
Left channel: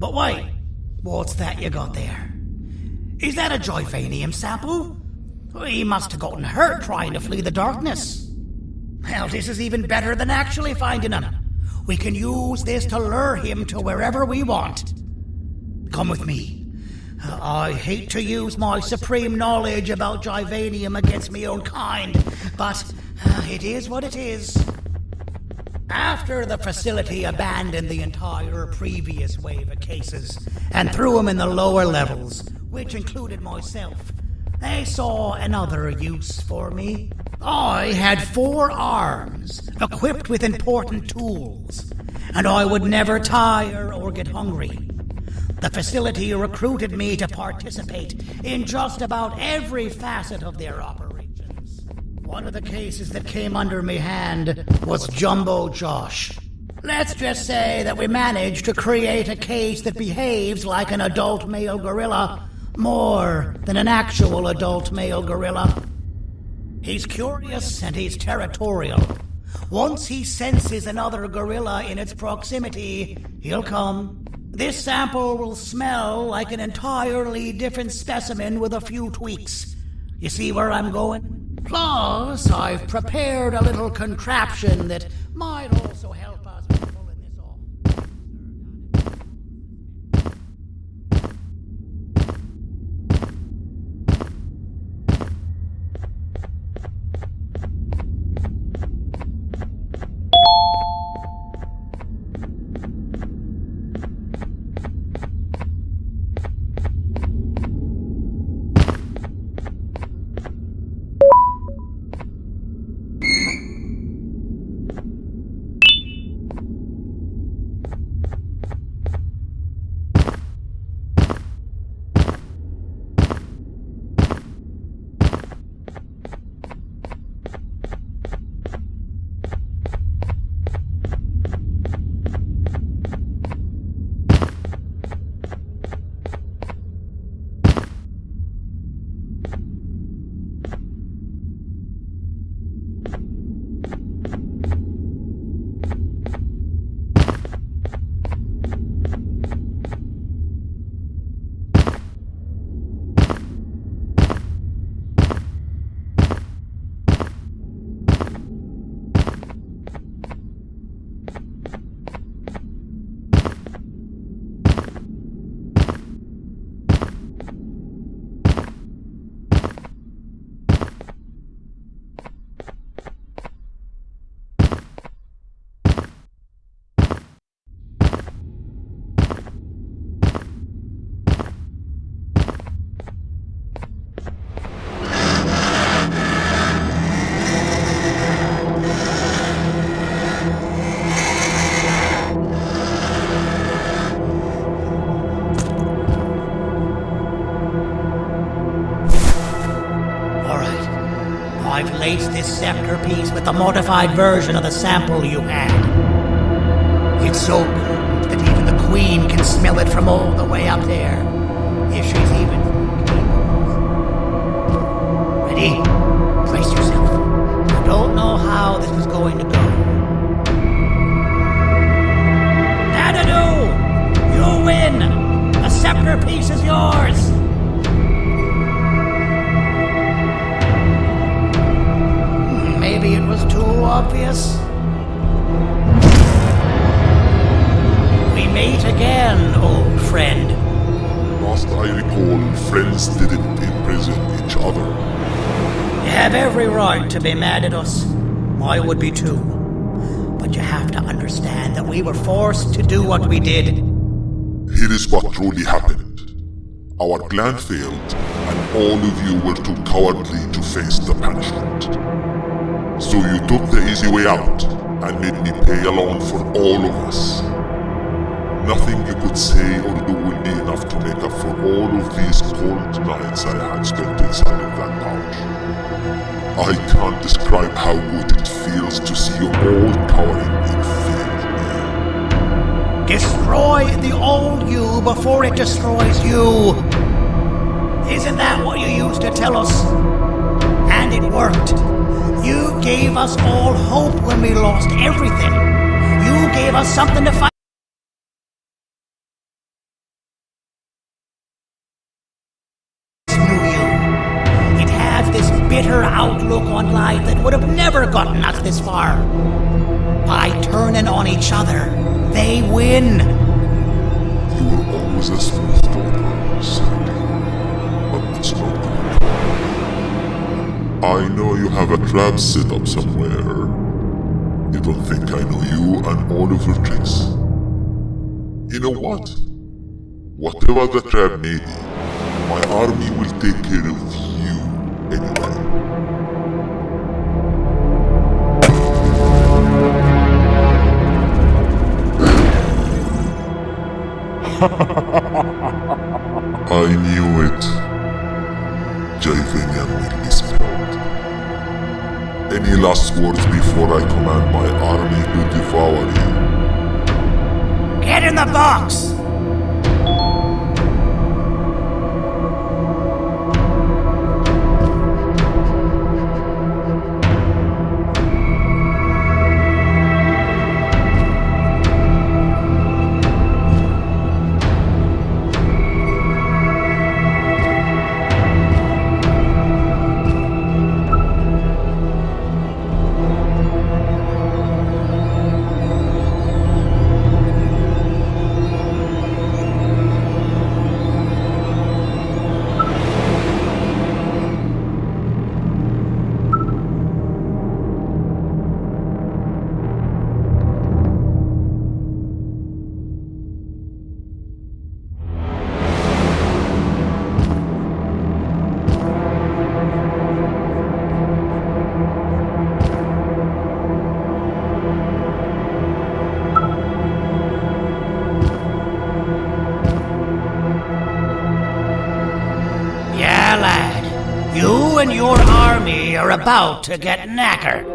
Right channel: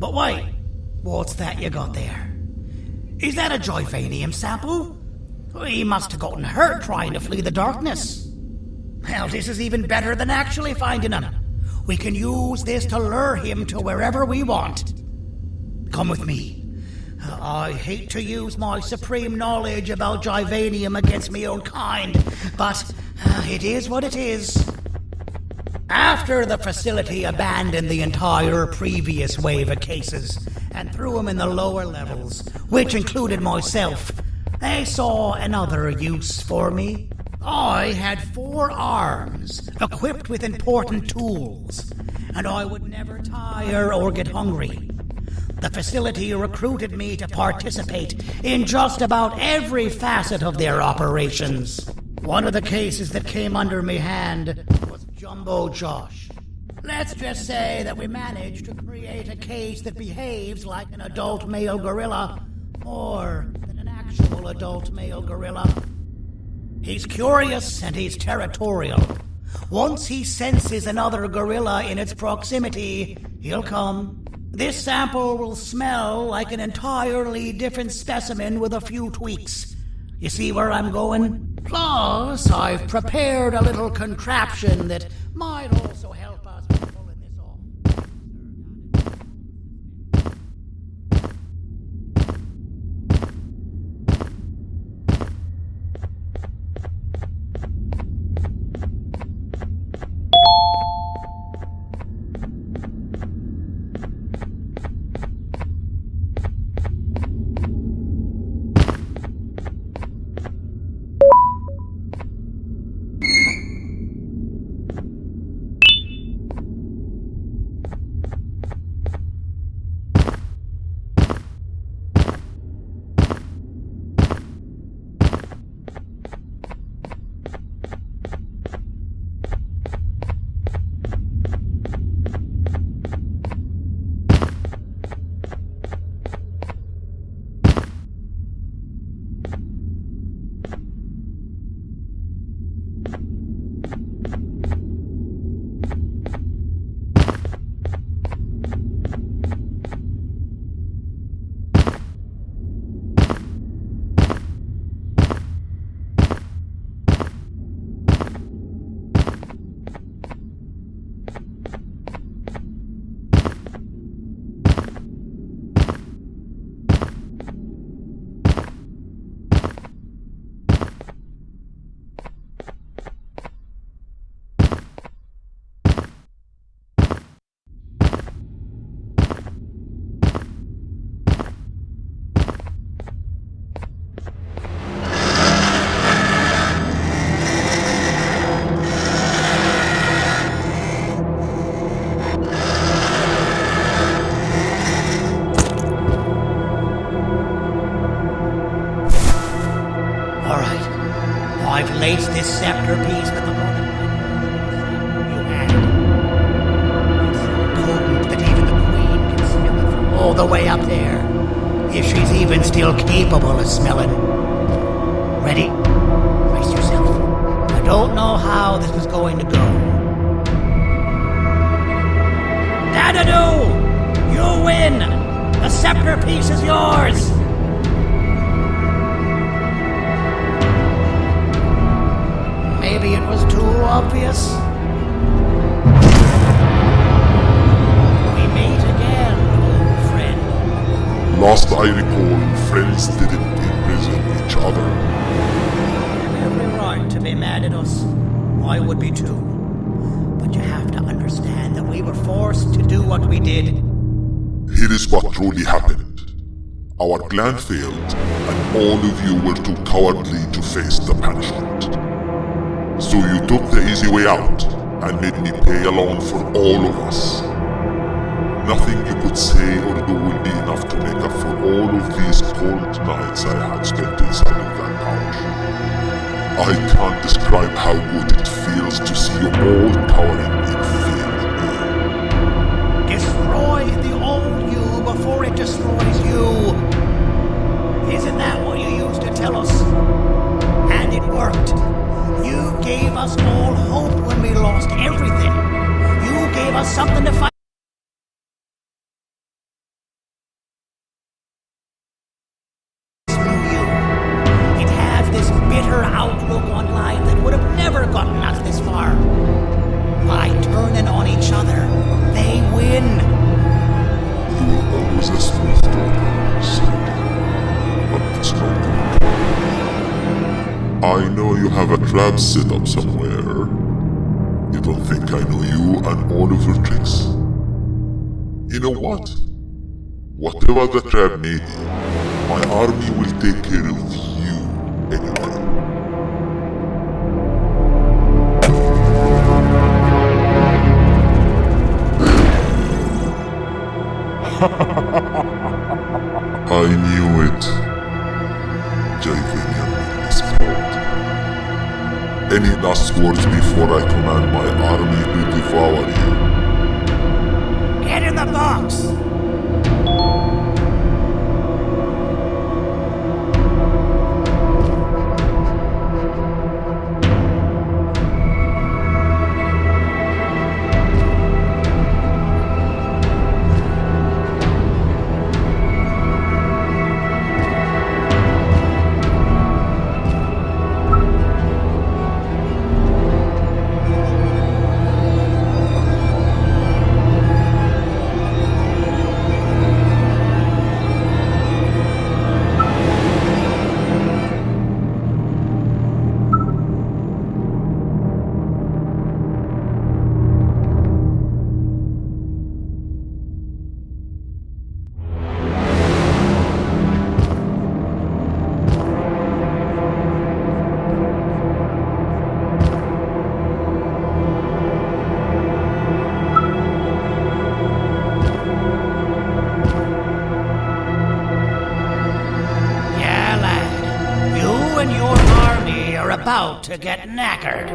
But wait, what's that you got there? Is that a Joyvanium sample? He must have gotten hurt trying to flee the darkness. Well, this is even better than actually finding him. We can use this to lure him to wherever we want. Come with me. I hate to use my supreme knowledge about Joyvanium against my own kind, but it is what it is. After the facility abandoned the entire previous wave of cases and threw them in the lower levels, which included myself, they saw another use for me. I had 4 arms, equipped with important tools, and I would never tire or get hungry. The facility recruited me to participate in just about every facet of their operations. One of the cases that came under me hand was Jumbo Josh. Let's just say that we managed to create a case that behaves like an adult male gorilla more than an actual adult male gorilla. He's curious and he's territorial. Once he senses another gorilla in its proximity, he'll come. This sample will smell like an entirely different specimen with a few tweaks. You see where I'm going? Plus, I've prepared a little contraption that might also help us with pulling this off. I've laced this scepter piece with the modified version of the sample you had. It's so potent that even the Queen can smell it from all the way up there, if she's even still capable of smelling. Ready? Brace yourself. I don't know how this is going to go. Dadadoo! You win! The scepter piece is yours! Maybe it was too obvious. We meet again, old friend. Last I recall, friends didn't imprison each other. You have every right to be mad at us. I would be too. But you have to understand that we were forced to do what we did. Here is what truly happened. Our plan failed, and all of you were too cowardly to face the punishment. So you took the easy way out, and made me pay alone for all of us. Nothing you could say or do will be enough to make up for all of these cold nights I had spent inside of that pouch. I can't describe how good it feels to see you all cowering in fear of me. Destroy the old you before it destroys you. Isn't that what you used to tell us? And it worked. You gave us all hope when we lost everything. You gave us something to fight. It has this bitter outlook on life that would have never gotten us this far. By turning on each other, they win. You were always a smooth talker, Sandy. But it's not going to work. I know you have a trap set up somewhere. You don't think I know you and all of your tricks? You know what? Whatever the trap may be, my army will take care of you anyway. I knew it. Jivinian will be spelled. Any last words before I command my army to devour you? Get in the box! You and your army are about to get knackered.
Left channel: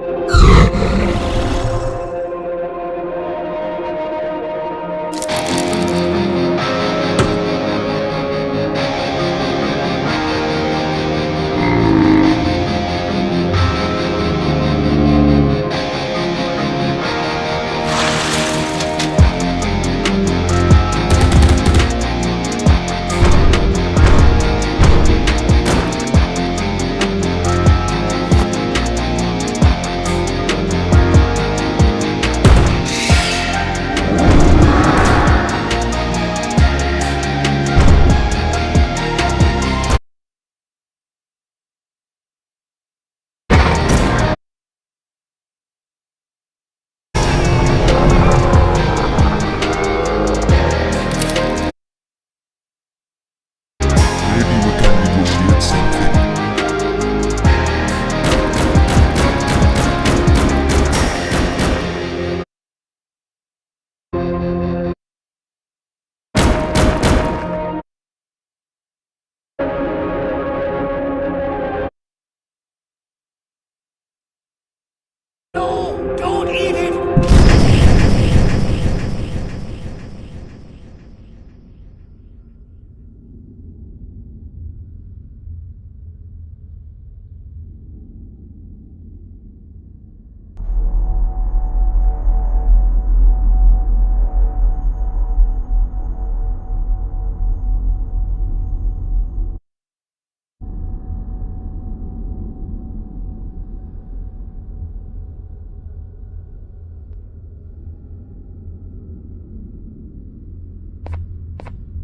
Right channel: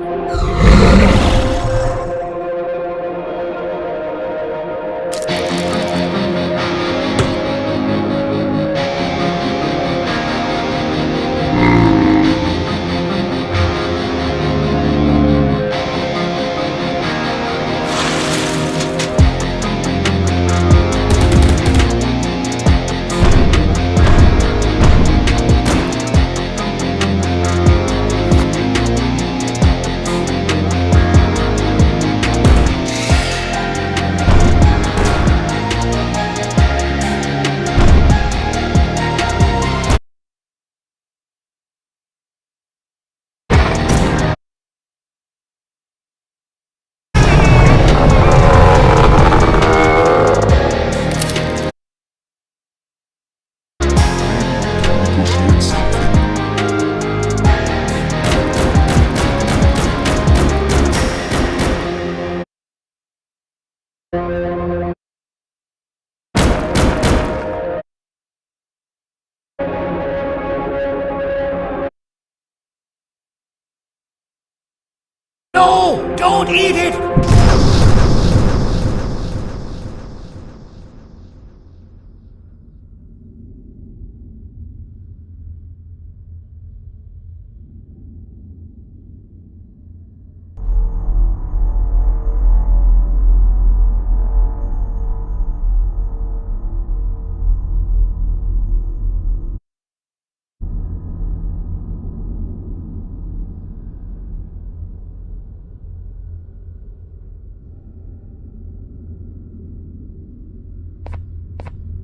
No! Don't eat it!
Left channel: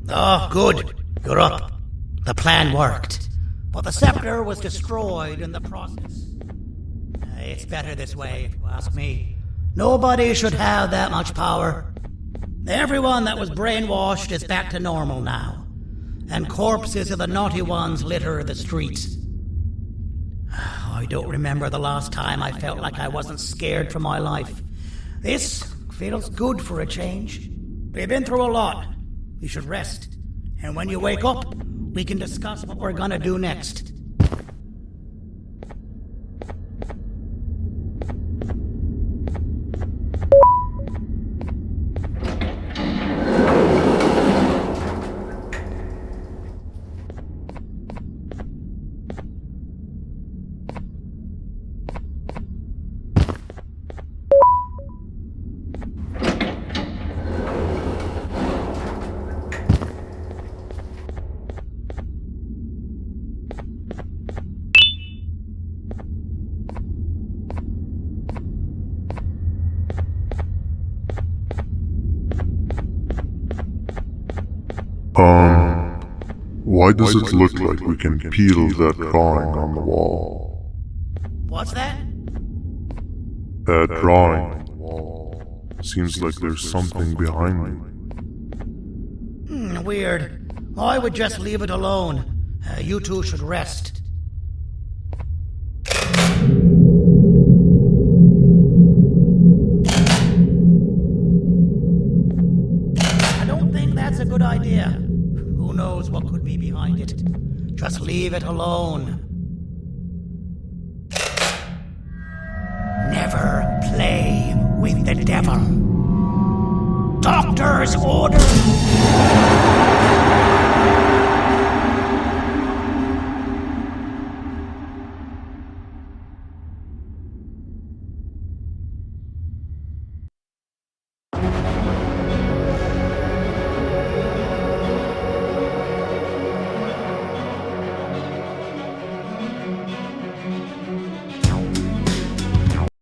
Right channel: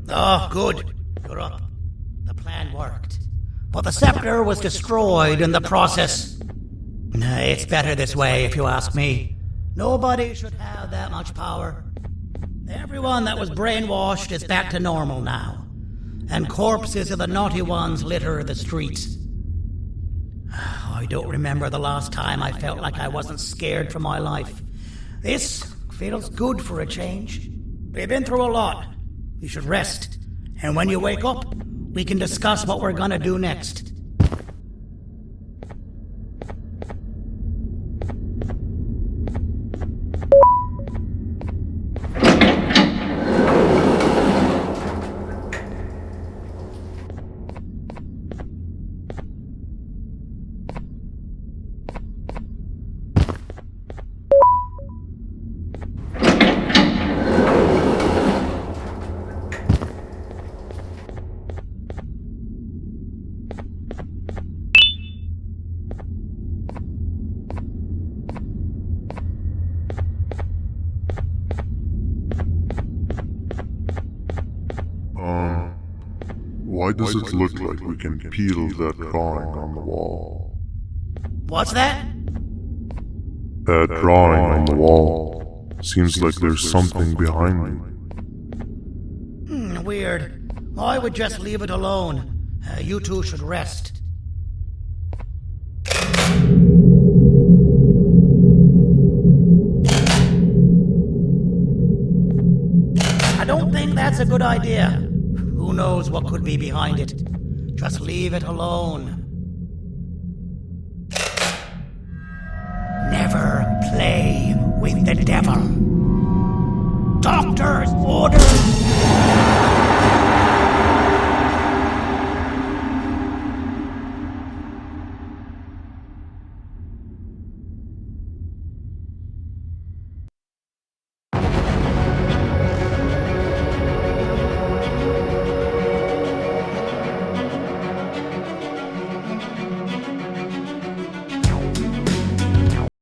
Oh, good. You're up. The plan worked. But the scepter was destroyed in the process. It's better this way, if you ask me. Nobody should have that much power. Everyone that was brainwashed is back to normal now. And corpses of the naughty ones litter the streets. I don't remember the last time I felt like I wasn't scared for my life. This feels good for a change. We've been through a lot. You should rest. And when you wake up, we can discuss what we're gonna do next. Why does it look like we can peel that drawing on the wall? What's that? That drawing on the wall. Seems like there's something behind me. Weird. I would just leave it alone. You two should rest. I don't think that's a good idea. Who knows what could be behind it? Just leave it alone. Never play with the devil. Doctor's orders!